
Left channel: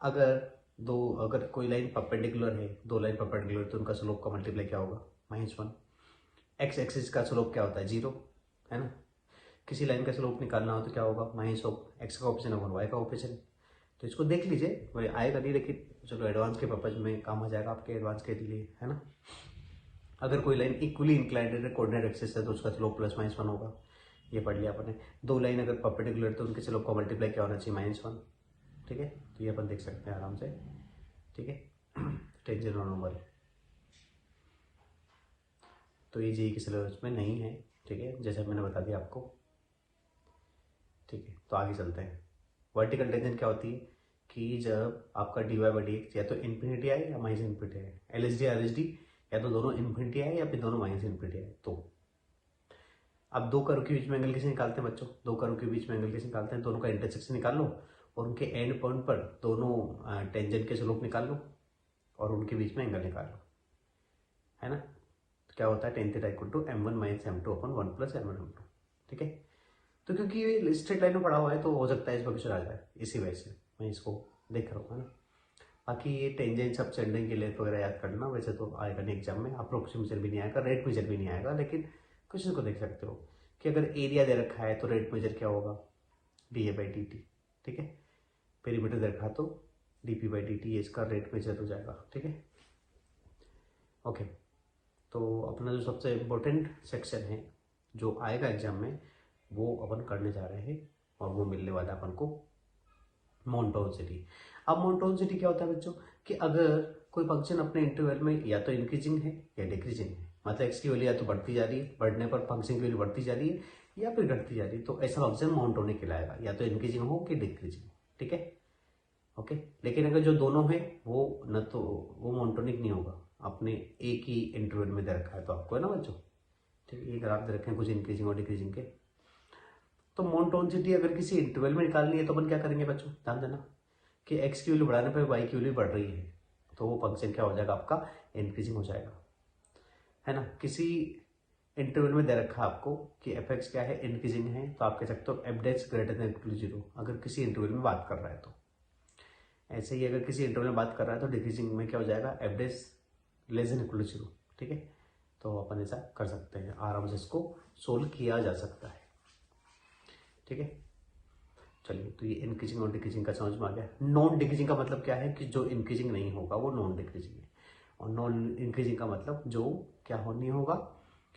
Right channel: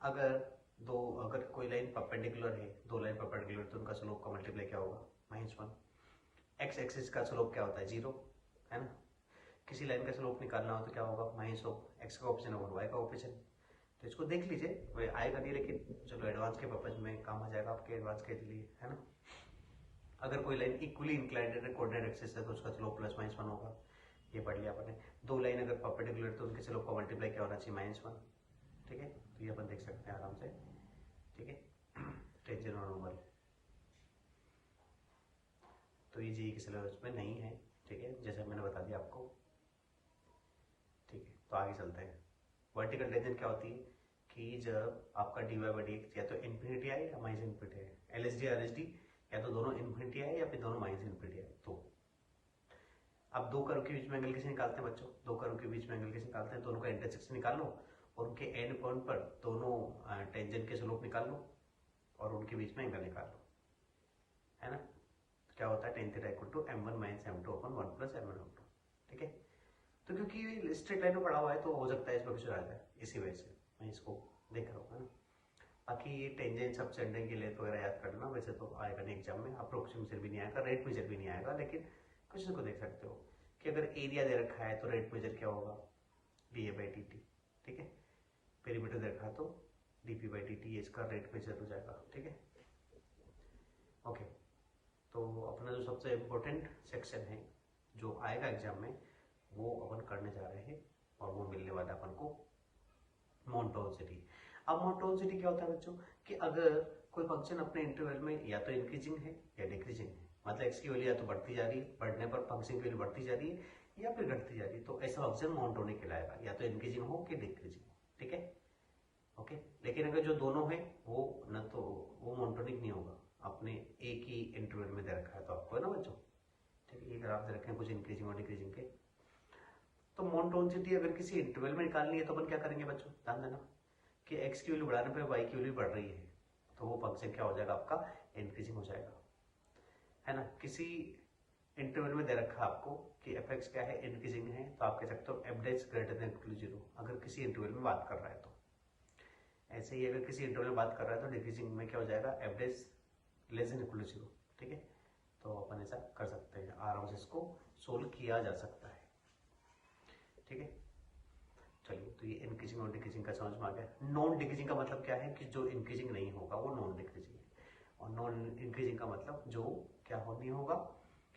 अगर कोई लाइन परपेंडिकुलर है, दो लाइन परपेंडिकुलर, तो उनका स्लोप का मल्टीप्लाई क्या होगा, -1। एक्स एक्सिस का स्लोप क्या होता है, 0, है ना। किसी लाइन का स्लोप निकालना हो तो क्या होगा, -x का ऑप्शन है, y का ऑप्शन। तो इसको देख लीजिए, वही आएगा नहीं, लेकिन चलो एडवांस के पर्पज में काम आ जाएगा आपके, एडवांस के लिए, है ना। अगर कोई लाइन इक्वली इंक्लाइंड है, कोऑर्डिनेट एक्सिस है, तो उसका स्लोप +-1 होगा। ये पढ़ लिया अपन ने। दो लाइन अगर परपेंडिकुलर तो उनके स्लोप का मल्टीप्लाई क्या होना चाहिए, -1, ठीक है। तो ये अपन देख सकते हैं आराम से, ठीक है। टेंजेंट और नॉर्मल, तो ये जेईई के सिलेबस में नहीं है, ठीक है, जैसे मैंने बता दिया आपको, ठीक है। तो आगे चलते हैं। वर्टिकल टेंजेंट क्या होती है कि जब आपका dy/dx या तो इन्फिनिटी आए या माइनस इन्फिनिटी आए, LHD RHD या तो दोनों इन्फिनिटी आए या फिर दोनों माइनस इन्फिनिटी आए। तो अब दो कर्व के बीच में एंगल कैसे निकालते हैं बच्चों, दो कर्व के बीच में एंगल कैसे निकालते हैं, दोनों का इंटरसेक्शन निकाल लो और उनके एंड पॉइंट पर दोनों टेंजेंट के स्लोप निकाल लो और उनके बीच में एंगल निकाल लो, है ना। तो क्या होता है, tan θ = m1 - m2/1 + m1m2, ठीक है। तो क्योंकि ये स्ट्रेट लाइन में पड़ा हुआ है तो हो सकता है इस पर क्वेश्चन आ जाए, इसी वजह से मैं इसको देख रहा हूँ, है ना। बाकी ये टेंजेंट सब सेंडिंग की लेंथ वगैरह याद करना, वैसे तो आएगा नहीं एग्जाम में, अप्रोक्सीमेशन भी नहीं आएगा, रेट मेजर भी नहीं आएगा, लेकिन क्वेश्चन को देख सकते हो कि अगर एरिया दे रखा है तो रेट मेजर क्या होगा, dA/dt, ठीक है। पेरीमीटर दे रखा तो dP/dt, ये इसका रेट मेजर हो जाएगा, ठीक है। ओके, तो अपना जो सबसे इम्पोर्टेंट सेक्शन है जो आएगा एग्जाम में, वो अपन करने जा रहे हैं और वो मिलने वाला है अपन को मोनटोनिसिटी। अब मोनटोनिसिटी क्या होता है बच्चों, कि अगर कोई फंक्शन अपने इंटरवल में या तो इंक्रीजिंग है या डिक्रीजिंग है, मतलब एक्स की वैल्यू या तो बढ़ती जा रही है, बढ़ने पर फंक्शन की वैल्यू बढ़ती जा रही है, या फिर घटती जा रही है, तो ऐसा फंक्शन मोनोटोनिक कहलाएगा, या तो इंक्रीजिंग हो कि डिक्रीजिंग, ठीक है। ओके, लेकिन अगर जो दोनों है वो न तो वो मोनोटोनिक नहीं होगा, अपने एक ही इंटरवल में दे रखा है तो आपको, है ना बच्चों, ठीक है। ये ग्राफ दे रखे हैं कुछ इंक्रीजिंग और डिक्रीजिंग के। तो मोनोटोनिसिटी अगर किसी इंटरवल में निकालनी है तो अपन क्या करेंगे बच्चों, ध्यान देना कि एक्स की वैल्यू बढ़ाने पर वाई की वैल्यू बढ़ रही है, तो वो फंक्शन क्या हो जाएगा आपका, इंक्रीजिंग हो जाएगा, है ना। किसी इंटरवल में दे रखा आपको कि एफ एक्स क्या है, इंक्रीजिंग है, तो आप कह सकते हो एफ डेक्स ग्रेटर देन इक्वल टू 0, अगर किसी इंटरवल में बात कर रहा है तो। ऐसे ही अगर किसी इंटरवल में बात कर रहा है तो डिक्रीजिंग में क्या हो जाएगा, एफ डेक्स लेस देन इक्वल टू 0, ठीक है। तो अपन ऐसा कर सकते हैं, आराम से इसको सोल्व किया जा सकता है, ठीक है। चलिए, तो ये इंक्रीजिंग और डिक्रीजिंग का समझ में आ गया। नॉन डिक्रीजिंग का मतलब क्या है कि जो इंक्रीजिंग नहीं होगा वो नॉन डिक्रीजिंग है, और नॉन इंक्रीजिंग का मतलब जो क्या हो नहीं होगा,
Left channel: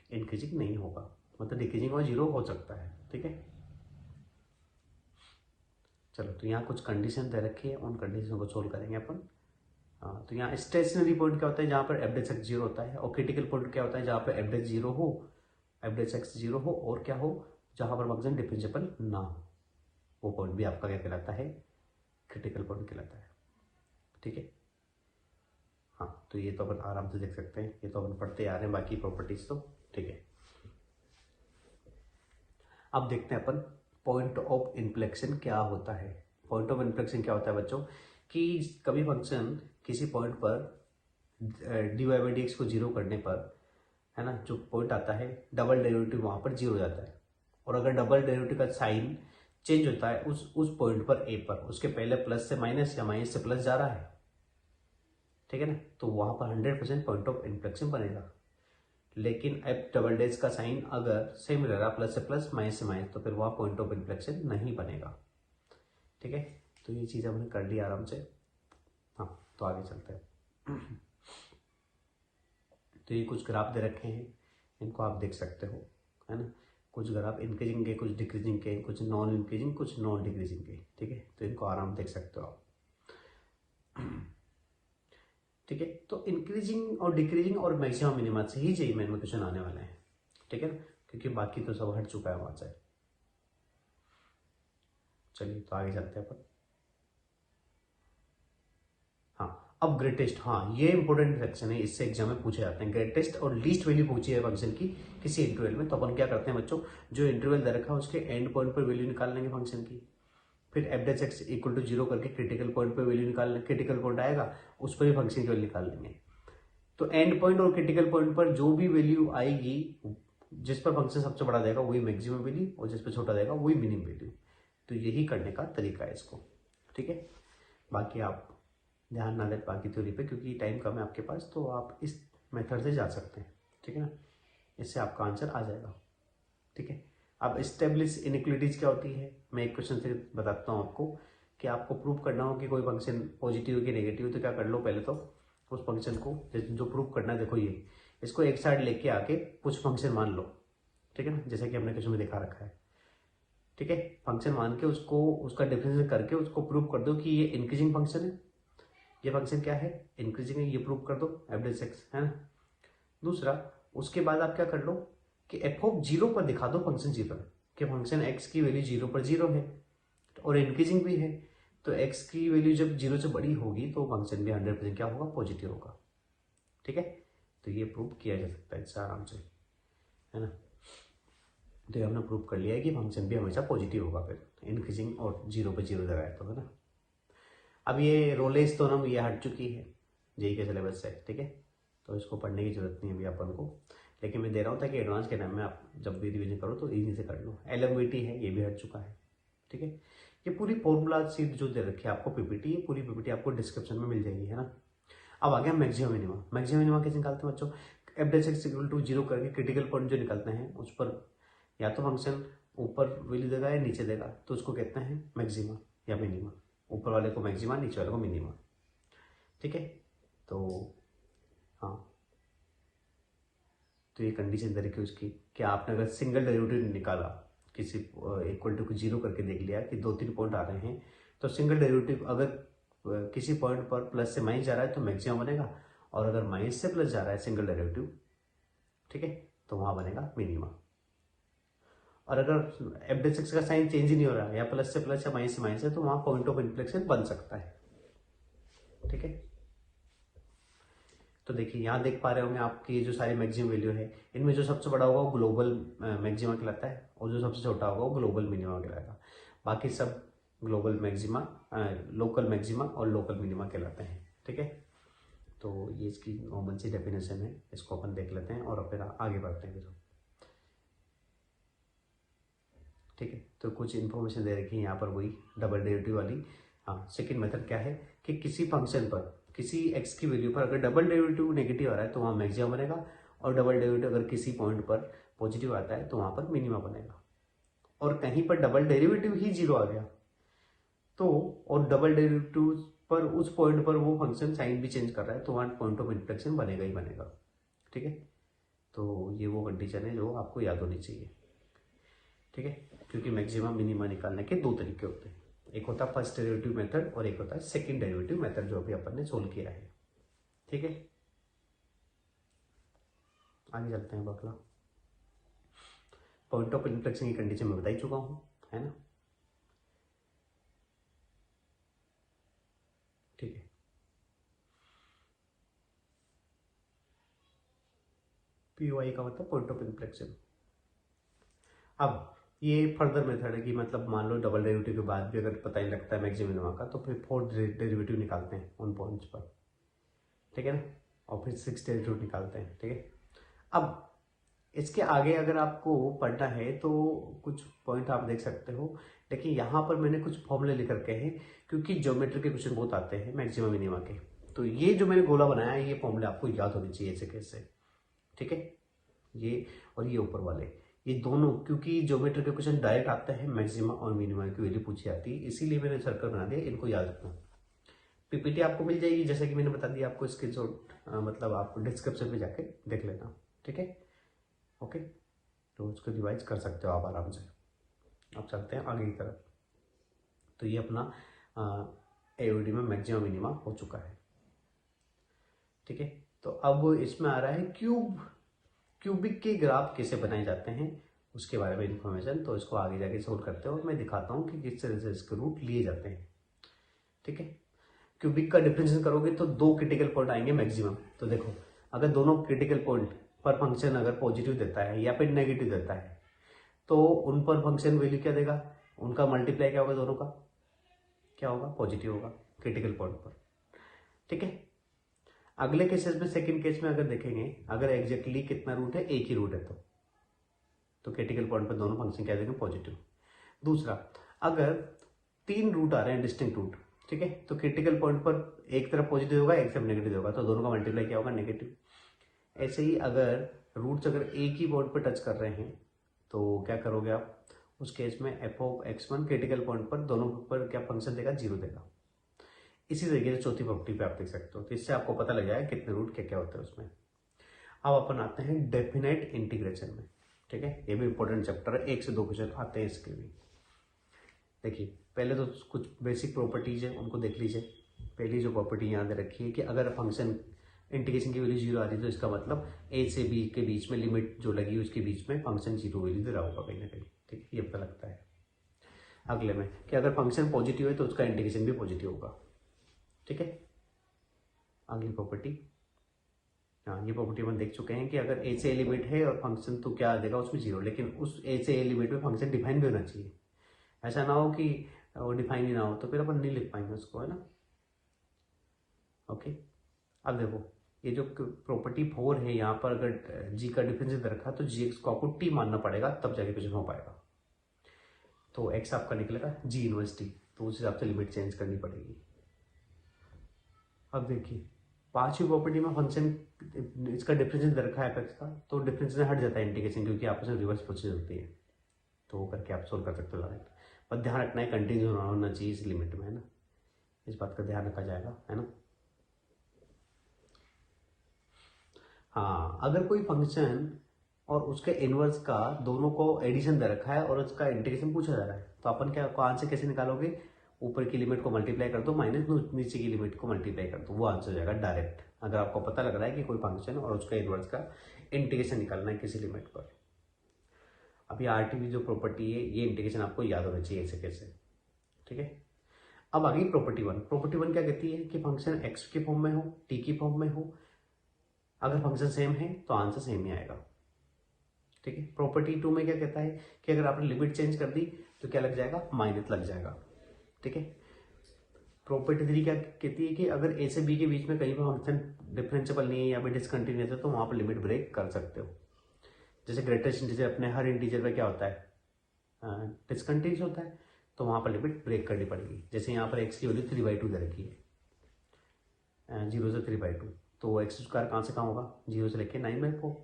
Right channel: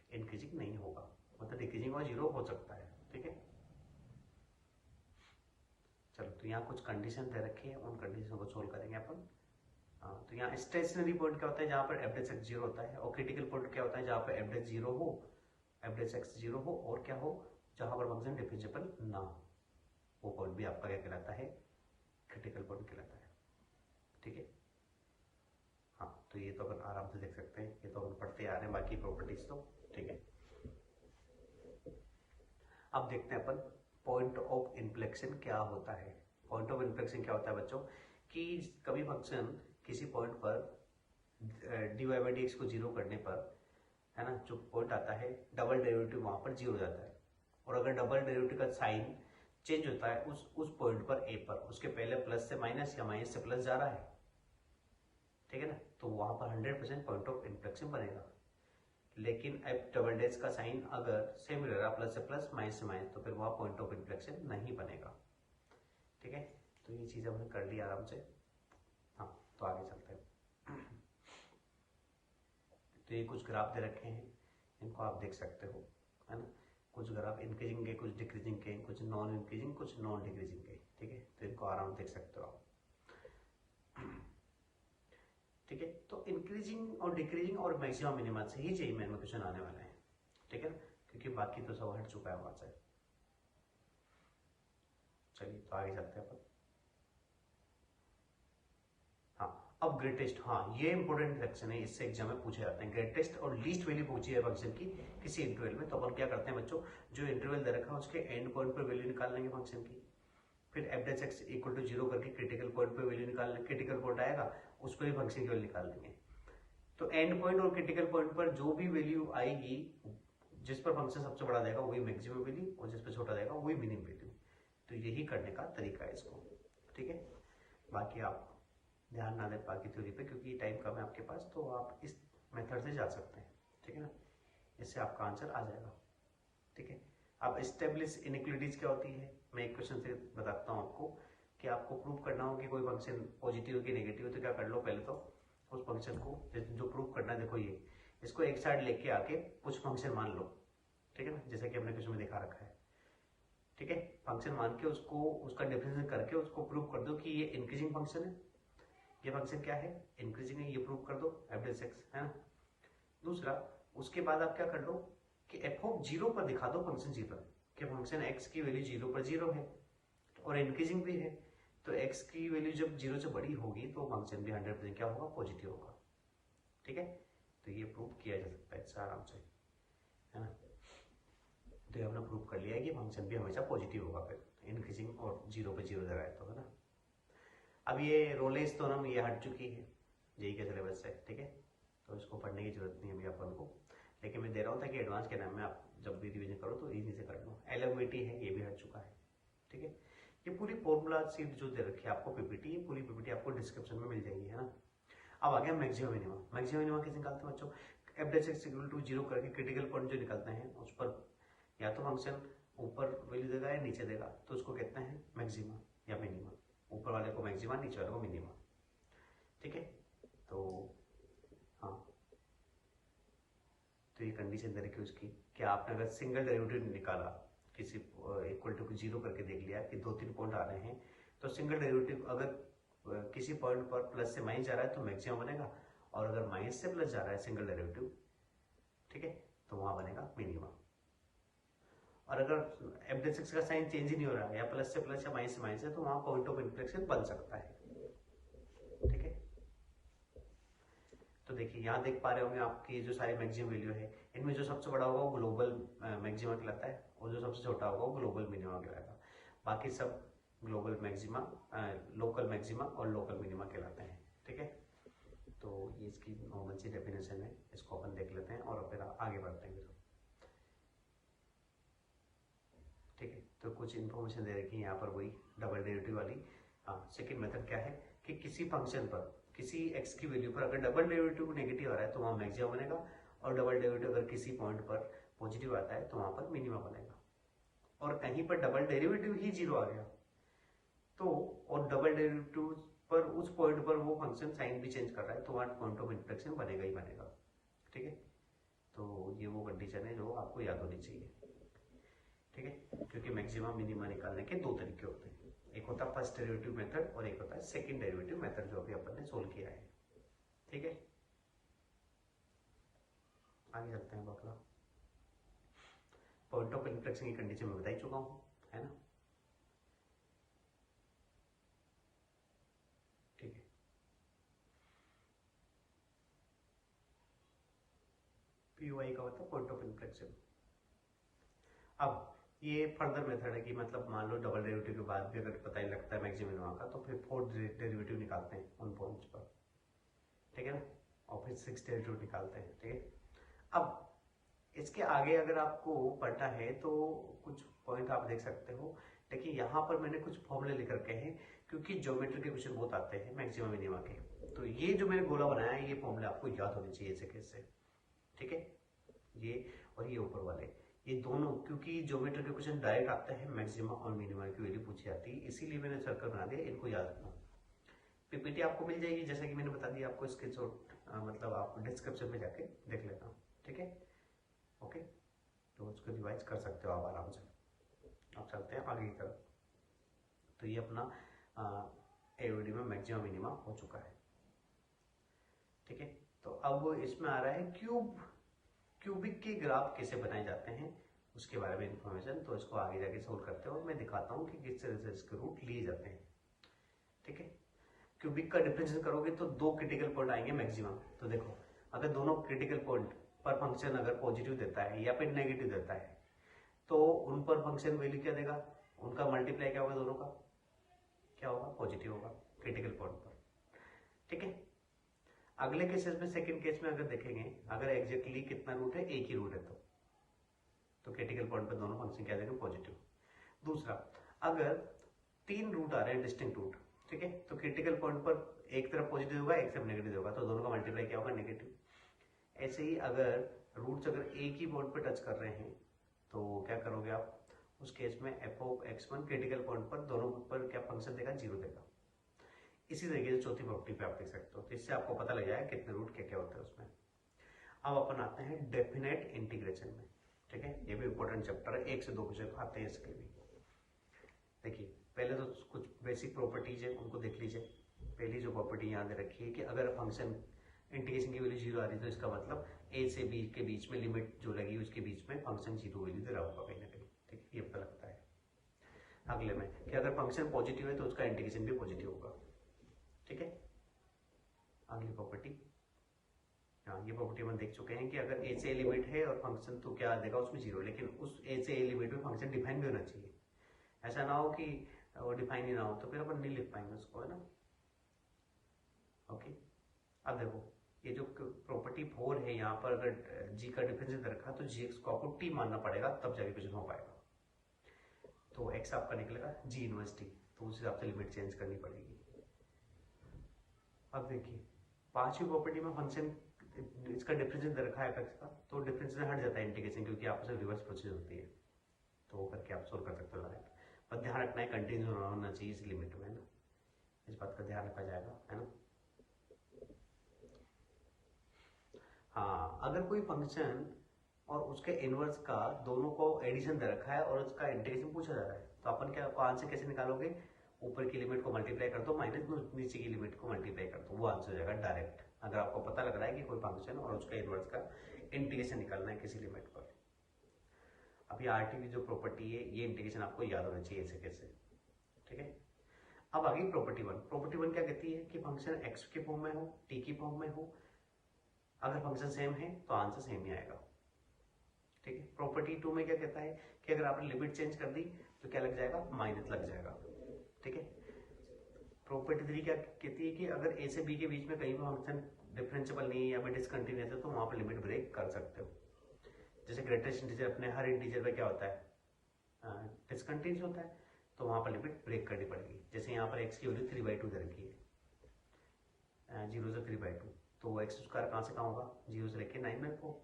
इंक्रीजिंग नहीं होगा, मतलब डिक्रीजिंग और 0 हो सकता है, ठीक है। चलो, तो यहाँ कुछ कंडीशन दे रखी है, उन कंडीशन को सोल्व करेंगे अपन। हाँ, तो यहाँ स्टेशनरी पॉइंट क्या होता है, जहाँ पर एफ डेक्स एक्स 0 होता है, और क्रिटिकल पॉइंट क्या होता है, जहाँ पर एफ डेक्स 0 हो, एफ डेक्स एक्स 0 हो, और क्या हो, जहाँ पर फंक्शन डिफरेंशिएबल ना हो, वो पॉइंट भी आपका क्या कहलाता है, क्रिटिकल पॉइंट कहलाता है, ठीक है। हाँ, तो ये तो अपन आराम से देख सकते हैं, ये तो अपन पढ़ते आ रहे हैं बाकी प्रॉपर्टीज तो, ठीक है। अब देखते हैं अपन पॉइंट ऑफ इन्फ्लेक्शन क्या होता है। पॉइंट ऑफ इन्फ्लेक्शन क्या होता है बच्चों, कि कभी फंक्शन किसी पॉइंट पर dy/dx को 0 करने पर, है ना, जो पॉइंट आता है डबल डेरिवेटिव वहाँ पर 0 हो जाता है, और अगर डबल डेरिवेटिव का साइन चेंज होता है उस पॉइंट पर ए पर, उसके पहले प्लस से माइनस या माइनस से प्लस जा रहा है, ठीक है ना, तो वहाँ पर 100% पॉइंट ऑफ इन्फ्लेक्शन बनेगा। लेकिन एफ डबल डेज का साइन अगर सेम रह रहा, प्लस से प्लस माइनस से माइनस, तो फिर वहाँ पॉइंट ऑफ इन्फ्लेक्शन नहीं बनेगा, ठीक है। तो ये चीज़ हमने कर ली आराम से। हाँ, तो आगे चलते हैं। तो ये कुछ ग्राफ दे रखे हैं, इनको आप देख सकते हो, है ना। कुछ ग्राफ इंक्रीजिंग के, कुछ डिक्रीजिंग के, कुछ नॉन इंक्रीजिंग, कुछ नॉन डिक्रीजिंग के, ठीक है। तो इनको आराम देख सकते हो आप। ठीक है। तो इंक्रीजिंग और डिक्रीजिंग और मैक्सिमम मिनिमा से ही जेईई मेन में क्वेश्चन आने वाले हैं, ठीक है ना, क्योंकि बाकी तो सब हट चुका है वहां से। चलिए तो आगे चलते हैं अपन। हाँ, अब ग्रेटेस्ट, हाँ ये इंपॉर्टेंट सेक्शन है, इससे एग्जाम में पूछे जाते हैं। ग्रेटेस्ट और लीस्ट वैल्यू पूछी है फंक्शन की किसी इंटरवल में, तो अपन क्या करते हैं बच्चों, जो इंटरवल दे रखा है उसके एंड पॉइंट पर वैल्यू निकाल लेंगे फंक्शन की, फिर एफ एक्स इक्वल टू 0 करके क्रिटिकल पॉइंट पर वैल्यू निकाल लेंगे, क्रिटिकल पॉइंट आएगा उस पर ही फंक्शन की वैल्यू निकाल लेंगे। तो एंड पॉइंट और क्रिटिकल पॉइंट पर जो भी वैल्यू आएगी, जिस पर फंक्शन सबसे बड़ा देगा वही मैक्सिमम वैल्यू, और जिस पर छोटा देगा वही मिनिमम वैल्यू। तो यही करने का तरीका है इसको, ठीक है। बाकी आप ध्यान ना दें बाकी थ्योरी पे, क्योंकि टाइम कम है आपके पास, तो आप इस मेथड से जा सकते हैं, ठीक है ना, इससे आपका आंसर आ जाएगा, ठीक है। अब स्टेब्लिश इनइक्वालिटीज क्या होती है, मैं एक क्वेश्चन से बताता हूँ आपको, कि आपको प्रूव करना हो कि कोई फंक्शन पॉजिटिव है कि नेगेटिव, तो क्या कर लो, पहले तो उस फंक्शन को जो प्रूव करना है, देखो ये इसको एक साइड लेके आके कुछ फंक्शन मान लो, ठीक है ना, जैसे कि हमने क्वेश्चन में दिखा रखा है, ठीक है। फंक्शन मान के उसको उसका डिफरेंस करके उसको प्रूव कर दो कि ये इंक्रीजिंग फंक्शन है, ये फंक्शन क्या है, इंक्रीजिंग है, ये प्रूव कर दो एवरेज एक्स, है ना। दूसरा, उसके बाद आप क्या कर लो कि एफ ऑफ 0 पर दिखा दो फंक्शन 0 है, कि फंक्शन एक्स की वैल्यू 0 पर 0 है और इंक्रीजिंग भी है, तो एक्स की वैल्यू जब 0 से बड़ी होगी तो फंक्शन भी 100% क्या होगा, पॉजिटिव होगा, ठीक है। तो ये प्रूव किया जा सकता है इससे आराम से, है ना। तो ये हमने प्रूव कर लिया है कि फंक्शन भी हमेशा पॉजिटिव होगा, फिर इंक्रीजिंग और 0 पर 0 लगाए तो, है ना। अब ये रोलेस तो ना ये हट चुकी है जेईई के सिलेबस से, ठीक है, तो इसको पढ़ने की जरूरत नहीं है अभी अपन को, लेकिन मैं दे रहा हूँ ताकि एडवांस के टाइम में आप जब भी रिवीजन करो तो इजी से कर लो। एलएमवीटी है, ये भी हट चुका है, ठीक है। ये पूरी फॉर्मूला सीट जो दे रखी है आपको पीपीटी, ये पूरी पीपीटी आपको डिस्क्रिप्शन में मिल जाएगी, है ना। अब आ गया मैक्सिमम मिनिमम। मैक्सिमम मिनिमम कैसे निकालते हैं बच्चों, एफ एक्स इक्वल टू 0 करके क्रिटिकल पॉइंट जो निकलते हैं उस पर या तो फंक्शन ऊपर वैल्यू देगा या नीचे देगा, तो उसको कहते हैं मैक्सिमा या मिनिमा। ऊपर वाले को मैक्सिमा, नीचे वाले को मिनिमा, ठीक है। तो हाँ, तो ये कंडीशन दे रखी है उसकी कि आपने अगर सिंगल डेरिवेटिव निकाला किसी इक्वल टू 0 करके देख लिया कि 2-3 पॉइंट आ रहे हैं, तो सिंगल डेरिवेटिव अगर किसी पॉइंट पर प्लस से माइनस जा रहा है तो मैक्सिमम बनेगा, और अगर माइनस से प्लस जा रहा है सिंगल डेरिवेटिव, ठीक है, तो वहां बनेगा मिनिमा। और अगर एफ एक्स का साइन चेंज ही नहीं हो रहा है, या प्लस से प्लस या माइनस से माइनस है, तो वहां पॉइंट ऑफ इन्फ्लेक्शन बन सकता है, ठीक है। तो देखिए यहाँ देख पा रहे होंगे आपकी ये जो सारी मैक्सिमम वैल्यू है, इनमें जो सबसे बड़ा होगा वो ग्लोबल मैक्सिमा कहलाता है, और जो सबसे छोटा होगा वो ग्लोबल मिनिमा कहलाएगा। बाकी सब ग्लोबल मैक्सिमा, लोकल मैक्सिमा और लोकल मिनिमा कहलाते हैं, ठीक है। तो ये इसकी कॉमन सी डेफिनेशन है, इसको अपन देख लेते हैं और फिर आगे बढ़ते हैं फिर, ठीक है। तो कुछ इन्फॉर्मेशन दे रखी है यहाँ पर, वही डबल डेरिवेटिव वाली। हाँ, सेकंड मेथड क्या है कि किसी फंक्शन पर किसी एक्स की वैल्यू पर अगर डबल डेरिवेटिव नेगेटिव आ रहा है तो वहाँ मैक्सिमम बनेगा, और डबल डेरिवेटिव अगर किसी पॉइंट पर पॉजिटिव आता है तो वहाँ पर मिनिमा बनेगा। और कहीं पर डबल डेरिवेटिव ही 0 आ गया तो, और डबल डेरिवेटिव पर उस पॉइंट पर वो फंक्शन साइन भी चेंज कर रहा है तो वहाँ पॉइंट ऑफ इन्फ्लेक्शन बनेगा ही बनेगा, ठीक है। तो ये वो कंडीशन है जो आपको याद होनी चाहिए, ठीक है, क्योंकि मैक्सिमम मिनिमा निकालने के 2 तरीके होते हैं, एक होता है फर्स्ट डेरिवेटिव मेथड और एक होता है सेकंड डेरिवेटिव मेथड, जो अभी अपन ने सोल्व किया है, ठीक है। आगे चलते हैं बकला। पॉइंट ऑफ इन्फ्लेक्शन की कंडीशन में बता ही चुका हूं, है ना, ठीक है। पीओआई का मतलब पॉइंट ऑफ इन्फ्लेक्शन। अब ये फर्दर मेथड है कि मतलब मान लो डबल डेरिवेटिव के बाद भी अगर पता ही लगता है मैक्सिमम मिनिमा का, तो फिर फोर्थ डेरिवेटिव निकालते हैं उन पॉइंट्स पर, ठीक है ना, और फिर सिक्स डेरिवेटिव निकालते हैं, ठीक है। अब इसके आगे अगर आपको पढ़ना है तो कुछ पॉइंट आप देख सकते हो, लेकिन यहाँ पर मैंने कुछ फॉर्मूले लिख रखे हैं, क्योंकि ज्योमेट्री के क्वेश्चन बहुत आते हैं मैक्सिमम मिनिमा के, तो ये जो मैंने गोला बनाया है ये फॉर्मूले आपको याद होने चाहिए ऐसे कैसे, ठीक है। ये और ये ऊपर वाले, ये दोनों, क्योंकि ज्योमेट्री के क्वेश्चन डायरेक्ट आते हैं मैक्सिमा और मिनिमा की वैल्यू पूछी जाती है, इसीलिए मैंने सर्कल बना दिया, इनको याद रखना। पीपीटी आपको मिल जाएगी, जैसे कि मैंने बता दिया आपको, स्क्रीनशॉट मतलब आप डिस्क्रिप्शन में जाके देख लेना, ठीक है, ओके। तो उसको रिवाइज कर सकते हो आप आराम से। अब चलते हैं आगे की तरफ। तो ये अपना एओडी में मैक्सिमम मिनिमा हो चुका है। ठीक है। तो अब इसमें आ रहा है क्यूबिक के ग्राफ कैसे बनाए जाते हैं उसके बारे में इन्फॉर्मेशन। तो इसको आगे जाके सोल्व करते हैं और मैं दिखाता हूँ कि किस तरह से इसके रूट लिए जाते हैं। ठीक है। क्यूबिक का डिफरेंशिएशन करोगे तो 2 क्रिटिकल पॉइंट आएंगे मैक्सिमम। तो देखो, अगर दोनों क्रिटिकल पॉइंट पर फंक्शन अगर पॉजिटिव देता है या फिर नेगेटिव देता है तो उन पर फंक्शन वैल्यू क्या देगा, उनका मल्टीप्लाई क्या होगा, दोनों का क्या होगा, पॉजिटिव होगा क्रिटिकल पॉइंट पर। ठीक है। अगले केसेस में, सेकंड केस में अगर देखेंगे, अगर एग्जैक्टली कितना रूट है, एक ही रूट है तो क्रिटिकल पॉइंट पर दोनों फंक्शन क्या देंगे, पॉजिटिव। दूसरा, अगर 3 रूट आ रहे हैं डिस्टिंक्ट रूट, ठीक है, तो क्रिटिकल पॉइंट पर एक तरफ पॉजिटिव होगा एक तरफ नेगेटिव होगा, तो दोनों का मल्टीप्लाई क्या होगा, नेगेटिव। ऐसे ही अगर रूट्स अगर एक ही पॉइंट पर टच कर रहे हैं तो क्या करोगे आप, उस केस में f(x1) क्रिटिकल पॉइंट पर दोनों पर क्या फंक्शन देगा, 0 देगा। इसी तरीके से चौथी प्रॉपर्टी पे आप देख सकते हो। तो इससे आपको पता लग जाएगा कितने रूट क्या क्या होते हैं उसमें। अब अपन आते हैं डेफिनेट इंटीग्रेशन में। ठीक है, ये भी इंपॉर्टेंट चैप्टर है, 1 से 2 क्वेश्चन आते हैं इसके भी। देखिए, पहले तो कुछ बेसिक प्रॉपर्टीज है उनको देख लीजिए। पहली जो प्रॉपर्टी याद रखिए कि अगर फंक्शन इंटीग्रेशन की वैल्यू 0 आ रही है तो इसका मतलब a से b के बीच में लिमिट जो लगी है उसके बीच में फंक्शन 0 वैल्यू दे रहा होगा कहीं ना कहीं। ठीक है, ये पता लगता है। अगले में कि अगर फंक्शन पॉजिटिव है तो उसका इंटीग्रेशन भी पॉजिटिव होगा। ठीक है। अगली प्रॉपर्टी, हाँ, ये प्रॉपर्टी अपन देख चुके हैं कि अगर a से a लिमिट है और फंक्शन तो क्या देगा उसमें 0, लेकिन उस a से a लिमिट में फंक्शन डिफाइन भी होना चाहिए। ऐसा ना हो कि वो डिफाइन ही ना हो तो फिर अपन नहीं लिख पाएंगे उसको, है ना। ओके। अब देखो, ये जो प्रॉपर्टी 4 है, यहाँ पर अगर जी का डिफरेंस दे रखा तो जी एक्स को आपको टी मानना पड़ेगा तब जाके क्वेश्चन हो पाएगा। तो एक्स आपका निकलेगा जी इनवर्स टी, तो उस हिसाब से लिमिट चेंज करनी पड़ेगी। अब देखिए, 5वीं प्रॉपर्टी में फंक्शन इसका डिफरेंस दे रखा है एफ का, तो डिफरेंस हट जाता है इंटीग्रेशन, क्योंकि आपस में रिवर्स प्रोसेस होती है। तो वो करके आप सोल्व कर सकते हो डायरेक्ट। पर ध्यान रखना है कंटिन्यू होना चाहिए इस लिमिट में, है ना, इस बात का ध्यान रखा जाएगा, है ना। हाँ, अगर कोई फंक्शन और उसके इनवर्स का दोनों को एडिशन दे रखा है और उसका इंटीग्रेशन पूछा जा रहा है तो अपन क्या आंसर कैसे निकालोगे, ऊपर की लिमिट को मल्टीप्लाई कर दो माइनस नीचे की लिमिट को मल्टीप्लाई कर दो, वो आंसर हो जाएगा डायरेक्ट। अगर आपको पता लग रहा है कि कोई फंक्शन और उसका इनवर्स का इंटीग्रेशन निकालना है किसी लिमिट पर। अभी आरटीवी जो प्रॉपर्टी है ये इंटीग्रेशन आपको याद होना चाहिए ऐसे कैसे। ठीक है। अब आगे प्रॉपर्टी 1। प्रॉपर्टी 1 क्या कहती है कि फंक्शन एक्स के फॉर्म में हो, टी की फॉर्म में हो, अगर फंक्शन सेम है तो आंसर सेम ही आएगा। ठीक है। प्रॉपर्टी 2 में क्या कहता है कि अगर आपने लिमिट चेंज कर दी तो क्या लग जाएगा, माइनस लग जाएगा। ठीक है। प्रॉपर्टी 3 क्या कहती है कि अगर ए से बी के बीच में कहीं पर फंक्शन डिफरेंशिएबल नहीं है या फिर डिसकंटिन्यूअस है तो वहां पर लिमिट ब्रेक कर सकते हो। जैसे ग्रेटेस्ट इंटीजर, अपने हर इंटीजर में क्या होता है, डिसकंटिन्यूअस होता है, तो वहां पर लिमिट ब्रेक करनी पड़ेगी। जैसे यहाँ पर एक्स की वैल्यू 3/2 दे रखी है, 0 से 3/2, तो एक्स स्क्वायर कहाँ से कहाँ होगा, 0 से लेके 9/4।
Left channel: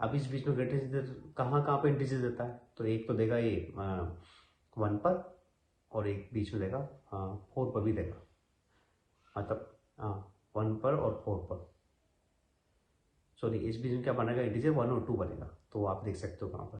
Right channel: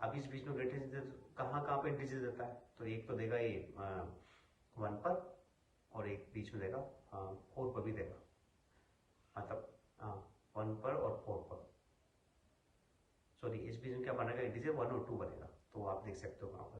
अब इस बीच में ग्रेटेस्ट इंटीजर कहाँ कहाँ पे इंटीजर देता है, तो एक तो देगा ये 1 पर और एक बीच में देगा 4 पर भी देगा, मतलब 1 पर और 4 पर। सॉरी, इस बीच में क्या बनेगा, इंटीजर 1 और 2 बनेगा, तो आप देख सकते हो कहाँ पर।